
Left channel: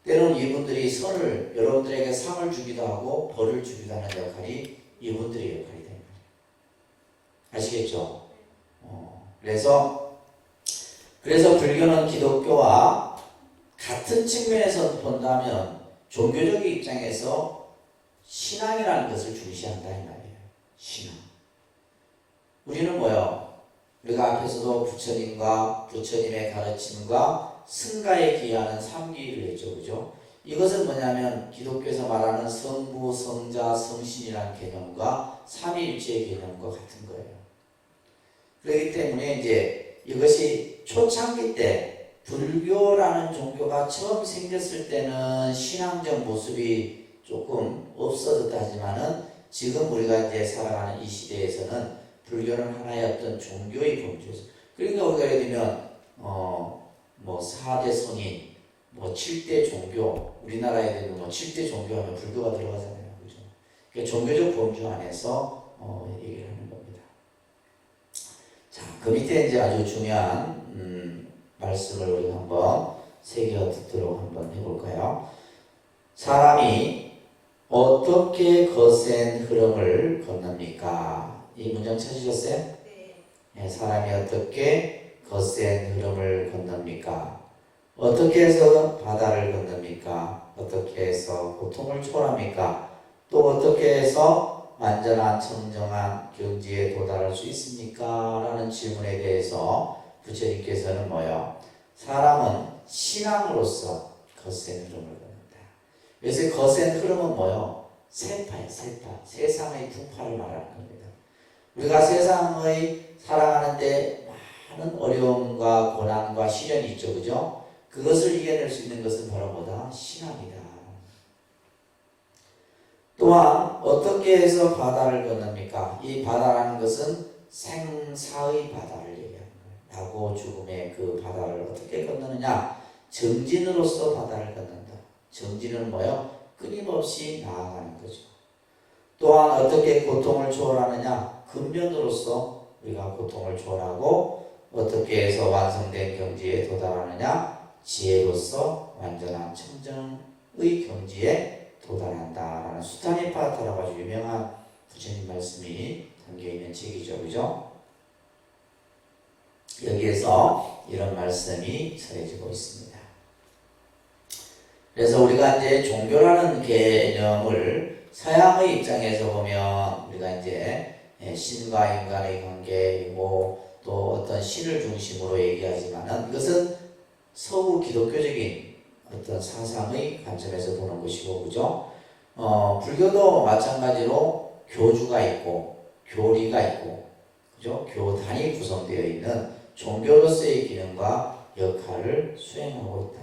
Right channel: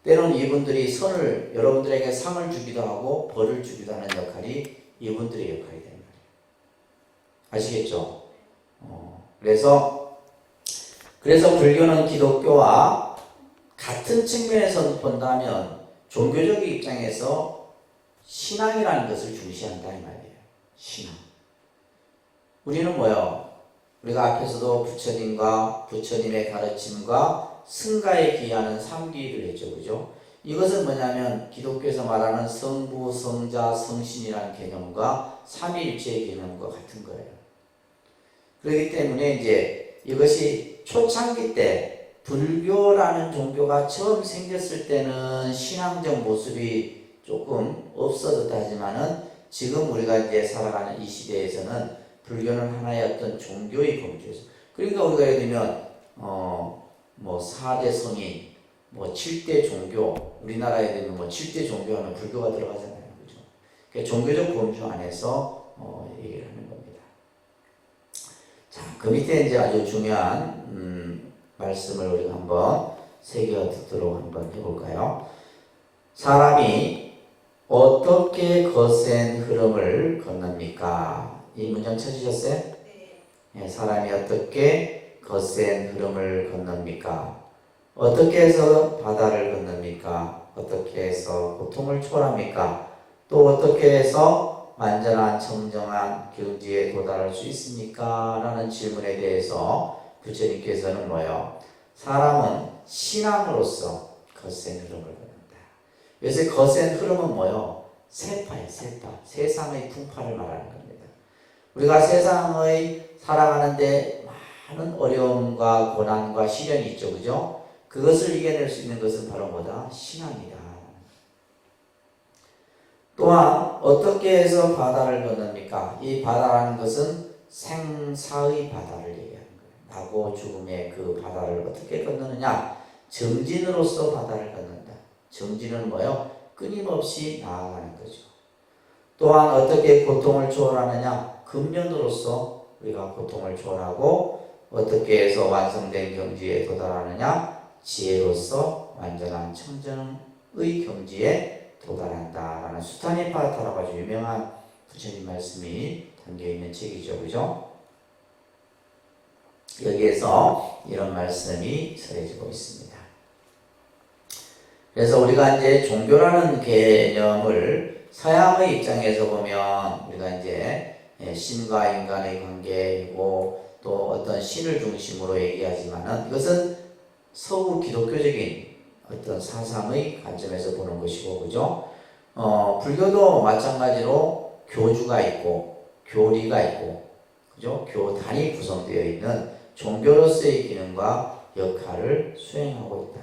때로는 이분들이 여러분들에게 상을 주기도 하고 벌을 주기도 하는 역할이 이분들의 역할이 됩니다. 아시겠죠? 그래서 불교는 기독교와 같은 측면에서 본다면 종교적 입장에서 신앙이라는 것을 중시한다 이 말이에요. 신앙. 우리는 뭐요? 우리가 앞에서도 부처님과 부처님의 가르침과 승가에 기하는 삼기를 했죠. 그죠? 이것은 뭐냐면 기독교에서 말하는 성부, 성자, 성신이라는 개념과 삼위일체의 개념과 같은 거예요. 그렇기 때문에 이제 이것이 초창기 때 불교라는 종교가 처음 생겼을 때는 신앙적 모습이 조금 없어졌다지만은 지금 우리가 이제 살아가는 이 시대에서는 불교는 하나의 어떤 종교의 범주에서, 그러니까 우리가 예를 들면 뭐 4대 성인, 뭐 7대 종교, 우리나라에 되면 뭐 7대 종교하면 불교가 들어가잖아요. 그죠? 그러니까 종교적 범주 안에서 얘기를 하는 겁니다. 자, 그 밑에 이제 아주 중요한 말씀을 우리가 한번 새겨 듣도록 한번 해볼까요? 사람이 어떻게 거센 흐름을 건넙니까? 이 문장 찾으셨어요? 네. 사람이 어떻게 거센 흐름을 건넙니까? 어떻게 해서 바다를 건넙니까? 어떻게 해서 고통을 초월합니까? 또 어떻게 해서 완전한 청정한 경지에 도달할 수 있습니까? 라는 질문에 대해서 부처님께서는 뭐요? 사람은 신앙으로서 거센 흐름을 건넌다. 그래서 거센 흐름은 뭐요? 세파예요. 세파. 세상의 풍파를 말하는 겁니다. 우리가 세상의 살아가는데 많은 어려움과 고난과 시련이 있죠. 그죠? 그것을 이겨낼 수 있는 것은 바로 뭐다? 신앙이다. 또한 어떻게 해서 바다를 건넙니까? 이 바다라는 것은 생사의 바다를 얘기하는 거예요. 나고 죽음의 그 바다를 어떻게 건너느냐? 정진으로서 바다를 건넌다. 정진은 뭐요? 끊임없이 나아가는 거죠. 또한 어떻게 고통을 초월하느냐? 근면으로서 우리가 고통을 초월하고 어떻게 해서 완성된 경지에 도달하느냐? 지혜로서 완전한 청정의 경지에 도달한다라는 수타니파타라고 아주 유명한 부처님 말씀이 담겨있는 책이죠. 그죠? 여기에서 이런 말씀이 전해지고 있습니다. 그래서 우리가 이제 종교라는 개념을 서양의 입장에서 보면 우리가 이제 신과 인간의 관계, 뭐 또 어떤 신을 중심으로 얘기하지만은 이것은 서구 기독교적인 어떤 사상의 관점에서 보는 것이고, 그죠? 불교도 마찬가지로 교주가 있고 교리가 있고, 그죠? 교단이 구성되어 있는 종교로서의 기능과 역할을 수행하고 있다.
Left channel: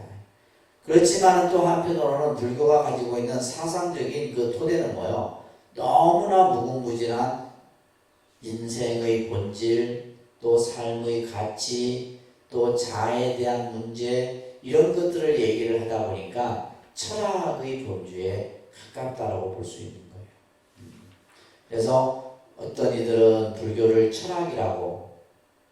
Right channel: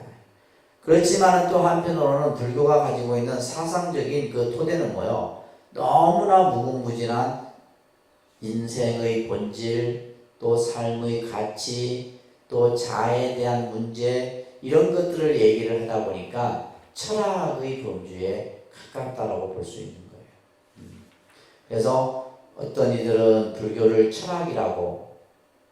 그렇지만 또 한편으로는 불교가 가지고 있는 사상적인 그 토대는 뭐요? 너무나 무궁무진한 인생의 본질, 또 삶의 가치, 또 자아에 대한 문제, 이런 것들을 얘기를 하다 보니까 철학의 범주에 가깝다라고 볼 수 있는 거예요. 그래서 어떤 이들은 불교를 철학이라고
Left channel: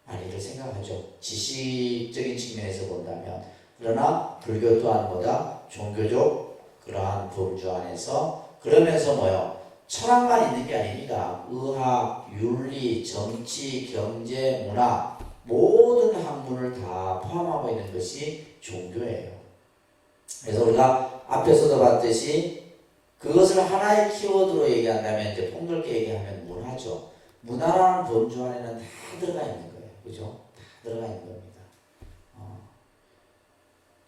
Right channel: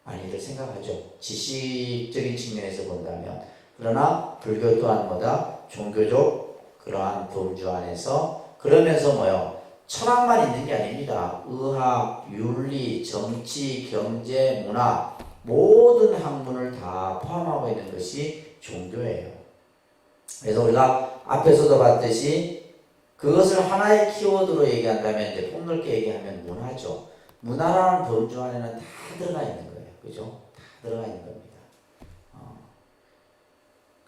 많이들 생각하죠. 지식적인 측면에서 본다면. 그러나 불교 또한 뭐다? 종교적 그러한 범주 안에서, 그러면서 뭐요? 철학만 있는 게 아닙니다. 의학, 윤리, 정치, 경제, 문화, 모든 학문을 다 포함하고 있는 것이 종교예요. 그래서 우리가 앞에서도 봤듯이 그것을 하나의 키워드로 얘기한다면, 이제 폭넓게 얘기하면 문화죠. 문화라는 범주 안에는 다 들어가 있는 거예요. 그죠? 다 들어가 있는 겁니다.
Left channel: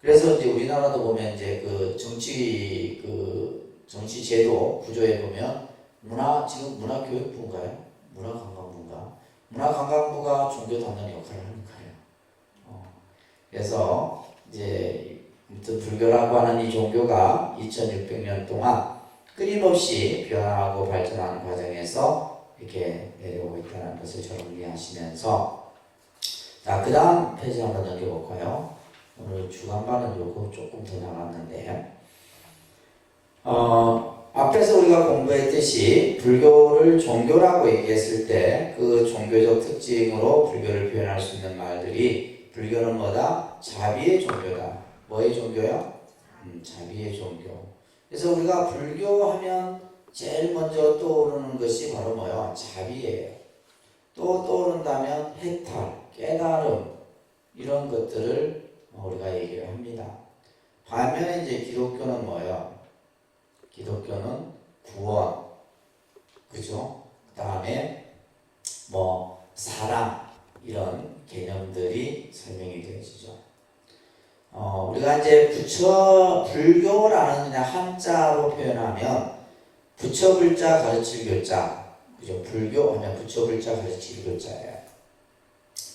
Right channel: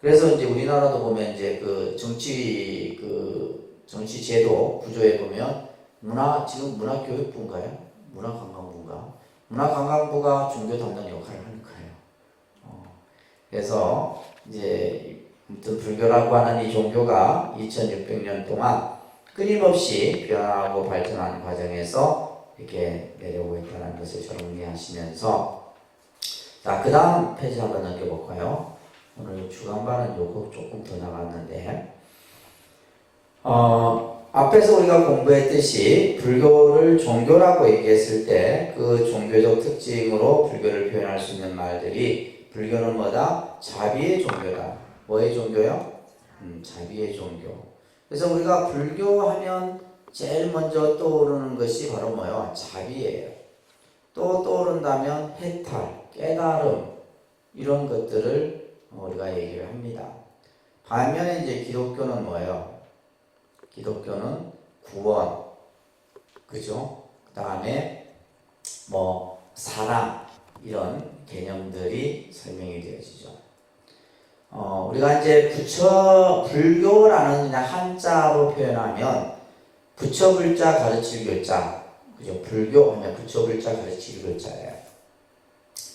그래서 이제 우리나라도 보면 이제 그 정치 제도 구조에 보면 지금 문화교육부인가요? 문화관광부인가? 문화관광부가 종교 담당 역할을 하는 거예요. 그래서 이제 불교라고 하는 이 종교가 2600년 동안 끊임없이 변화하고 발전하는 과정에서 이렇게 내려오고 있다는 것을 정리하시면서, 자, 그 다음 페이지 한번 넘겨볼까요? 오늘 주간반은 요거 조금 더 나갔는데, 앞에서 우리가 공부했듯이 불교를 종교라고 얘기했을 때 그 종교적 특징으로 불교를 표현할 수 있는 말들이, 불교는 뭐다? 자비의 종교다. 뭐의 종교요? 자비의 종교. 그래서 우리가 불교하면 제일 먼저 떠오르는 것이 바로 뭐요? 자비예요. 또 떠오른다면 해탈, 깨달음, 이런 것들을 우리가 얘기를 합니다. 반면에 이제 기독교는 뭐예요? 기독교는 구원, 그죠? 그 다음에 뭐 사랑, 이런 개념들이 설명이 되어지죠. 우리가 이제 불교라는 그냥 한자로 표현하면 부처불자 가르칠 교자, 그죠? 불교 하면 부처불자 가르칠 교자예요.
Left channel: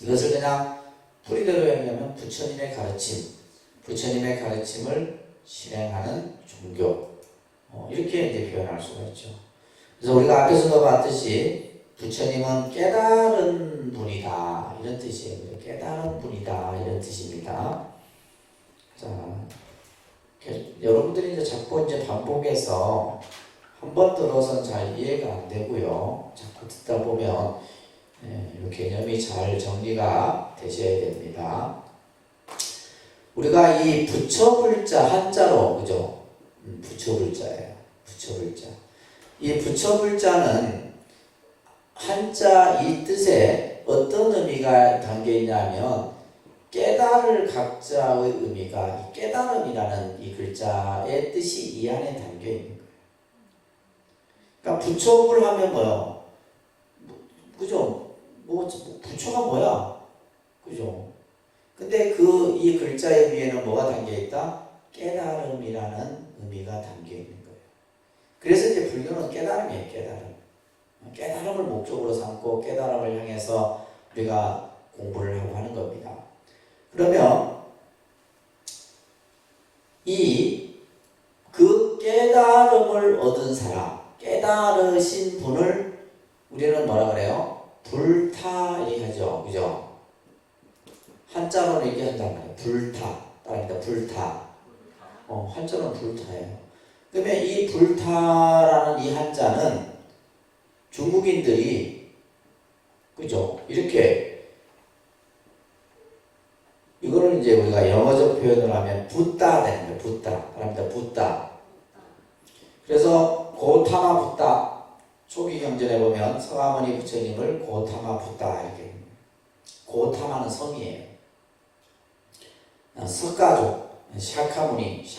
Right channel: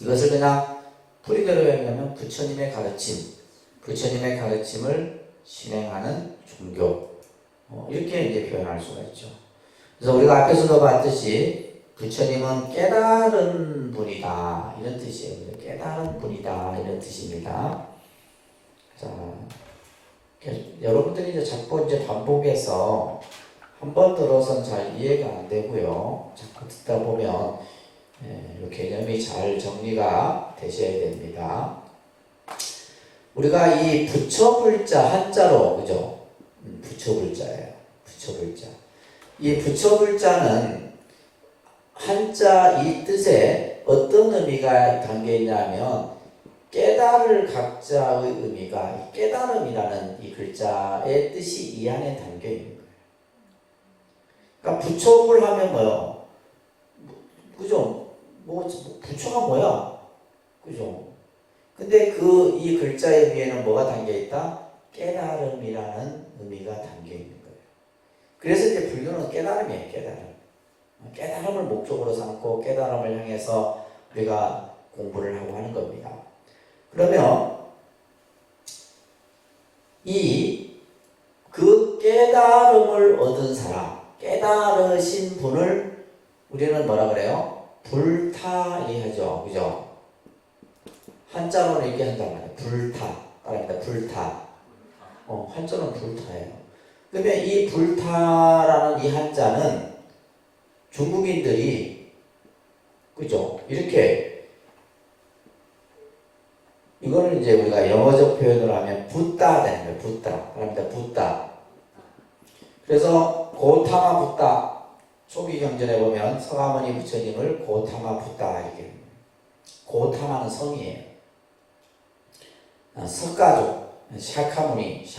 이것을 그냥 뿌리대로 얘기하면 부처님의 가르침을 실행하는 종교, 이렇게 이제 표현할 수가 있죠. 그래서 우리가 앞에서도 봤듯이 부처님은 깨달은 분이다, 이런 뜻이에요. 깨달은 분이다, 이런 뜻입니다. 자, 여러분들이 이제 자꾸 이제 반복해서 한 번 들어서는 잘 이해가 안 되고요. 자꾸 듣다 보면 이 개념이 잘 정리가 되셔야 됩니다. 우리가 이 부처불자 한자로, 그죠? 부처불자예요. 부처불자. 이 부처불자는 한자 이 뜻에 어떤 의미가 담겨 있냐면, 깨달을 각자의 의미가 깨달음이라는 이 글자의 뜻이 이 안에 담겨 있는 거예요. 그러니까 부처불 하면 뭐요? 그죠? 부처가 뭐야? 그죠? 근데 이 글자의 위에는 뭐가 담겨 있다? 깨달음이라는 의미가 담겨 있는 거예요. 그래서 이제 불교는 깨달음이에요, 깨달음. 깨달음을 목적으로 삼고 깨달음을 향해서 우리가 공부를 하고 하는 겁니다. 그러면 그 깨달음을 얻은 사람, 깨달으신 분을 우리는 뭐라 그래요? 불타리하죠. 그죠? 한자로는 얘기한단 말이에요. 불타. 불타. 한자로는 불타예요. 그러면 이 불타라는 이 한자는 중국인들이, 그죠? 이렇게, 이거는 이제 우리가 영어적 표현을 하면 붓다 되는 거예요. 붓다. 그래서 고타마 붓다. 초기 경전에 보면 서가모니 부처님을 고타마 붓다 이렇게. 고타마는 성이에요. 석가족, 샤카무니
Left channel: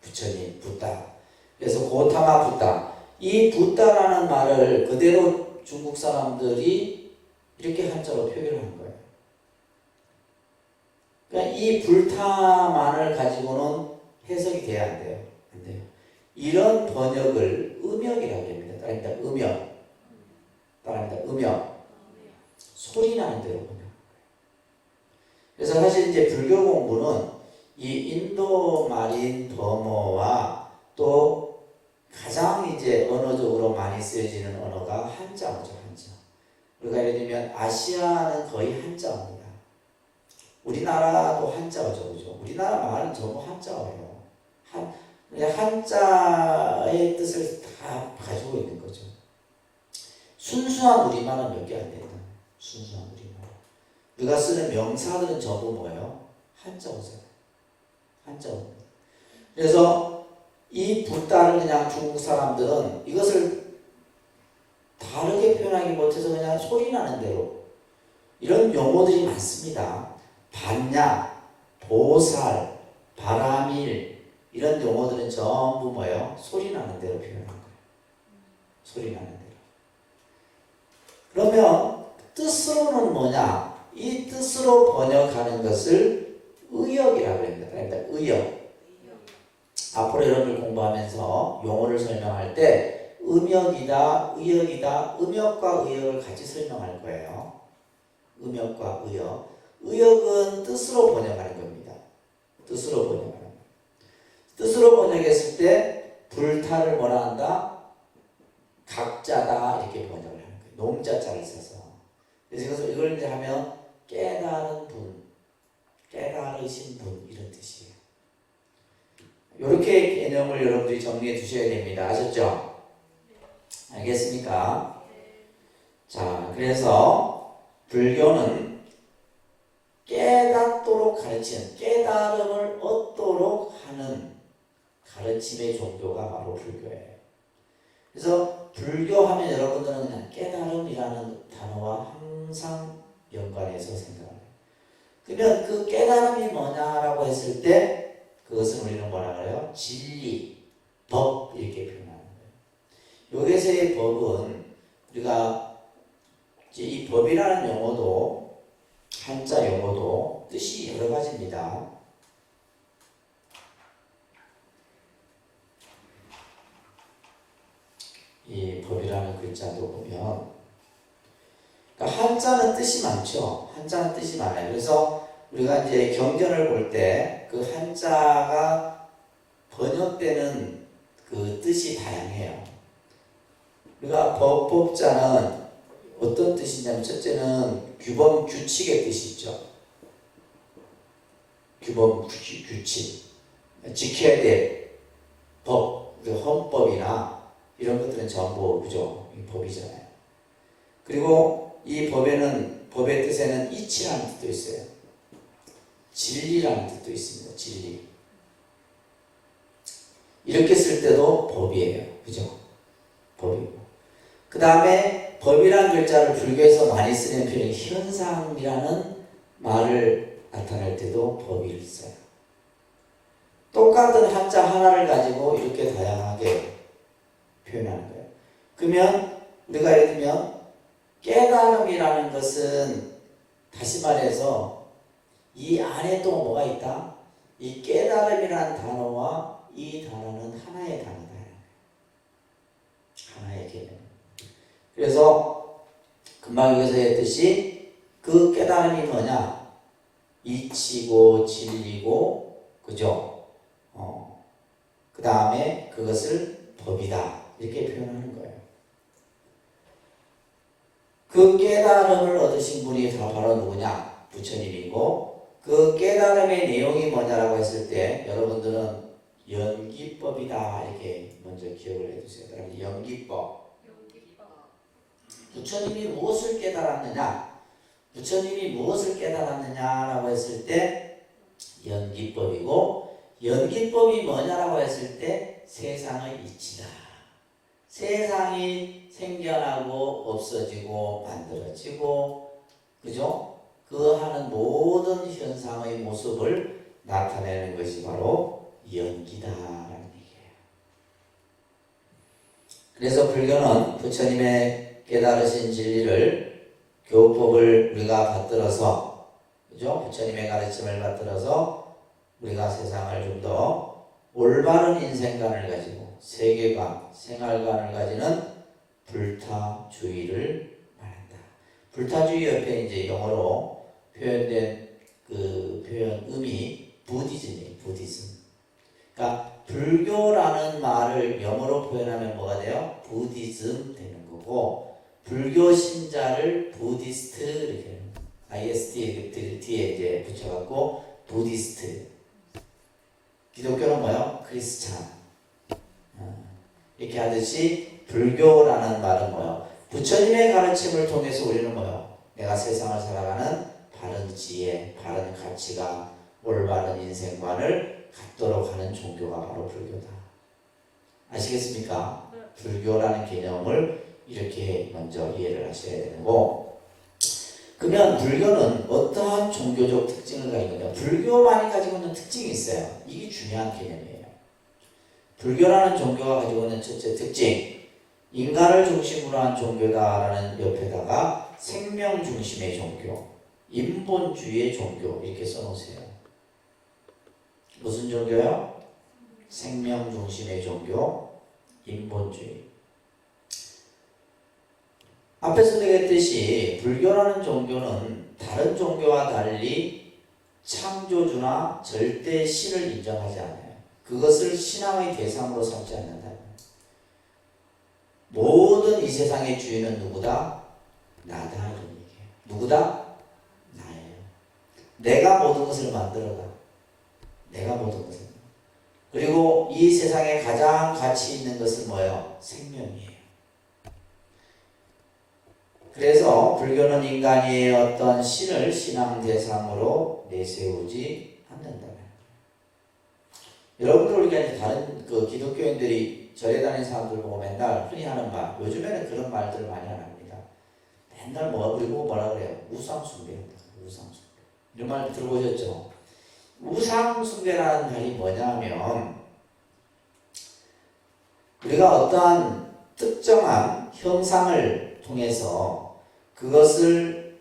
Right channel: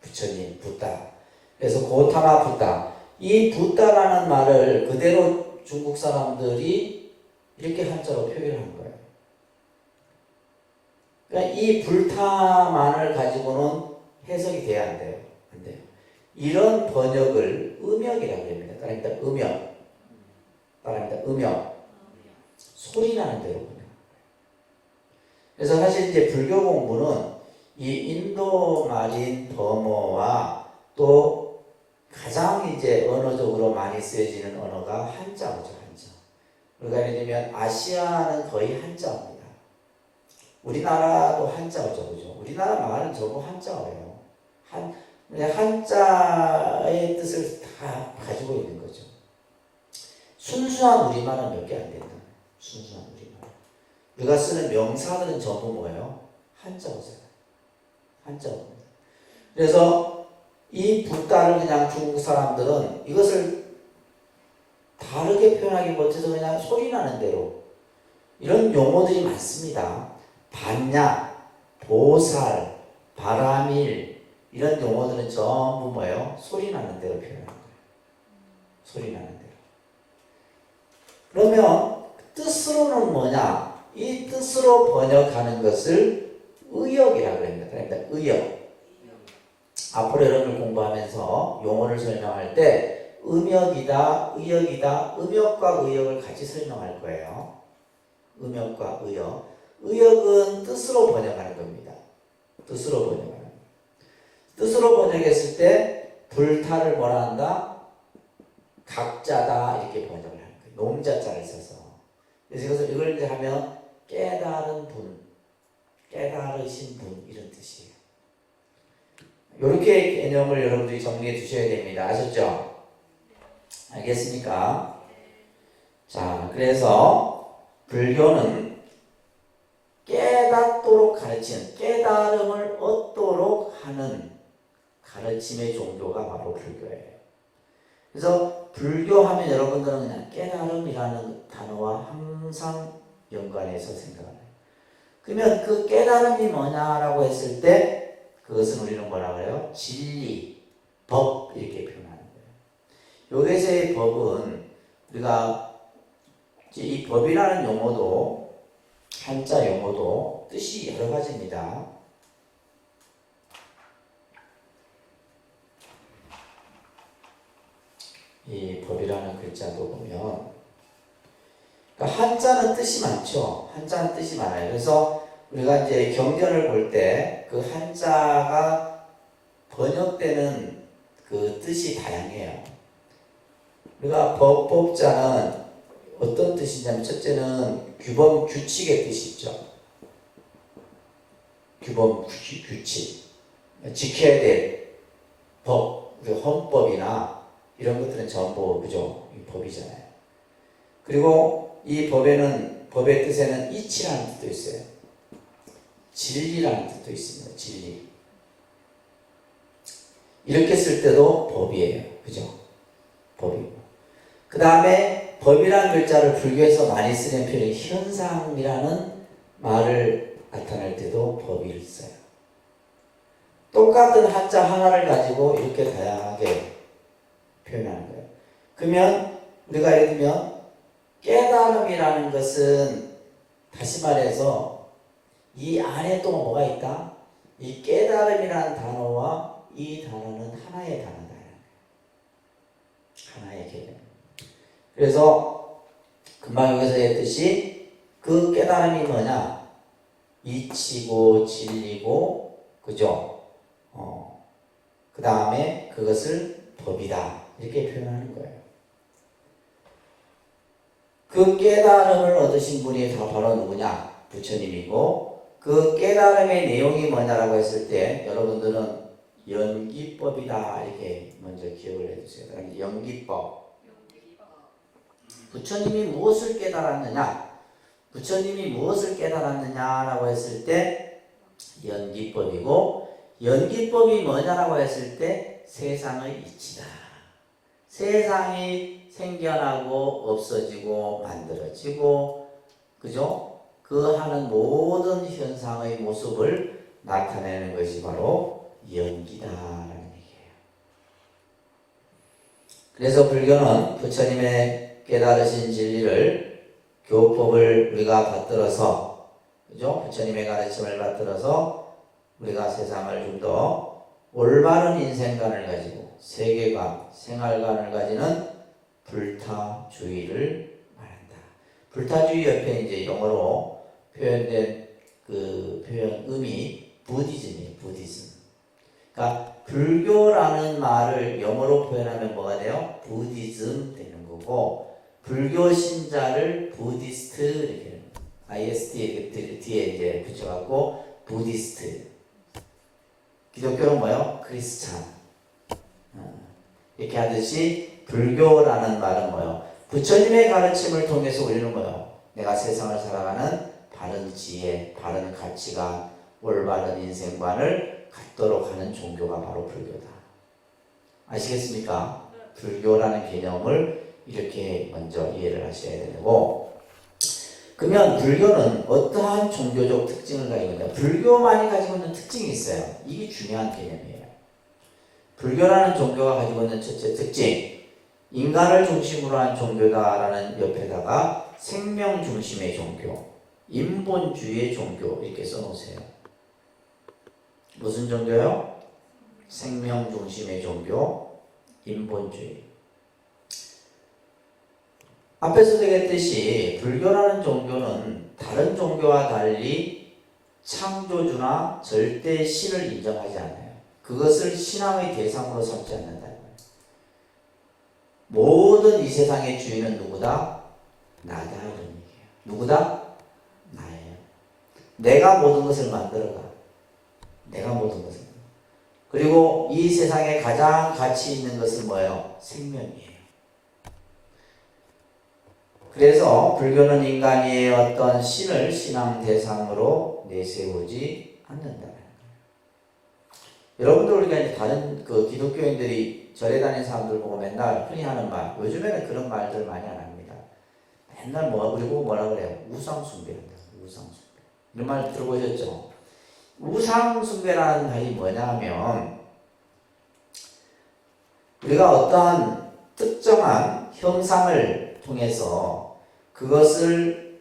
부처님 붓다. 그래서 고타마 붓다. 이 붓다라는 말을 그대로 중국 사람들이 이렇게 한자로 표기를 한 거예요. 그러니까 이 불타만을 가지고는 해석이 돼야 안 돼요. 안 돼요. 이런 번역을 음역이라고 합니다. 따라합니다. 음역. 따라합니다. 음역. 소리 나는 대로 번역. 그래서 사실 이제 불교 공부는 이 인도 말인 버머와 또 가장 이제 언어적으로 많이 쓰여지는 언어가 한자어죠. 한자. 우리가 예를 들면 아시아는 거의 한자어입니다. 우리나라도 한자어죠. 그죠? 우리나라 말은 전부 한자어예요. 한자의 뜻을 다 가지고 있는 거죠. 순수한 우리말은 몇 개 안 된다. 순수한 우리말. 우리가 쓰는 명사들은 전부 뭐예요? 한자어잖아요. 한자어입니다. 그래서 이 불가를 그냥 중국 사람들은 이것을 다르게 표현하기 못해서 그냥 소리 나는 대로 이런 용어들이 많습니다. 반야, 보살, 바라밀 이런 용어들은 전부 뭐예요? 소리 나는 대로 표현하는 거예요. 소리 나는 대로. 그러면 뜻으로는 뭐냐? 이 뜻으로 번역하는 것을 의역이라고 합니다. 그러니까 의역. 앞으로 여러분을 공부하면서 용어를 설명할 때 음역이다, 의역이다, 음역과 의역을 같이 설명할 거예요. 음역과 의역. 의역은 뜻으로 번역하는 겁니다. 뜻으로 번역하는 겁니다. 뜻으로 번역했을 때 불타를 뭐라 한다? 각자다 이렇게 번역을 하는 거예요. 농자자를 써서. 그래서 이걸 이제 하면 깨달은 분, 깨달으신 분 이런 뜻이에요. 이렇게 개념을 여러분들이 정리해 주셔야 됩니다. 아셨죠? 알겠습니까? 자, 그래서 불교는 깨닫도록 가르치는, 깨달음을 얻도록 하는 가르침의 종교가 바로 불교예요. 그래서 불교하면 여러분들은 그냥 깨달음이라는 단어와 항상 연관해서 생각합니다. 그러면 그 깨달음이 뭐냐라고 했을 때 그것은 우리는 뭐라 그래요? 진리, 법 이렇게 표현하는 거예요. 여기서의 법은 우리가 이 법이라는 용어도 한자 용어도 뜻이 여러 가지입니다. 이 법이라는 글자도 보면 그러니까 한자는 뜻이 많죠. 한자는 뜻이 많아요. 그래서 우리가 이제 경전을 볼 때 그 한자가 번역되는 그 뜻이 다양해요. 우리가 법자는 어떤 뜻이냐면 첫째는 규범, 규칙의 뜻이 있죠. 규범, 규칙. 지켜야 될 법, 헌법이나 이런 것들은 전부 그죠? 법이잖아요. 그리고 이 법에는, 법의 뜻에는 이치라는 뜻도 있어요. 진리라는 뜻도 있습니다. 진리. 이렇게 쓸 때도 법이에요. 그죠? 법이고. 그 다음에 법이라는 글자를 불교에서 많이 쓰는 표현이 현상이라는 말을 나타낼 때도 법을 써요. 똑같은 한자 하나를 가지고 이렇게 다양하게 표현하는 거예요. 그러면 우리가 예를 들면 깨달음이라는 것은 다시 말해서 이 안에 또 뭐가 있다? 이 깨달음이라는 단어와 이 단어는 하나의 단어다. 하나의 개념. 그래서 금방 여기서 했듯이 그 깨달음이 뭐냐? 이치고 진리고 그죠? 그 다음에 그것을 법이다. 이렇게 표현하는 거예요. 그 깨달음을 얻으신 분이 바로 누구냐? 부처님이고 그 깨달음의 내용이 뭐냐라고 했을 때 여러분들은 연기법이다 이렇게 먼저 기억을 해주세요. 그러면 연기법. 부처님이 무엇을 깨달았느냐? 부처님이 무엇을 깨달았느냐라고 했을 때 연기법이고 연기법이 뭐냐라고 했을 때 세상의 이치다. 세상이 생겨나고 없어지고 만들어지고 그죠? 그 하는 모든 현상의 모습을 나타내는 것이 바로 연기다라는 얘기예요. 그래서 불교는 부처님의 깨달으신 진리를 교법을 우리가 받들어서, 그죠? 부처님의 가르침을 받들어서 우리가 세상을 좀 더 올바른 인생관을 가지고 세계관, 생활관을 가지는 불타주의를 말한다. 불타주의 옆에 이제 영어로 표현된 그 표현음이 부디즘이에요. 부디즘. 그러니까 불교라는 말을 영어로 표현하면 뭐가 돼요? 부디즘 되는 거고, 불교 신자를 부디스트 이렇게 IST 뒤에 이제 붙여갖고 부디스트. 기독교는 뭐요? 크리스찬. 이렇게 하듯이 불교라는 말은 뭐요? 부처님의 가르침을 통해서 우리는 뭐요? 내가 세상을 살아가는 바른 지혜, 바른 가치가, 올바른 인생관을 갖도록 하는 종교가 바로 불교다. 아시겠습니까? 불교라는 개념을 이렇게 먼저 이해를 하셔야 되고, 그러면 불교는 어떠한 종교적 특징을 가지고 있냐? 불교만이 가지고 있는 특징이 있어요. 이게 중요한 개념이에요. 불교라는 종교가 가지고 있는 첫째 특징, 인간을 중심으로 한 종교다라는 옆에다가 생명 중심의 종교, 인본주의의 종교 이렇게 써놓으세요. 무슨 종교요? 생명 중심의 종교, 인본주의. 앞에서 얘기했듯이 불교라는 종교는 다른 종교와 달리 창조주나 절대 신을 인정하지 않아요. 그것을 신앙의 대상으로 삼지 않는다. 모든 이 세상의 주인은 누구다? 나다라는 얘기예요. 누구다? 나예요. 내가 모든 것을 만들어가. 내가 모든 것을. 그리고 이 세상에 가장 가치 있는 것은 뭐예요? 생명이에요. 그래서 불교는 인간이 어떤 신을 신앙 대상으로 내세우지 않는다. 여러분들 우리가 이제 다른 그 기독교인들이 절에 다니는 사람들 보고 맨날 흔히 하는 말, 요즘에는 그런 말들 많이 안 합니다. 맨날 그리고 뭐라 그래요? 우상숭배입니다. 우상숭배. 이런 말 들어보셨죠? 우상숭배라는 말이 뭐냐면, 우리가 어떠한 특정한 형상을 통해서 그것을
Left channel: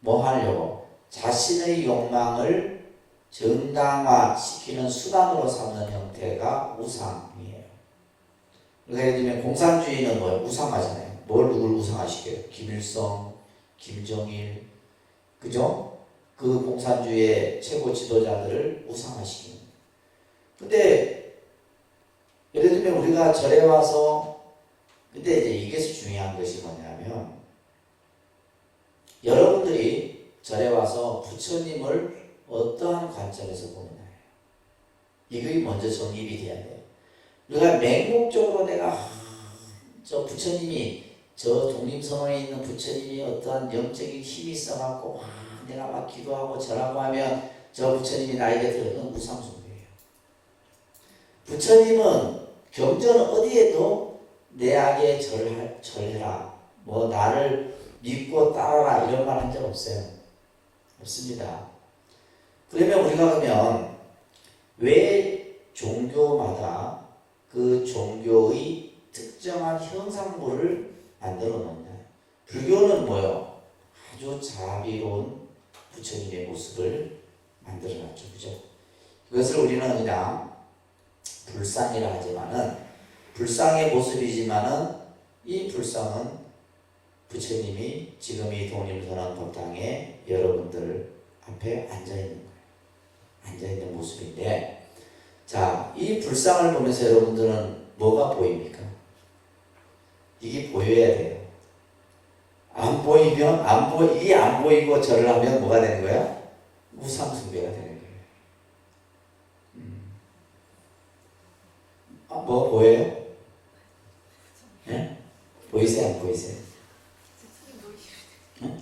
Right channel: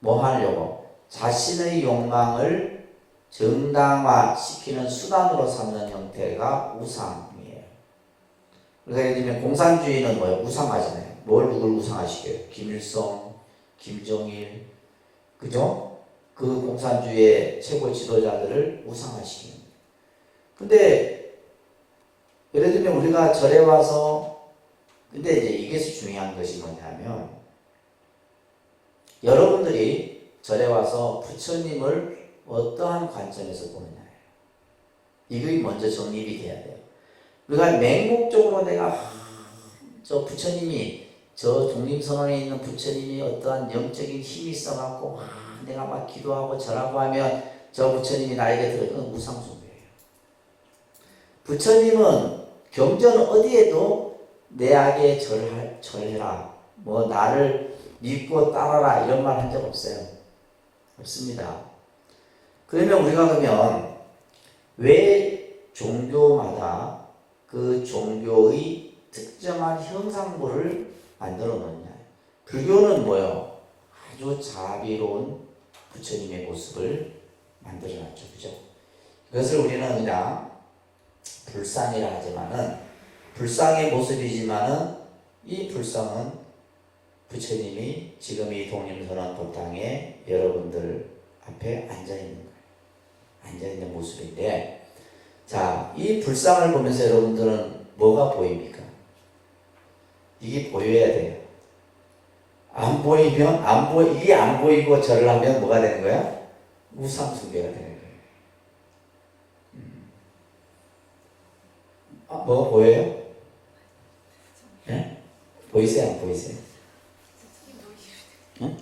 뭐 하려고? 자신의 욕망을 정당화시키는 수단으로 삼는 형태가 우상이에요. 그러니까 예를 들면 공산주의는 뭐예요? 우상하잖아요. 누굴 우상하시게요? 김일성, 김정일, 그죠? 그 공산주의의 최고 지도자들을 우상하시는. 근데 예를 들면 우리가 절에 와서, 근데 이제 이게 중요한 것이 뭐냐면, 여러분들이 절에 와서 부처님을 어떠한 관점에서 보느냐예요. 이게 먼저 정립이 돼야 돼요. 우리가 맹목적으로 내가 저 부처님이, 저 독립선언에 있는 부처님이 어떠한 영적인 힘이 있어갖고 내가 막 기도하고 절하고 하면 저 부처님이 나에게 들어오는 우상숭배예요. 부처님은 경전 어디에도 내 악에 절해라, 뭐 나를 믿고 따라라 이런 말 한 적 없어요. 없습니다. 그러면 우리가 그러면 왜 종교마다 그 종교의 특정한 형상물을 만들어 놓냐? 불교는 뭐예요? 아주 자비로운 부처님의 모습을 만들어 놨죠. 그죠? 이것을 우리는 그냥 불상이라 하지만은, 불상의 모습이지만은 이 불상은 부처님이 지금 이 독립선언 법당에 여러분들 앞에 앉아있는 거예요. 앉아있는 모습인데, 자, 이 불상을 보면서 여러분들은 뭐가 보입니까? 이게 보여야 돼요. 안 보이면, 이게 안 보이고 절을 하면 뭐가 되는 거야? 우상숭배가 되는 거예요. 뭐 보여요? 네? 보이세요? 안 보이세요? 응?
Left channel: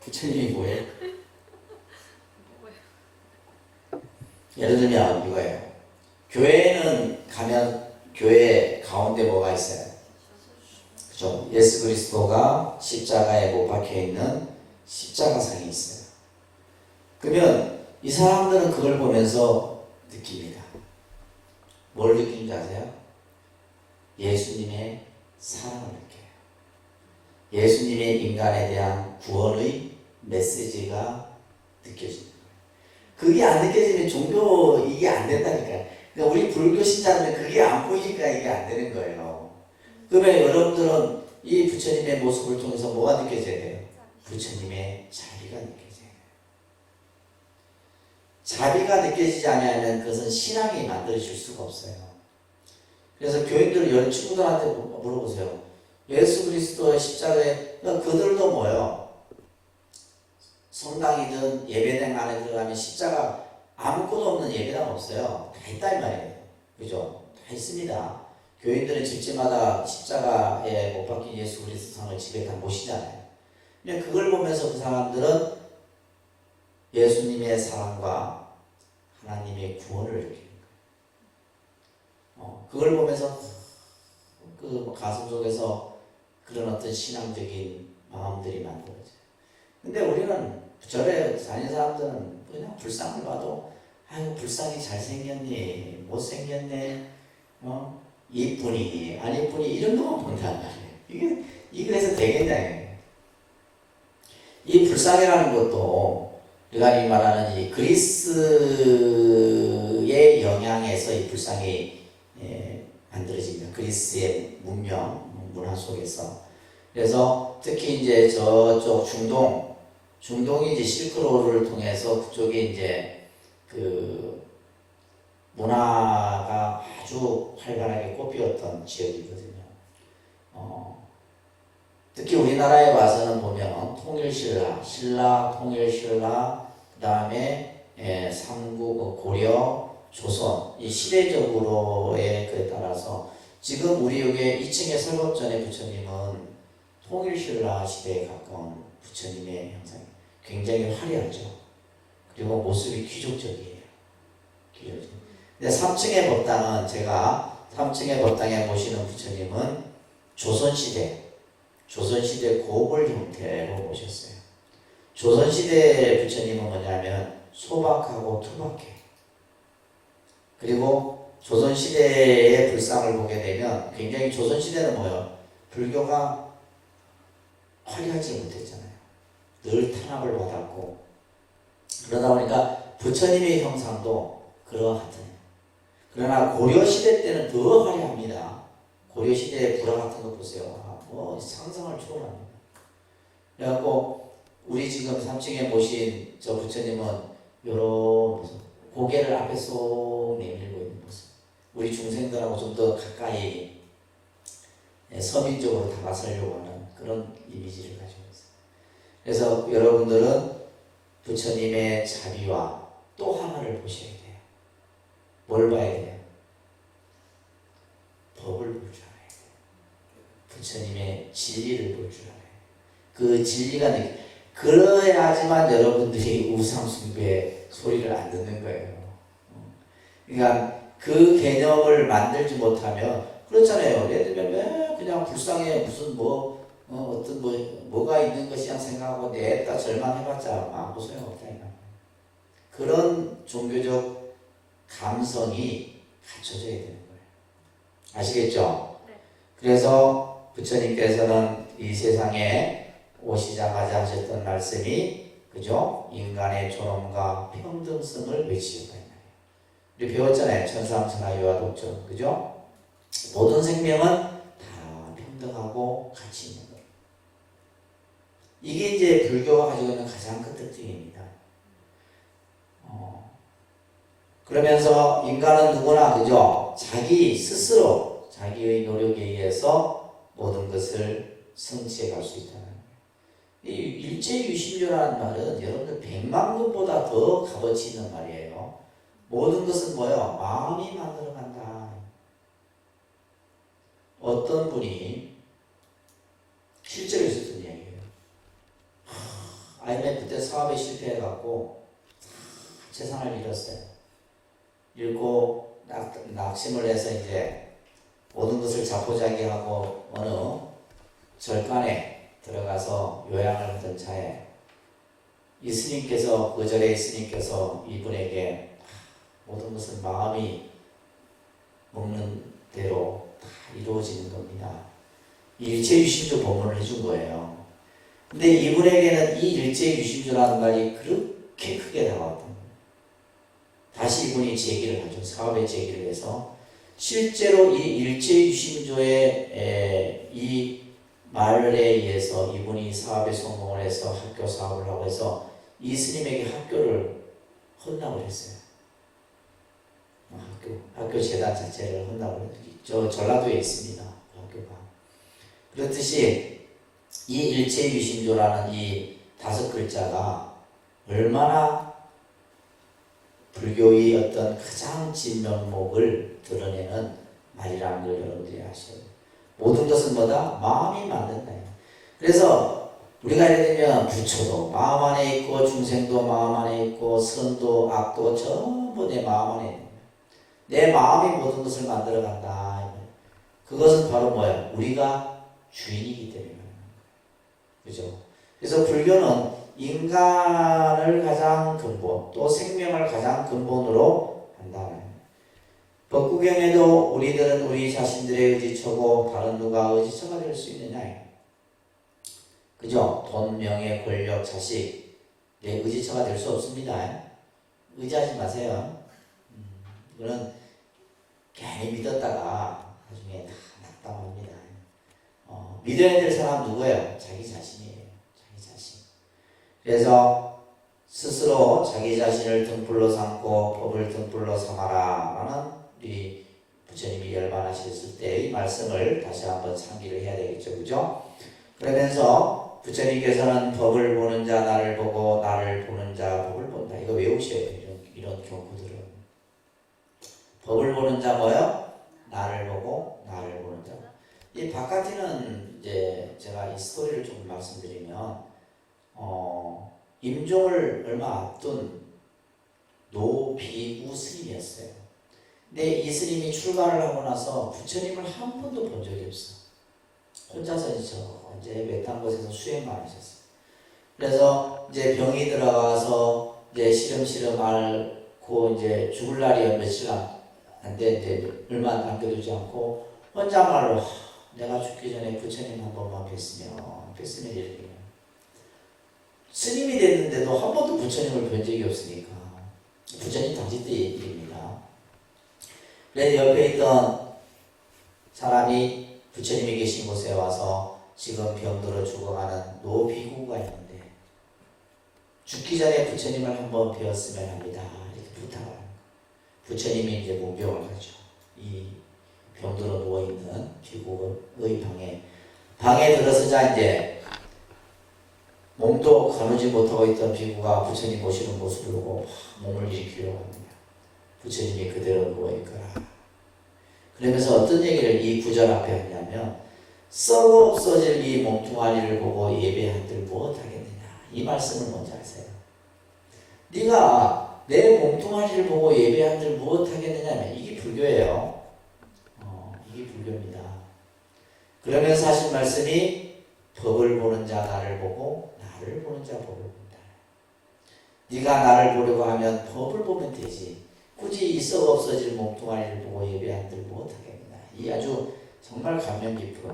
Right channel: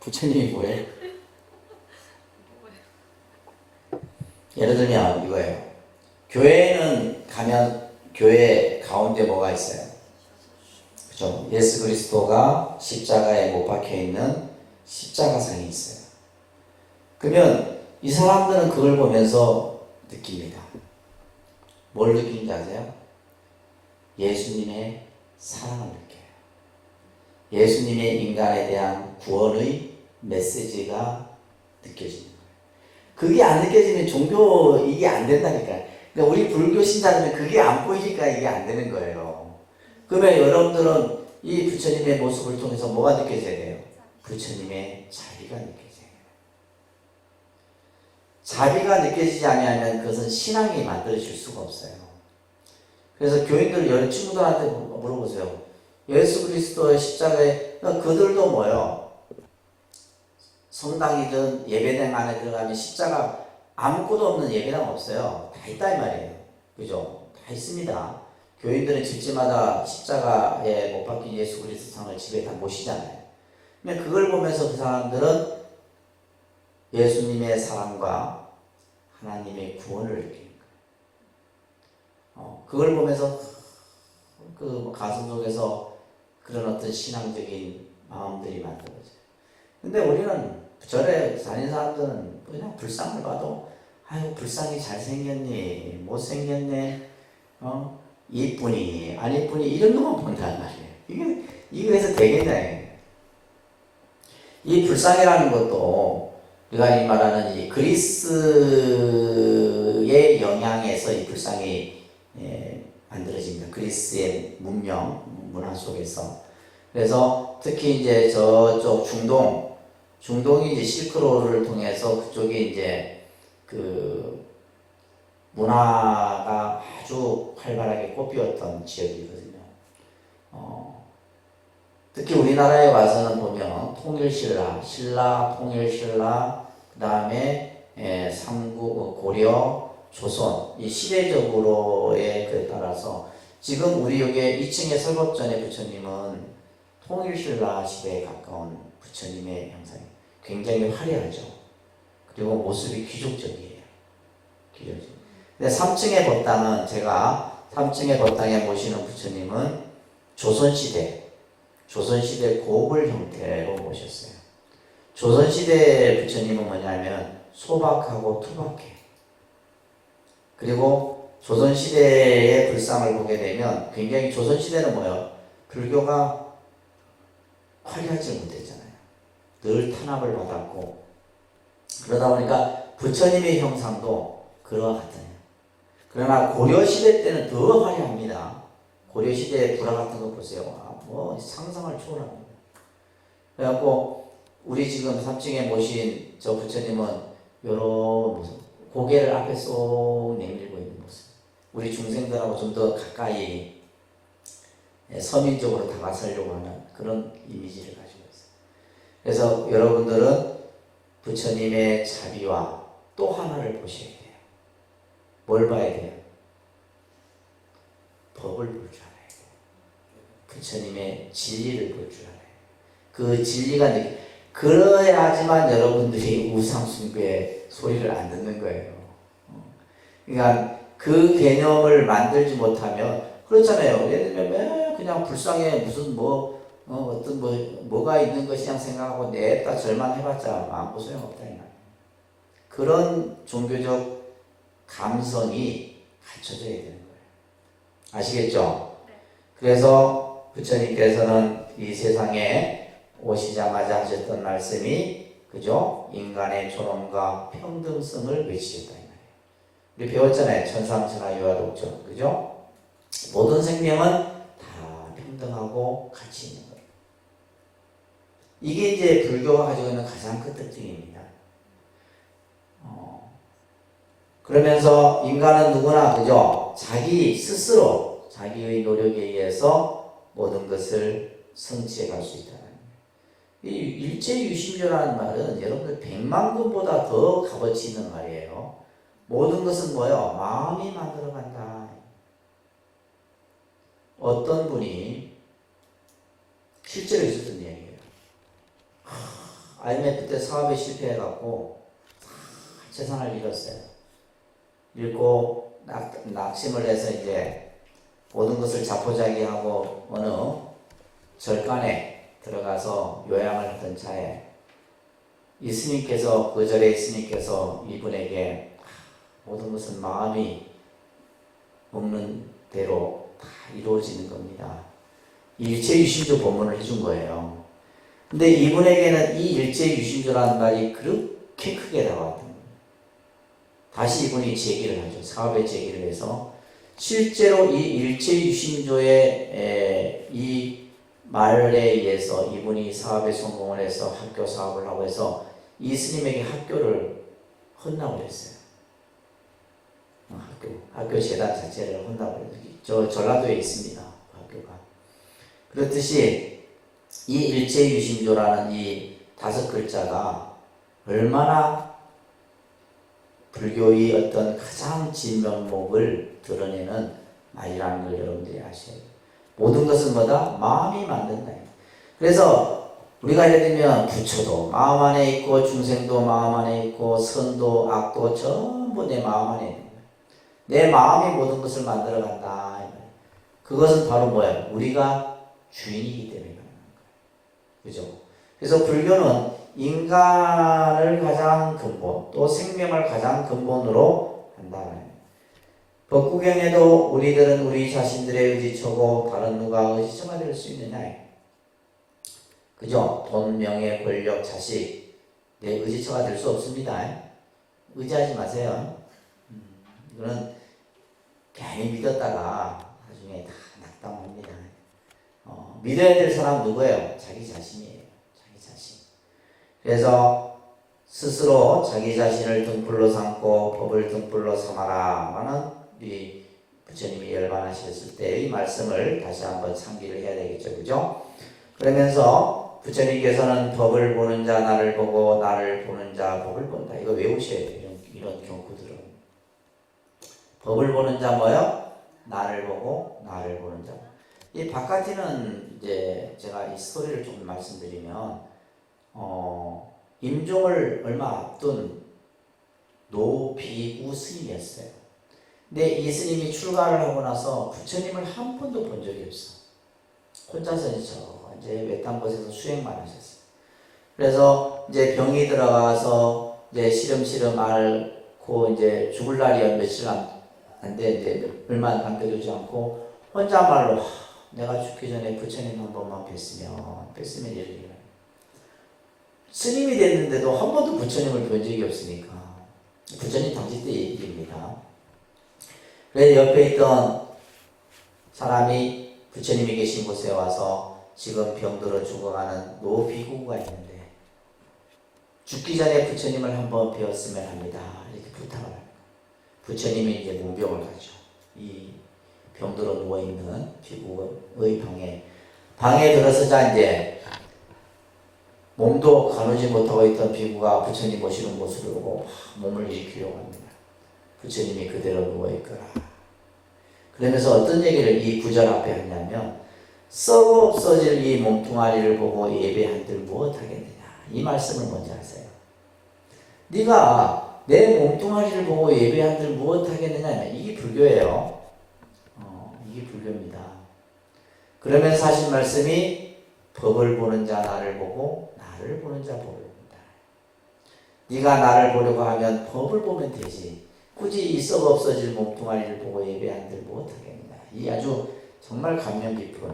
부처님이 뭐예요? 예를 들면 이거예요. 교회는 가면 교회 가운데 뭐가 있어요? 그죠? 예수 그리스도가 십자가에 못 박혀 있는 십자가상이 있어요. 그러면 이 사람들은 그걸 보면서 느낍니다. 뭘 느끼는지 아세요? 예수님의 사랑을 느껴요. 예수님의 인간에 대한 구원의 메시지가 느껴집니다. 그게 안 느껴지면 종교 이게 안 된다니까요. 그러니까 우리 불교 신자들은 그게 안 보이니까 이게 안 되는 거예요. 그러면 여러분들은 이 부처님의 모습을 통해서 뭐가 느껴져야 돼요? 부처님의 자비가 느껴져요. 자비가 느껴지지 않으면 그것은 신앙이 만들어질 수가 없어요. 그래서 교인들 여러 친구들한테 물어보세요. 예수 그리스도의 십자가에 그들도 뭐예요? 성당이든 예배당 안에 들어가면 십자가 아무것도 없는 예배당 없어요. 다 있다 이 말이에요. 그죠? 다 있습니다. 교인들은 집집마다 십자가에 못 박힌 예수 그리스도 상을 집에 다 모시잖아요. 그냥 그걸 보면서 그 사람들은 예수님의 사랑과 하나님의 구원을 느끼는 거예요. 그걸 보면서 그 가슴 속에서 그런 어떤 신앙적인 마음들이 만들어져요. 근데 우리는 절에 다니는 사람들은 그냥 불상을 봐도 아유 불상이 잘생겼니 못생겼네 이쁘니 안 이쁘니 이런 것만 본단 말이에요. 이게 그래서 되겠냐. 이 불상이라는 것도 우리가 이 말하는 이 그리스의 영향에서 이 불상이 만들어집니다. 그리스의 문화 속에서. 그래서 특히 이제 저쪽 중동이 이제 실크로드를 통해서 그쪽에 이제 그 문화가 아주 활발하게 꽃피웠던 지역이거든요. 특히 우리나라에 와서는 보면 신라, 통일신라, 그 다음에 삼국, 고려, 조선 이 시대적으로에 그에 따라서 지금 우리 여기 2층에 설법전의 부처님은 통일신라 시대에 가까운 부처님의 형상이 굉장히 화려하죠. 그리고 모습이 귀족적이에요. 근데 3층의 법당은 제가 3층의 법당에 모시는 부처님은 조선시대 고불 형태로 모셨어요. 조선시대 부처님은 뭐냐면 소박하고 투박해요. 그리고 조선시대의 불상을 보게 되면 굉장히 조선시대는 뭐예요? 불교가 화려하지 못했잖아요. 늘 탄압을 받았고 그러다 보니까 부처님의 형상도 그러하더니 그러나 고려시대 때는 더 화려합니다. 고려시대의 불화 같은 거 보세요. 뭐 상상을 초월합니다. 그래갖고 우리 지금 3층에 모신 저 부처님은 요런 고개를 앞에 쏙 내밀고 있는 모습. 우리 중생들하고 좀 더 가까이 서민적으로 다가서려고 하는 그런 이미지를 가지고 있어요. 그래서 여러분들은 부처님의 자비와 또 하나를 보셔야 돼요. 뭘 봐야 돼요? 법을 볼 줄 알아야 돼요. 부처님의 진리를 볼 줄 알아야 돼요. 그 진리가 그래야지만 여러분들이 우상숭배의 소리를 안 듣는 거예요. 그러니까 그 개념을 만들지 못하면 그렇잖아요. 예를 들면 그냥 불쌍해 무슨 어떤 뭐가 있는 것이냐 생각하고 내다 절만 해봤자 아무 소용없다. 그런 종교적 감성이 갖춰져야 되는 거예요. 아시겠죠? 네. 그래서 부처님께서는 이 세상에 오시자마자 하셨던 말씀이 그죠? 인간의 존엄과 평등성을 외치셨다. 우리 배웠잖아요. 천상천하 유아독존. 그죠? 모든 생명은 다 평등하고 가치 있는 거예요. 이게 이제 불교가 가지고 있는 가장 큰 특징입니다. 그러면서 인간은 누구나 그죠? 자기 스스로 자기의 노력에 의해서 모든 것을 성취해 갈 수 있다는 거예요. 이 일제유심조라는 말은 여러분들 100만 군보다 더 값어치 있는 말이에요. 모든 것은 뭐예요? 마음이 만들어 간다. 어떤 분이 실제로 있었던 이야기예요. IMF 때 사업에 실패해갖고 재산을 잃었어요. 잃고 낙심을 해서 이제 모든 것을 자포자기하고 어느 절간에 들어가서 요양을 하던 차에 이 스님께서 그 절에 스님께서 이분에게 모든 것은 마음이 먹는 대로 다 이루어지는 겁니다. 일체유심조 법문을 해준 거예요. 근데 이분에게는 이 일체유심조라는 말이 그렇게 크게 다가왔던 거예요. 다시 이분이 제기를 하죠. 사업의 제기를 해서 실제로 이 일체유심조의 이 말에 의해서 이분이 사업에 성공을 해서 학교 사업을 하고 해서 이 스님에게 학교를 헌납을 했어요. 학교 재단 자체를 헌납을 저 전라도에 있습니다. 학교가. 그렇듯이 이 일체유심조라는 이 5글자가 얼마나 불교의 어떤 가장 진면목을 드러내는 말이라는 걸 여러분들이 아셔야 돼요. 모든 것은 뭐다? 마음이 만든다. 그래서 우리가 예를 들면 부처도 마음 안에 있고 중생도 마음 안에 있고 선도 악도 전부 내 마음 안에 있는 거예요. 내 마음이 모든 것을 만들어 간다. 그것은 바로 뭐예요? 우리가 주인이기 때문에 그죠? 그래서 불교는 인간을 가장 근본 또 생명을 가장 근본으로 한다. 법구경에도 우리들은 우리 자신들의 의지처고 다른 누가 의지처가 될 수 있느냐? 그죠? 돈, 명예, 권력, 자식 내 의지처가 될 수 없습니다. 의지하지 마세요. 이거는 괜히 믿었다가 나중에 다 낙담합니다. 믿어야 될 사람 누구예요? 자기 자신이에요. 자기 자신. 그래서 스스로 자기 자신을 등불로 삼고 법을 등불로 삼아라 라는 우리 부처님이 열반하셨을 때 이 말씀을 다시 한번 상기를 해야 되겠죠. 그죠? 그러면서 부처님께서는 법을 보는 자 나를 보고 나를 보는 자 법을 본다. 이거 외우셔야 돼요. 이런 경구들은. 법을 보는 자 뭐요? 나를 보고 나를 보는 자. 이 바깥에는 이제 제가 이 스토리를 좀 말씀드리면 임종을 얼마 앞둔 노비우 스님이었어요. 근데 이 스님이 출가를 하고 나서 부처님을 한 번도 본 적이 없어. 혼자서 이제 외딴 곳에서 수행만 하셨어요. 그래서 이제 병이 들어가서 이제 시름시름 앓고 이제 죽을 날이 며칠 안 됐는데 얼마 안 되지 않고 혼자말로 내가 죽기 전에 부처님 한 번만 뵀으면 이렇게 스님이 됐는데도 한 번도 부처님을 본 적이 없으니까 부처님 당시 때 얘기입니다. 그래서 옆에 있던 사람이 부처님이 계신 곳에 와서 지금 병들어 죽어가는 노비구가 있는데 죽기 전에 부처님을 한번 뵈었으면 합니다. 이렇게 부탁을 합니다. 부처님이 이제 문병을 하죠. 이 병들어 누워있는 비구의 방에 들어서자 이제 몸도 가누지 못하고 있던 비구가 부처님 오시는 모습을 보고 몸을 일으키려고 합니다. 부처님이 그대로 누워있거라. 그러면서 어떤 얘기를 이 구절 앞에 하냐면 썩어 없어질 이 몸뚱아리를 보고 예배한들 무엇하겠느냐. 이 말씀을 뭔지 아세요? 네가 내 몸뚱아리를 보고 예배한들 무엇하겠느냐. 이게 불교예요. 이게 불교입니다. 그러면서 하신 말씀이 법을 보는 자 나를 보고 나를 보는 자 법을 본다. 네가 나를 보려고 하면 법을 보면 되지. 굳이 이 썩어 없어질 몸뚱아리를 보고 예배한들 무엇하겠느냐. 이 아주 정말 감명 깊은.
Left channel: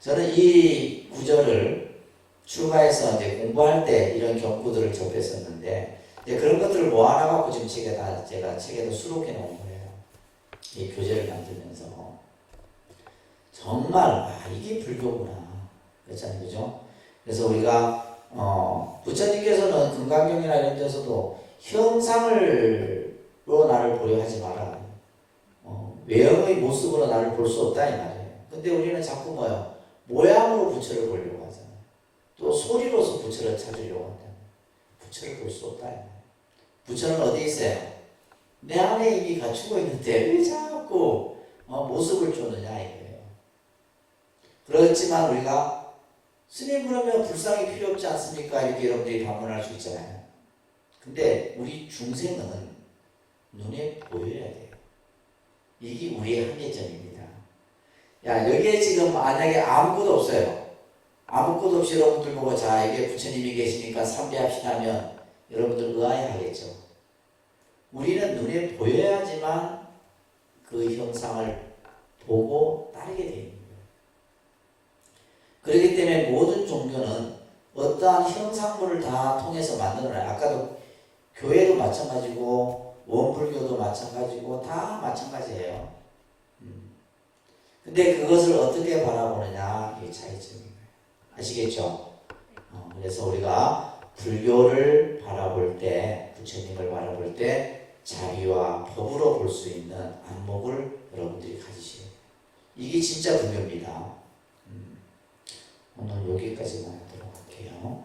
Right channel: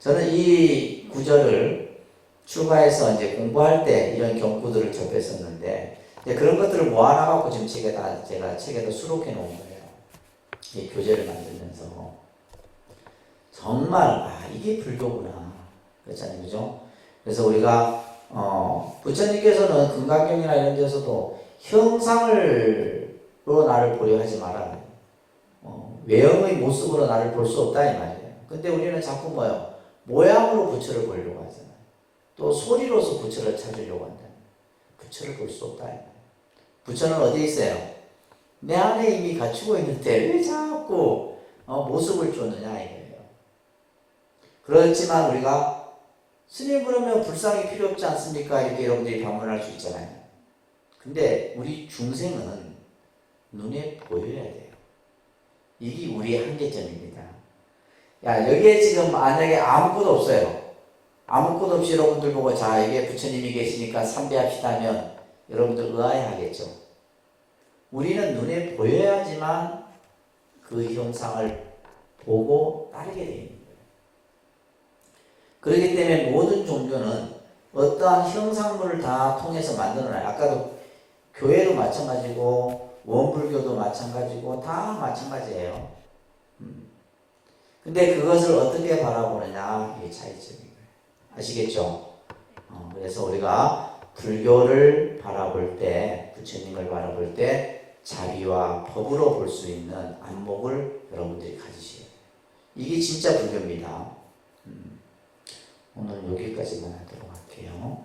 저는 이 구절을 출가해서 이제 공부할 때 이런 경구들을 접했었는데 그런 것들을 모아놔갖고 지금 제가 책에도 수록해 놓은 거예요. 이 교재를 만들면서 정말 이게 불교구나 그렇잖아요, 그죠? 그래서 우리가 부처님께서는 금강경이나 이런 데서도 형상으로 나를 보려 하지 마라. 외형의 모습으로 나를 볼 수 없다 이 말이에요. 근데 우리는 자꾸 뭐예요? 모양으로 부처를 보려고 하잖아요. 또 소리로서 부처를 찾으려고 한다. 부처를 볼 수 없다 이 말이에요. 부처는 어디 있어요? 내 안에 이미 갖추고 있는데 왜 자꾸 모습을 쫓느냐 이거예요. 그렇지만 우리가 스님 그러면 불상이 필요 없지 않습니까? 이렇게 여러분들이 반문할 수 있잖아요. 근데 우리 중생은 눈에 보여야 돼요. 이게 우리의 한계점입니다. 여기에 지금 만약에 아무것도 없어요. 아무것도 없이 여러분들 보고 자 이게 부처님이 계시니까 삼배합시다면 여러분들 의아해하겠죠. 우리는 눈에 보여야지만 그 형상을 보고 따르게 됩니다. 그렇기 때문에 모든 종교는 어떠한 형상물을 다 통해서 만들어놔요. 아까도 교회도 마찬가지고 원불교도 마찬가지고 다 마찬가지예요. 근데 그것을 어떻게 바라보느냐 이게 차이점인 거예요. 아시겠죠? 그래서 우리가 불교를 바라볼 때, 부처님을 바라볼 때 자비와 법으로 볼 수 있는 안목을 여러분들이 가지셔야 돼요. 이게 진짜 불교입니다. 오늘 여기까지만 하도록 할게요.